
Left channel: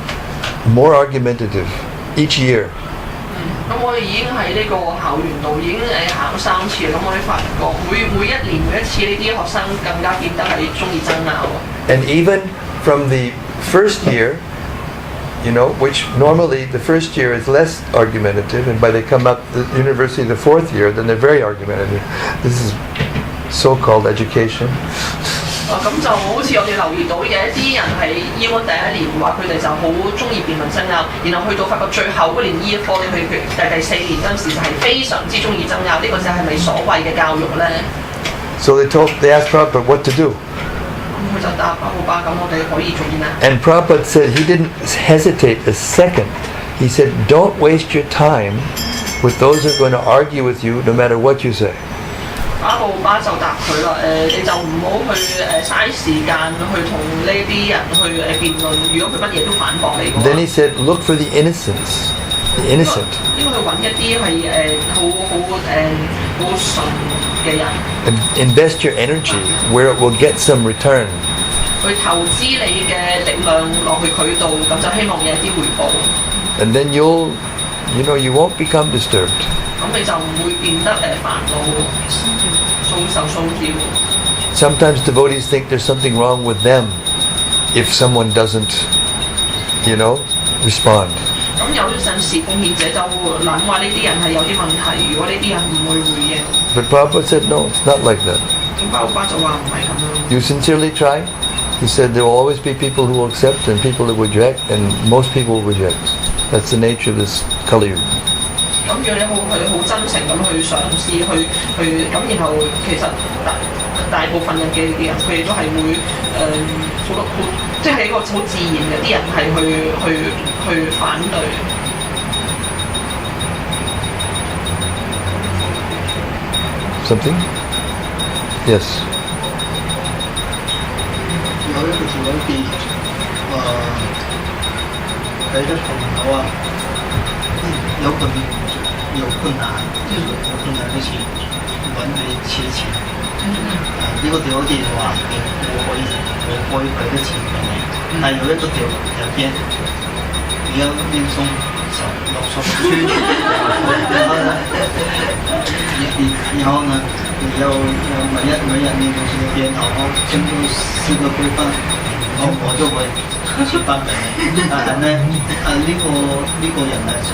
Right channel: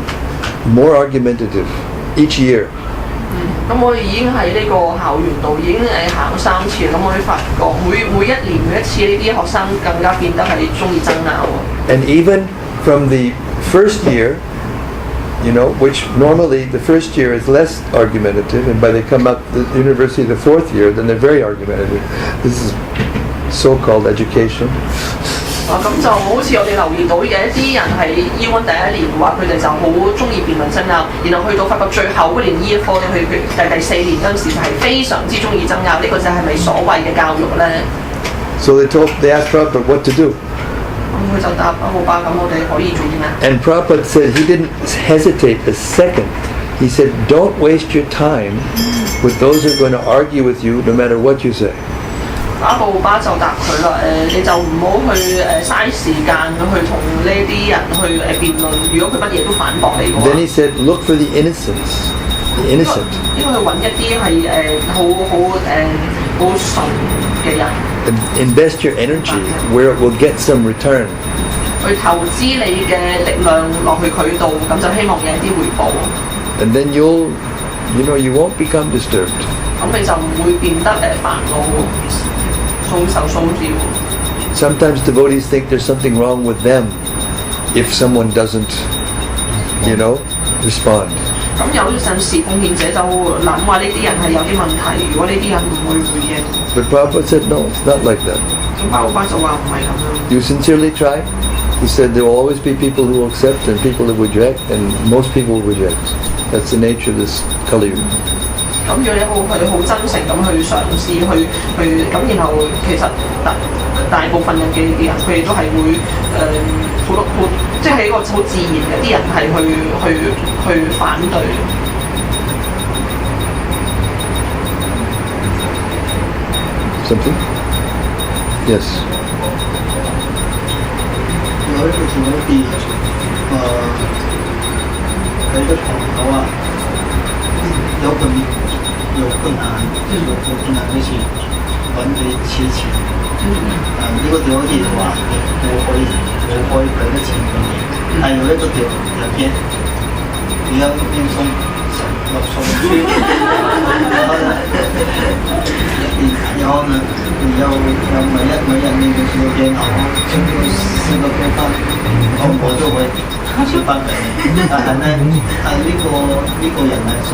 more argumentative each year. 咁我哋已經喺呢個校園度已經行3次，咁我哋發覺每一年每一次呢啲學生更加變得係中意爭拗。And even from the first year, which normally the first year is less argumentative, and by they come up the university the 4th year, then they're very argumentative. This is so-called education. 咁就好似我哋留意到有一啲人係 E1 第一年話佢哋就好中意辯論爭拗，然後去到發覺最後嗰年 E1 科去第4年嗰陣時就係非常之中意爭拗，呢個就係咪所謂嘅教育咧？ So they asked Prabhupada what to do. 佢就答阿姆巴咁，我哋可以做啲咩？ And Prabhupada said he didn't hesitate a second. He said, don't waste your time with those who are going to argue with you no matter what you say. 阿姆巴就答佢啦，你就唔好去嘥時間去同呢啲人去辯論，如果佢乜嘢都反駁你。 Then he said, look for the innocent. 應該去揾一啲係好純嘅人。Invest your energy where it will get some return. 去投資你嘅力量落去佢度，咁就希望有啲回報。 And then you won't become disturbed. 咁你就唔會變得煩惱、受騷擾。 Sometimes devotees think there's something wrong with them if someone doesn't, respond. 咁有陣時貢獻者就諗話呢啲人係有啲問題，如果呢啲人唔會回應。 But Prabhupada said, no, it's not like that. 巴魯巴就話唔係咁樣。 You sincerely try. He said there will always be people who will accept and people who reject, and most people will reject. That's the nature of this Kali Yuga. 咁如果你好真誠咁去嘗試去咁，然後其實大部分人嘅人佢哋都係會好即係一個好自然嘅啲人係去反對。Something? Yes. 有一個情況係有一個朋友啊，有困難，就是有困難就是揾佢借錢。呢個條件話我可以俾得錢俾你，但有一個條件，你要念誦6首書，然後呢，你要每人念個條件，然後經過4個對方，我就會錢翻俾你。但係呢，呢個人呢就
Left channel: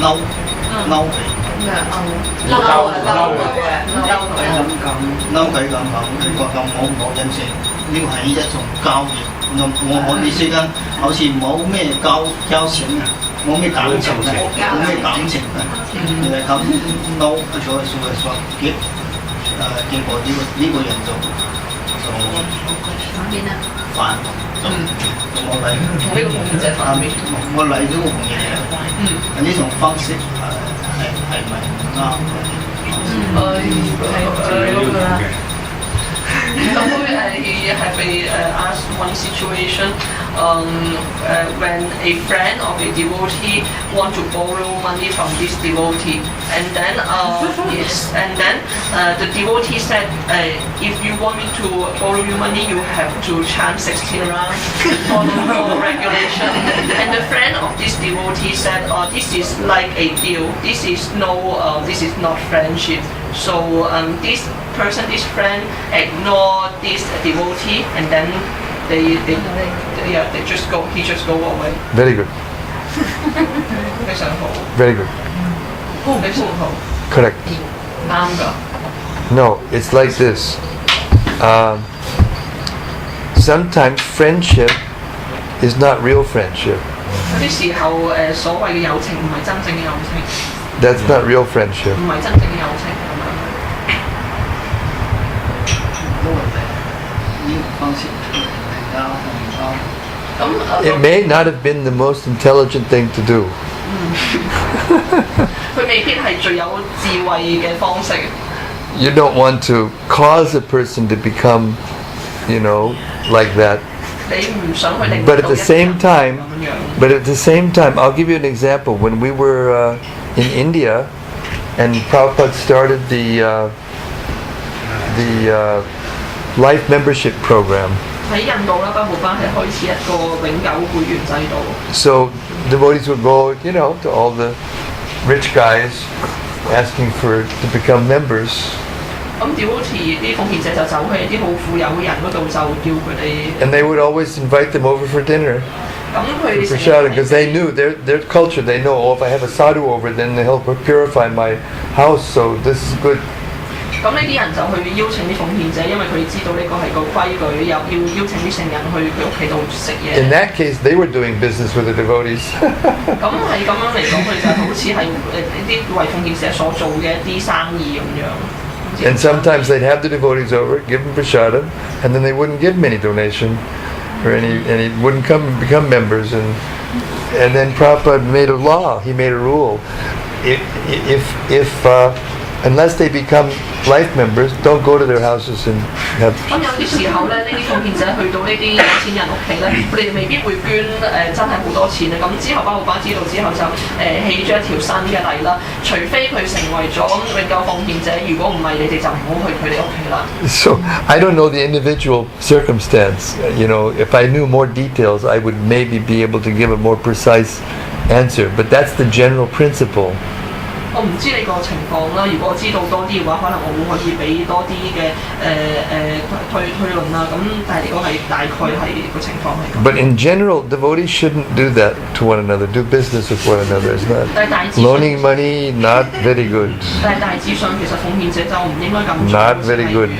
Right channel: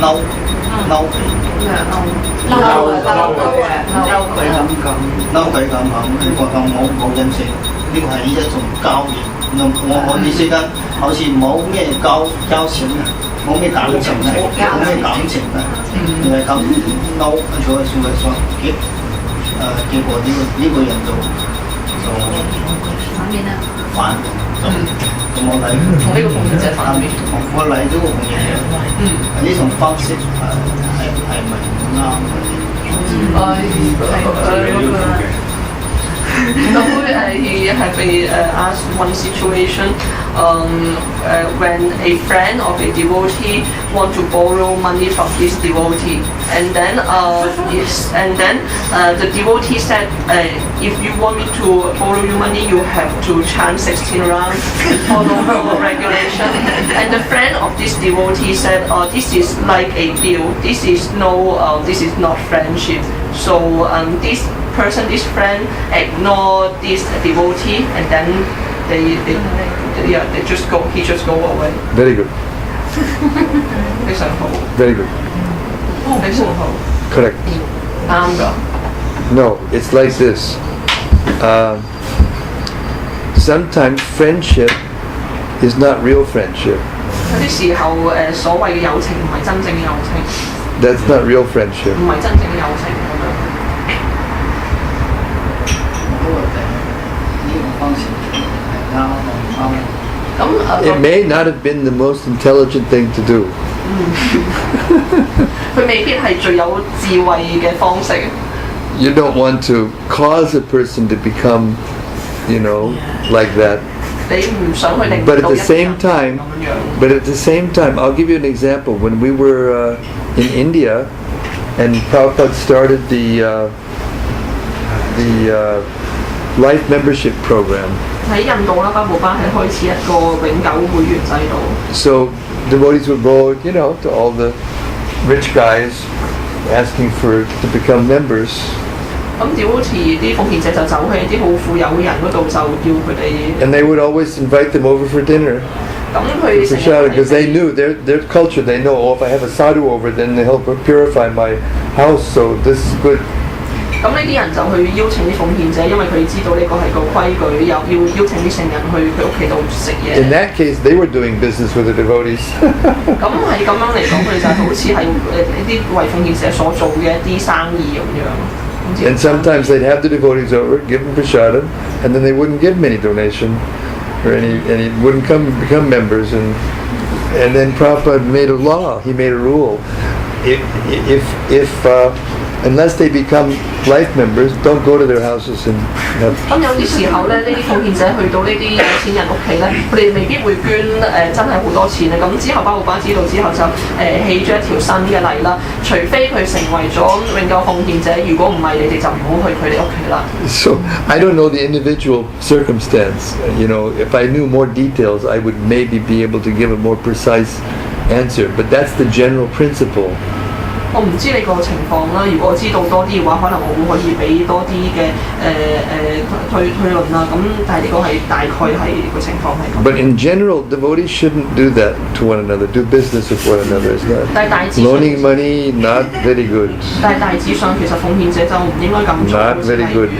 嬲佢。佢咁講，佢覺得我冇認識，呢個係一種交易。我哋之間好似冇咩交情啊，冇咩感情啊，冇咩感情啊，咁嬲咗所以結果呢個人就反面啦，咁我嚟呢個奉獻者反面，我嚟咗個奉獻者，呢種方式係咪唔啱嘅？he had been asked one situation when a friend of a devotee want to borrow money from this devotee, and then the devotee said, if you want me to borrow you money, you have to chant 16 rounds, follow her regulation. And the friend of this devotee said, this is like a deal. This is not friendship. So this friend ignored this devotee, and then he just go away. Very good. 非常好， Very good. 非常好， Correct. 啱㗎。 No, it's like this. Sometimes friendship is not real friendship. 有啲時候所謂嘅友情唔係真正嘅友情， That's not real friendship. 唔係真正嘅友情咁樣。如果呢個方式係啱唔啱？咁 It may not have been the most intelligent thing to do. 佢未必係最有智慧嘅方式。 You don't want to cause a person to become, like that. 你唔想去令 But at 到 the 人 same time, 咁樣。 but at the same time, I'll give you an example. When we were in India, and Prabhupada started the life membership program. 喺印度啦，巴布巴係開始一個永久會員制度。 So devotees would go, to all the rich guys asking to become members. 咁devotee啲奉獻者就走去啲好富有嘅人嗰度，就叫佢哋。 And they would always invite them over for dinner. 咁佢 For prasadam, because they knew their culture. They know, if I have a sadhu over, then they'll help purify my house. So this is good. 咁呢啲人就去邀請啲奉獻者，因為佢知道呢個係個規矩，又要邀請啲聖人去佢屋企度食嘢。 In that case, they were doing business with the devotees. 咁係咁樣嚟講，佢就好似係啲為奉獻者所做嘅一啲生意咁樣。 And sometimes they'd have the devotees over, give them prasadam, and then they wouldn't give them any donation, or any wouldn't become members. And then Prabhupada made a law. He made a rule. If unless they become life members, don't go to their houses and have. 咁有啲時候咧，呢啲奉獻者去到呢啲有錢人屋企咧，佢哋未必會捐真係好多錢啊！咁之後巴布巴知道之後就起咗一條新嘅例啦，除非佢成為咗永久奉獻者，如果唔係，你哋就唔好去佢哋屋企啦。 So I don't know the individual circumstance. If I knew more details, I would maybe be able to give a more precise answer. But that's the general principle. 我唔知你個情況啦，如果我知道多啲嘅話，可能我會可以俾多啲嘅推論啦。咁但係呢個係大概係個情況係咁。 But in general, devotees shouldn't do that to one another. Do business with one another. It's not 但係大致上 loaning money. Not very good. 但係大致上其實奉獻者就唔應該咁做， Not very good.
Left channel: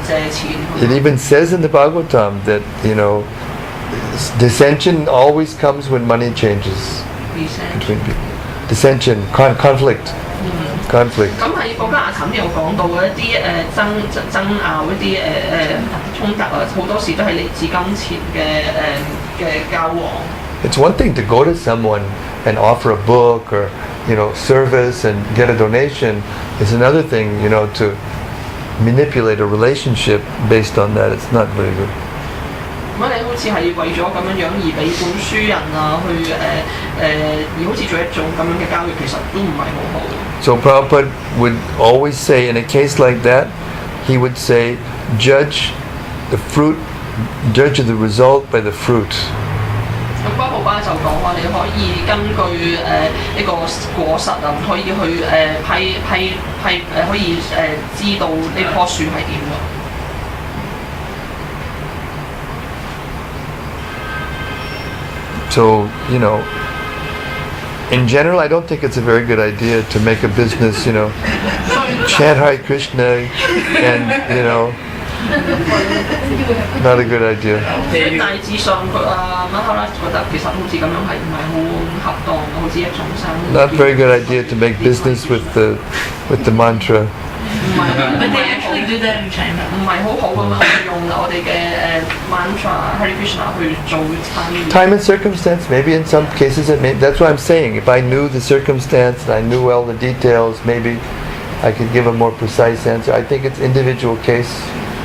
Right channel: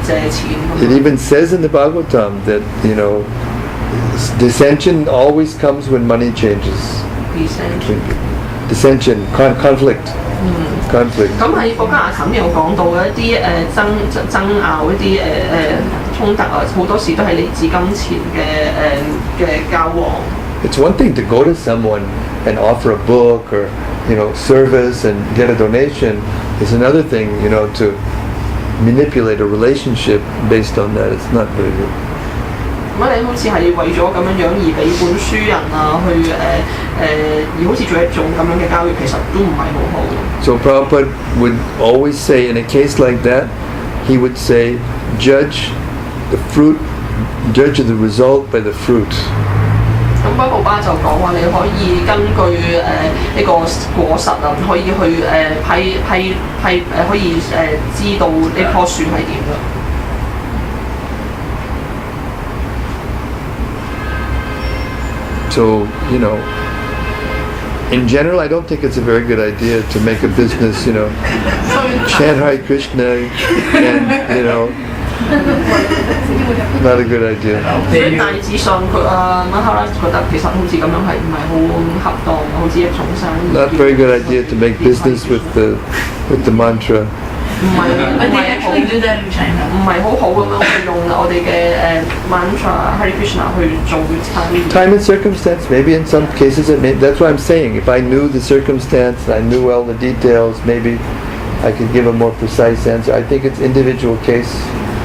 借錢。 It even says in the Bhagavatam that dissension always comes when money changes between people. Dissension, conflict. Conflict. 咁喺國家雅琴有講到嘅一啲爭拗一啲衝突啊，好多時都係嚟自金錢嘅交往。 It's one thing to go to someone and offer a book or service and get a donation. It's another thing to manipulate a relationship based on that. It's not very good. 如果你好似係為咗咁樣而俾本書人啊去而好似做一種咁樣嘅交易，其實都唔係好好。 So Prabhupada would always say, in a case like that, he would say, judge the result by the fruit. 咁巴布巴就講話，你可以根據呢個果實啊，可以去可以知道呢棵樹係點嘅。 So, in general, I don't think it's a very good idea to make a business, chant Hare Krishna and, not a good idea. 所以大致上馬哈拉覺得其實好似咁樣係唔係好恰當，好似一種生意。 Not very good idea to make business with the mantra. But they actually do that in China. 唔係好好咁樣用我哋嘅mantra Hare Krishna 去做生意。 Time and circumstance, maybe in some cases that's what I'm saying. If I knew the circumstance and I knew all the details, maybe I could give a more precise answer. I think it's individual case.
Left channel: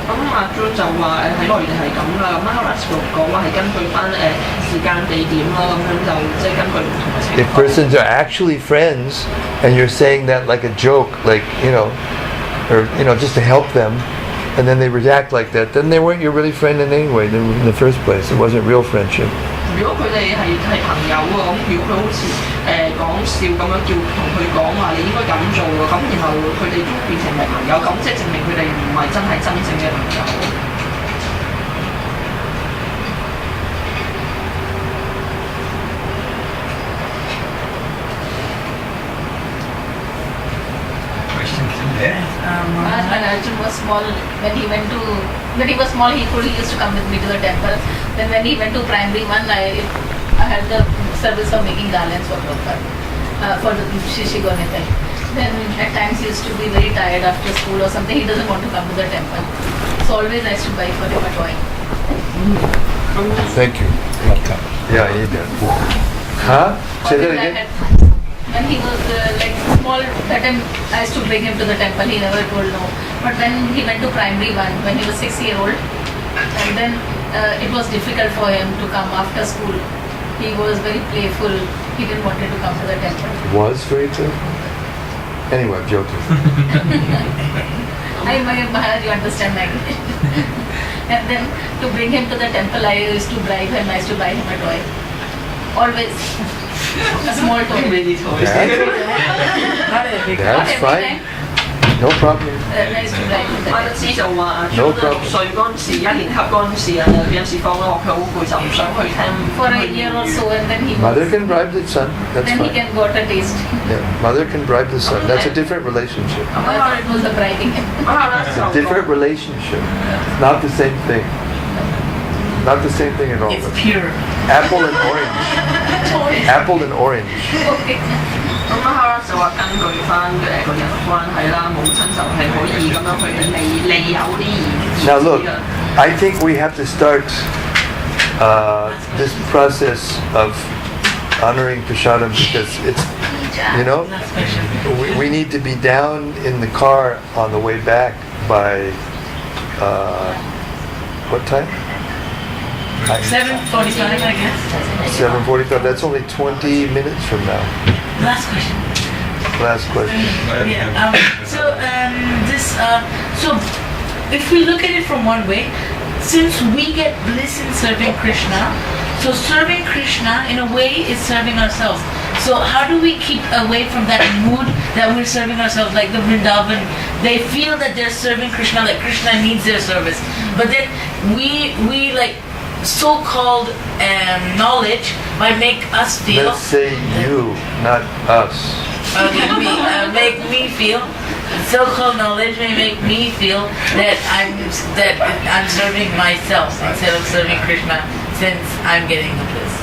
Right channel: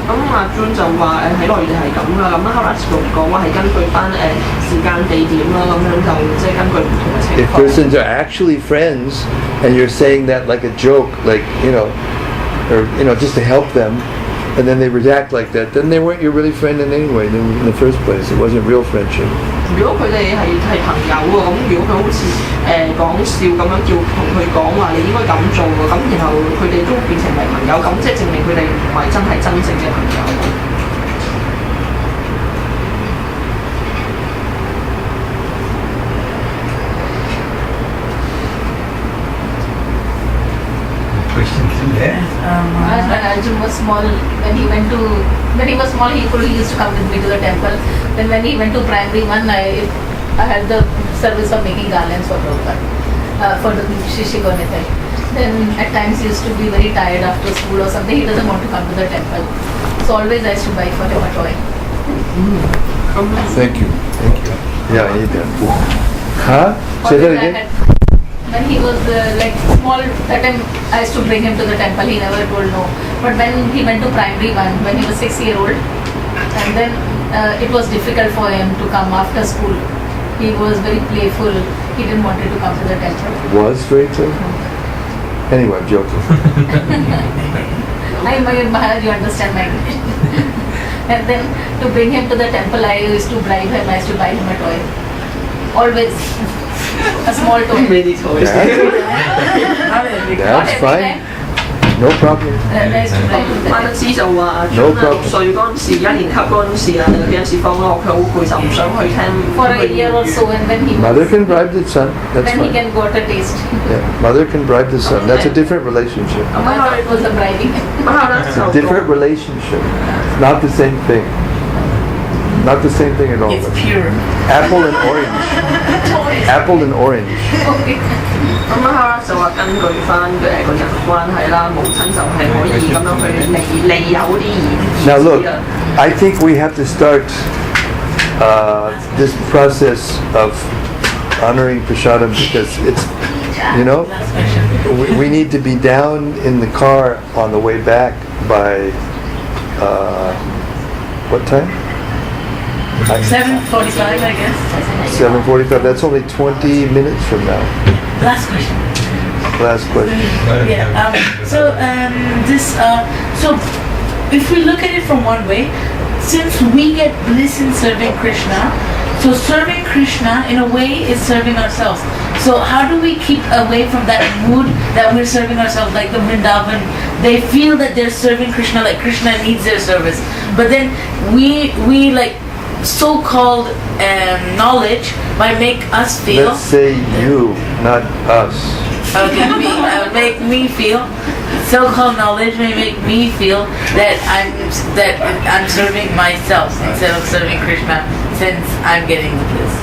咁咁阿 John 就話喺內地係咁啦，咁 Horace 就講話係根據翻時間地點啦，咁樣就即係根據唔同嘅情 If 況。 persons are actually friends and you're saying that like a joke, like, or, just to help them, and then they react like that, then they weren't your really friend in any way in the first place. It wasn't real friendship. 如果佢哋係朋友喎，咁如果佢好似講笑咁樣叫同佢講話，你應該咁做喎，咁然後佢哋都變成係朋友，咁即係證明佢哋唔係真正嘅朋友。Questions in there? When Arjun was small, when he was small, he used to come with me to the temple. Then when he went to primary one, I had the service of making garlands for Prabhupada, for the Shishikonetai. Then at times he used to be very tired after school or something. He doesn't want to come to the temple. So always I used to buy for him a toy. Thank you. Yeah, I need that. Huh? Say that again? When he was like small, that time I used to bring him to the temple. He never told no. But when he went to primary one, when he was 6-year-old, and then it was difficult for him to come after school. He was very playful. He didn't want to come to the temple. Was very playful? Anyway, I'm joking. Maharaj, you understand my And then to bring him to the temple, I used to bribe him. I used to buy him a toy. Always. A small toy. Many toys. That's fine. No problem. I used to bribe him 馬 that. 德斯就話 No 6 problem. 歲嗰陣時，1年級嗰陣時啊，有陣時放學佢好攰就唔想去聽。 For a year or so, and then Mother can bribe the son. That's then he fine. can got a taste. Yeah, mother can bribe the son. That's a different relationship. I thought it was a bribing him. 馬德 It's 就 a 講 different relationship. Not the same thing. Not the same thing at all. It's pure. Apple and orange. Apple and orange. Okay. 咁啊，就話根據翻佢個人關係啦，母親就係可以咁樣去利誘啲兒 Now look, I think we have to start this process of honoring Prasadam because it's, we need to be down in the car on the way back by, what time? 7:45, I guess. 7:45. That's only 20 minutes from now. Last question. Last question. Yeah. So if we look at it from one way, since we get bliss in serving Krishna, so serving Krishna in a way is serving ourselves. So how do we keep away from that mood that we're serving ourselves? Like the Vrindavan, they feel that they're serving Krishna, like Krishna needs their service. But then we like so-called knowledge might make us feel. Let's say you, not us. Okay, make me feel. So-called knowledge may make me feel that I'm serving myself instead of serving Krishna, since I'm getting the bliss.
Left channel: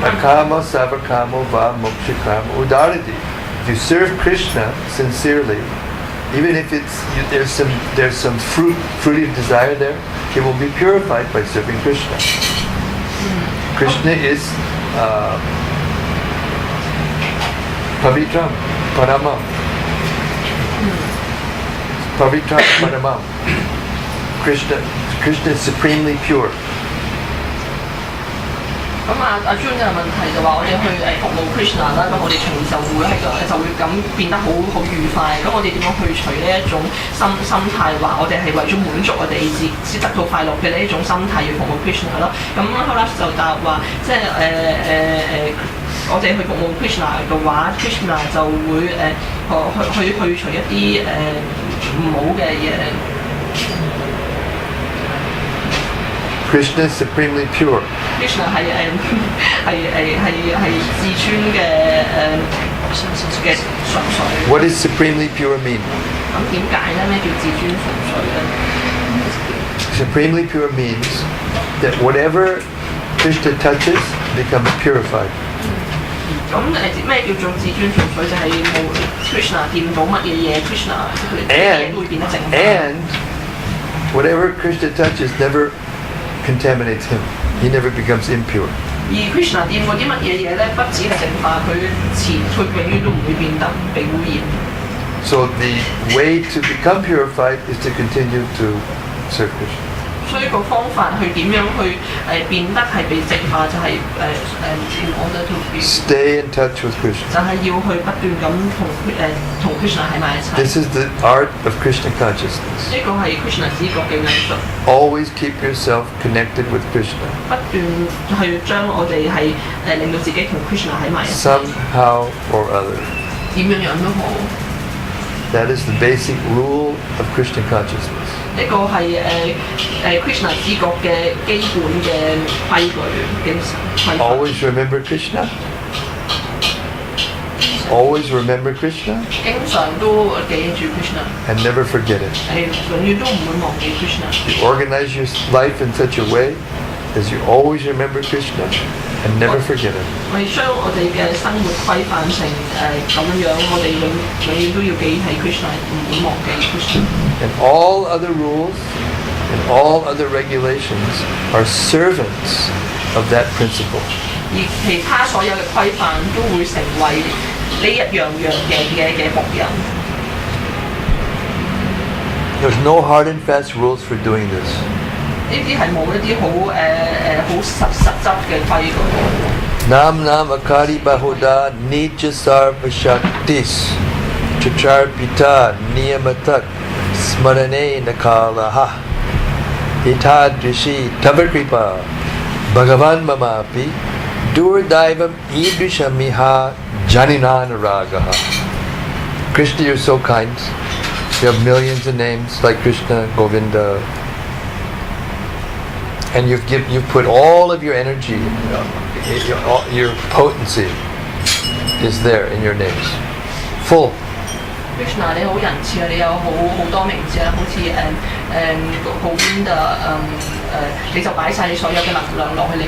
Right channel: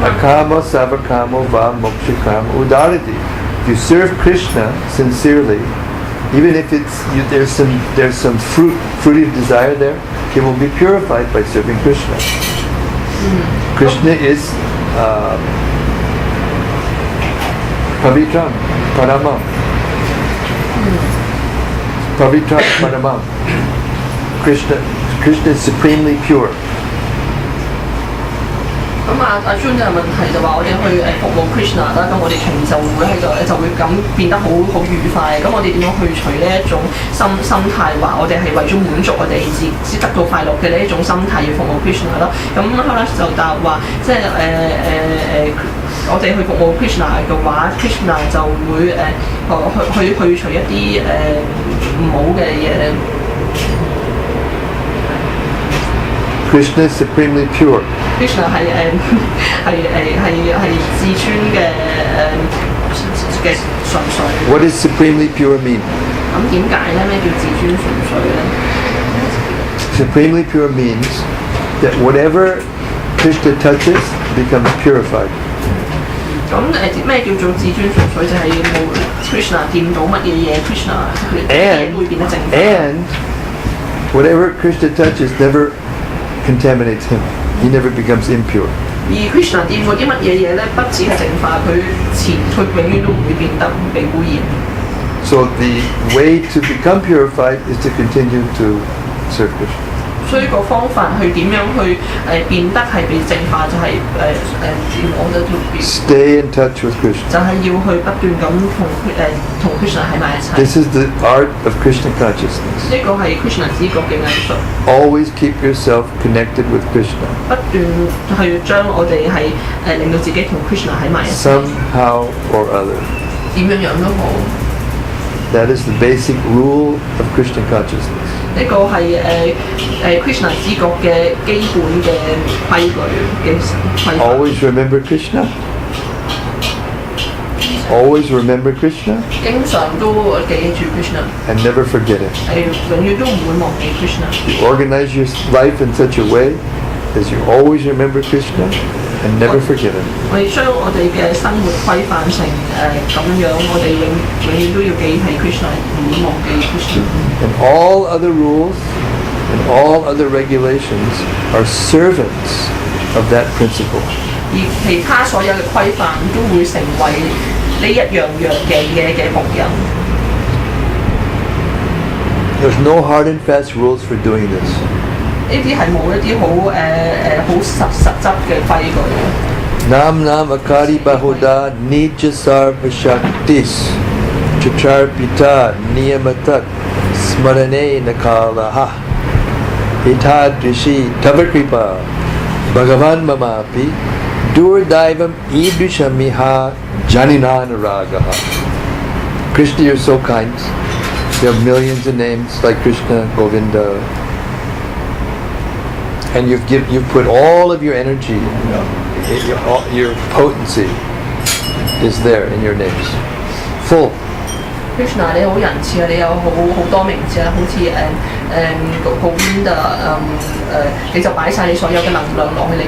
Akama savakamo va mokshikam udarati. If you serve Krishna sincerely, even if there's some fruity desire there, it will be purified by serving Krishna. Krishna is pavitram, paramam. Pavitram, paramam. Krishna is supremely pure. 咁啊，阿 John 嘅問題就話我哋去服務 Krishna 啦，咁我哋從就會喺度就會咁變得好愉快。咁我哋點樣去除呢一種心態，話我哋係為咗滿足我哋只得到快樂嘅呢一種心態要服務 Krishna 咯。咁 Horace 就答話，即係我哋去服務 Krishna 嘅話 ，Krishna 就會去除一啲唔好嘅嘢。Krishna is supremely pure. Krishna 係至尊嘅純粹。 What does supremely pure mean? 咁點解咧？咩叫至尊純粹咧？ Supremely pure means that whatever Krishna touches becomes purified. 咁咩叫做至尊純粹？就係冇 Krishna 掂到乜嘢嘢 ，Krishna 佢會變得正。And whatever Krishna touches never contaminates him. He never becomes impure. 而 Krishna 掂過啲乜嘢嘢咧？不止係淨化佢永遠都唔會變得被污染。 So the way to become purified is to continue to serve Krishna. 所以個方法去點樣去變得係被淨化，就係in order to be Stay in touch with Krishna. 就係要去不斷咁同 Krishna 喺埋一齊。 This is the art of Krishna consciousness. 呢個係 Krishna 知覺嘅藝術。 Always keep yourself connected with Krishna. 不斷去將我哋係令到自己同 Krishna 喺埋一齊。 Somehow or other. 點樣都好。 That is the basic rule of Krishna consciousness. 呢個係Krishna 知覺嘅基本嘅規矩嘅規範。 Always remember Krishna. Always remember Krishna 經常都記住 Krishna， and never forget it. 係永遠都唔會忘記 Krishna。 You organize your life in such a way as you always remember Krishna and never forget it. 我哋將我哋嘅生活規範成咁樣，我哋永遠都要記起 Krishna， 唔會忘記 Krishna。 And all other rules and all other regulations are servants of that principle. 而其他所有嘅規範都會成為呢一樣樣嘅僕人。 There's no hard and fast rules for doing this. 呢啲係冇一啲好實質嘅規矩。 Nam nam akari bahuda nija sarva shaktis chachar pita niyamatat smarane nakalaha hitadrishi tavakripa bhagavan mamapi Durdaivam idrishamiha janinanaragaha. Krishna, you're so kind. You have millions of names like Krishna, Govinda, and you've put all of your energy, your potency is there in your names, full. Krishna 你好仁慈啊！你有好多名字啊，好似Govinda 你就擺晒你所有嘅能量落去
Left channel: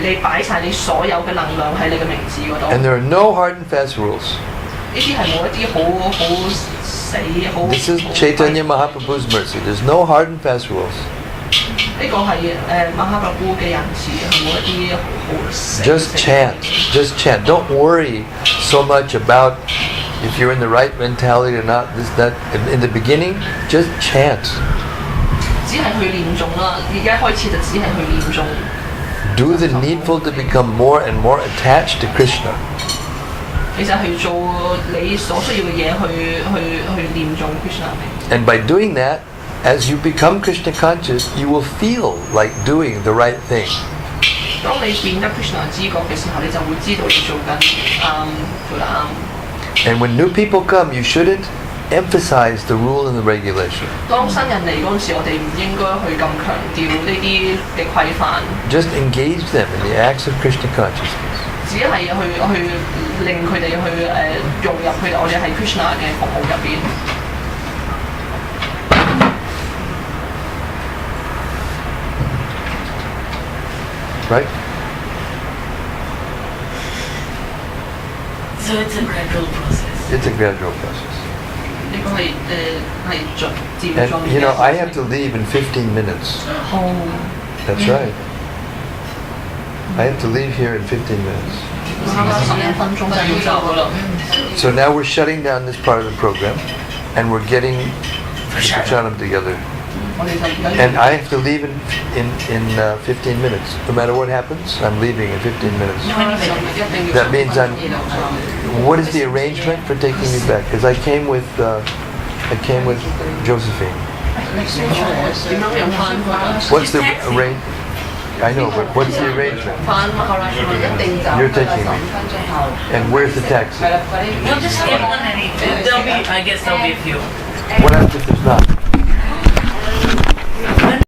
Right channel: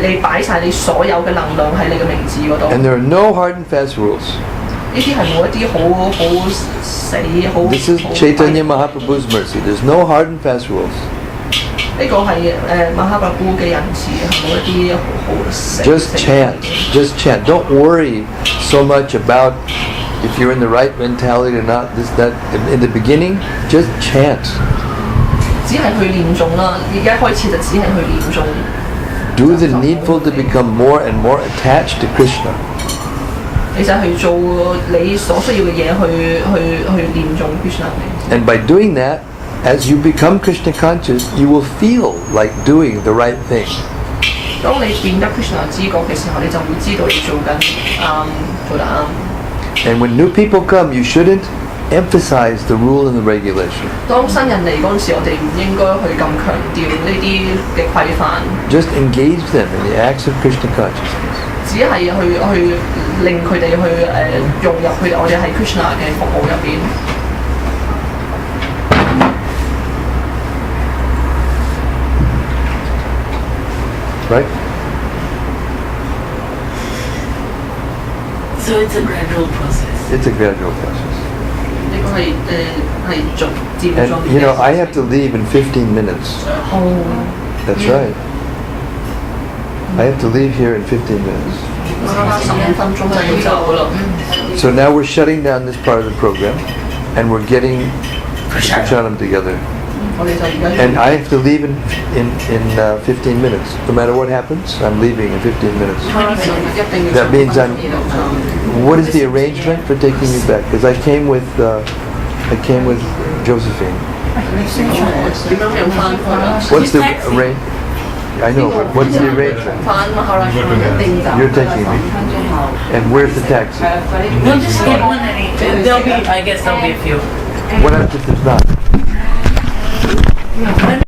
你擺晒你所有嘅能量喺你嘅名字嗰度。 And there are no hard and fast rules. 呢啲係冇一啲好死好。 This is Chaitanya Mahaprabhu's mercy. There's no hard and fast rules. 呢個係Mahaprabhu 嘅仁慈，係冇一啲好死。 Just chant. Just chant. Don't worry so much about if you're in the right mentality or not, this, that. In the beginning, just chant. 只係去念誦啦，而家開始就只係去念誦。 Do the needful to become more and more attached to Krishna. 你就去做你所需要嘅嘢，去念誦 Krishna。 And by doing that, as you become Krishna conscious, you will feel like doing the right thing. 當你變得 Krishna 知覺嘅時候，你就會知道你做得啱。 And when new people come, you shouldn't emphasize the rule and the regulation. 當新人嚟嗰陣時，我哋唔應該去咁強調呢啲嘅規範。 Just engage them in the acts of Krishna consciousness. 只係去令佢哋去融入佢哋，我哋喺 Krishna 嘅服務入邊。 Right? So it's a gradual process. It's a gradual process. 呢個係漸進。 And you know, I have to leave in 15 minutes. That's right. I have to leave here in 15 minutes. 11分鐘就要走啦。 So now we're shutting down this part of the program, and we're getting the Prashanam together. 我哋就而家。 And I have to leave in 15 minutes. No matter what happens, I'm leaving in 15 minutes. That means what is the arrangement for taking me back? Because I came with Josephine. 點樣又翻去？ What's the arrange? I know, but what's the arrangement? 翻Maharashtra一定就。 You're taking me. And where's the taxi? We'll just get one and there'll be, I guess there'll be a few. What happens if there's not?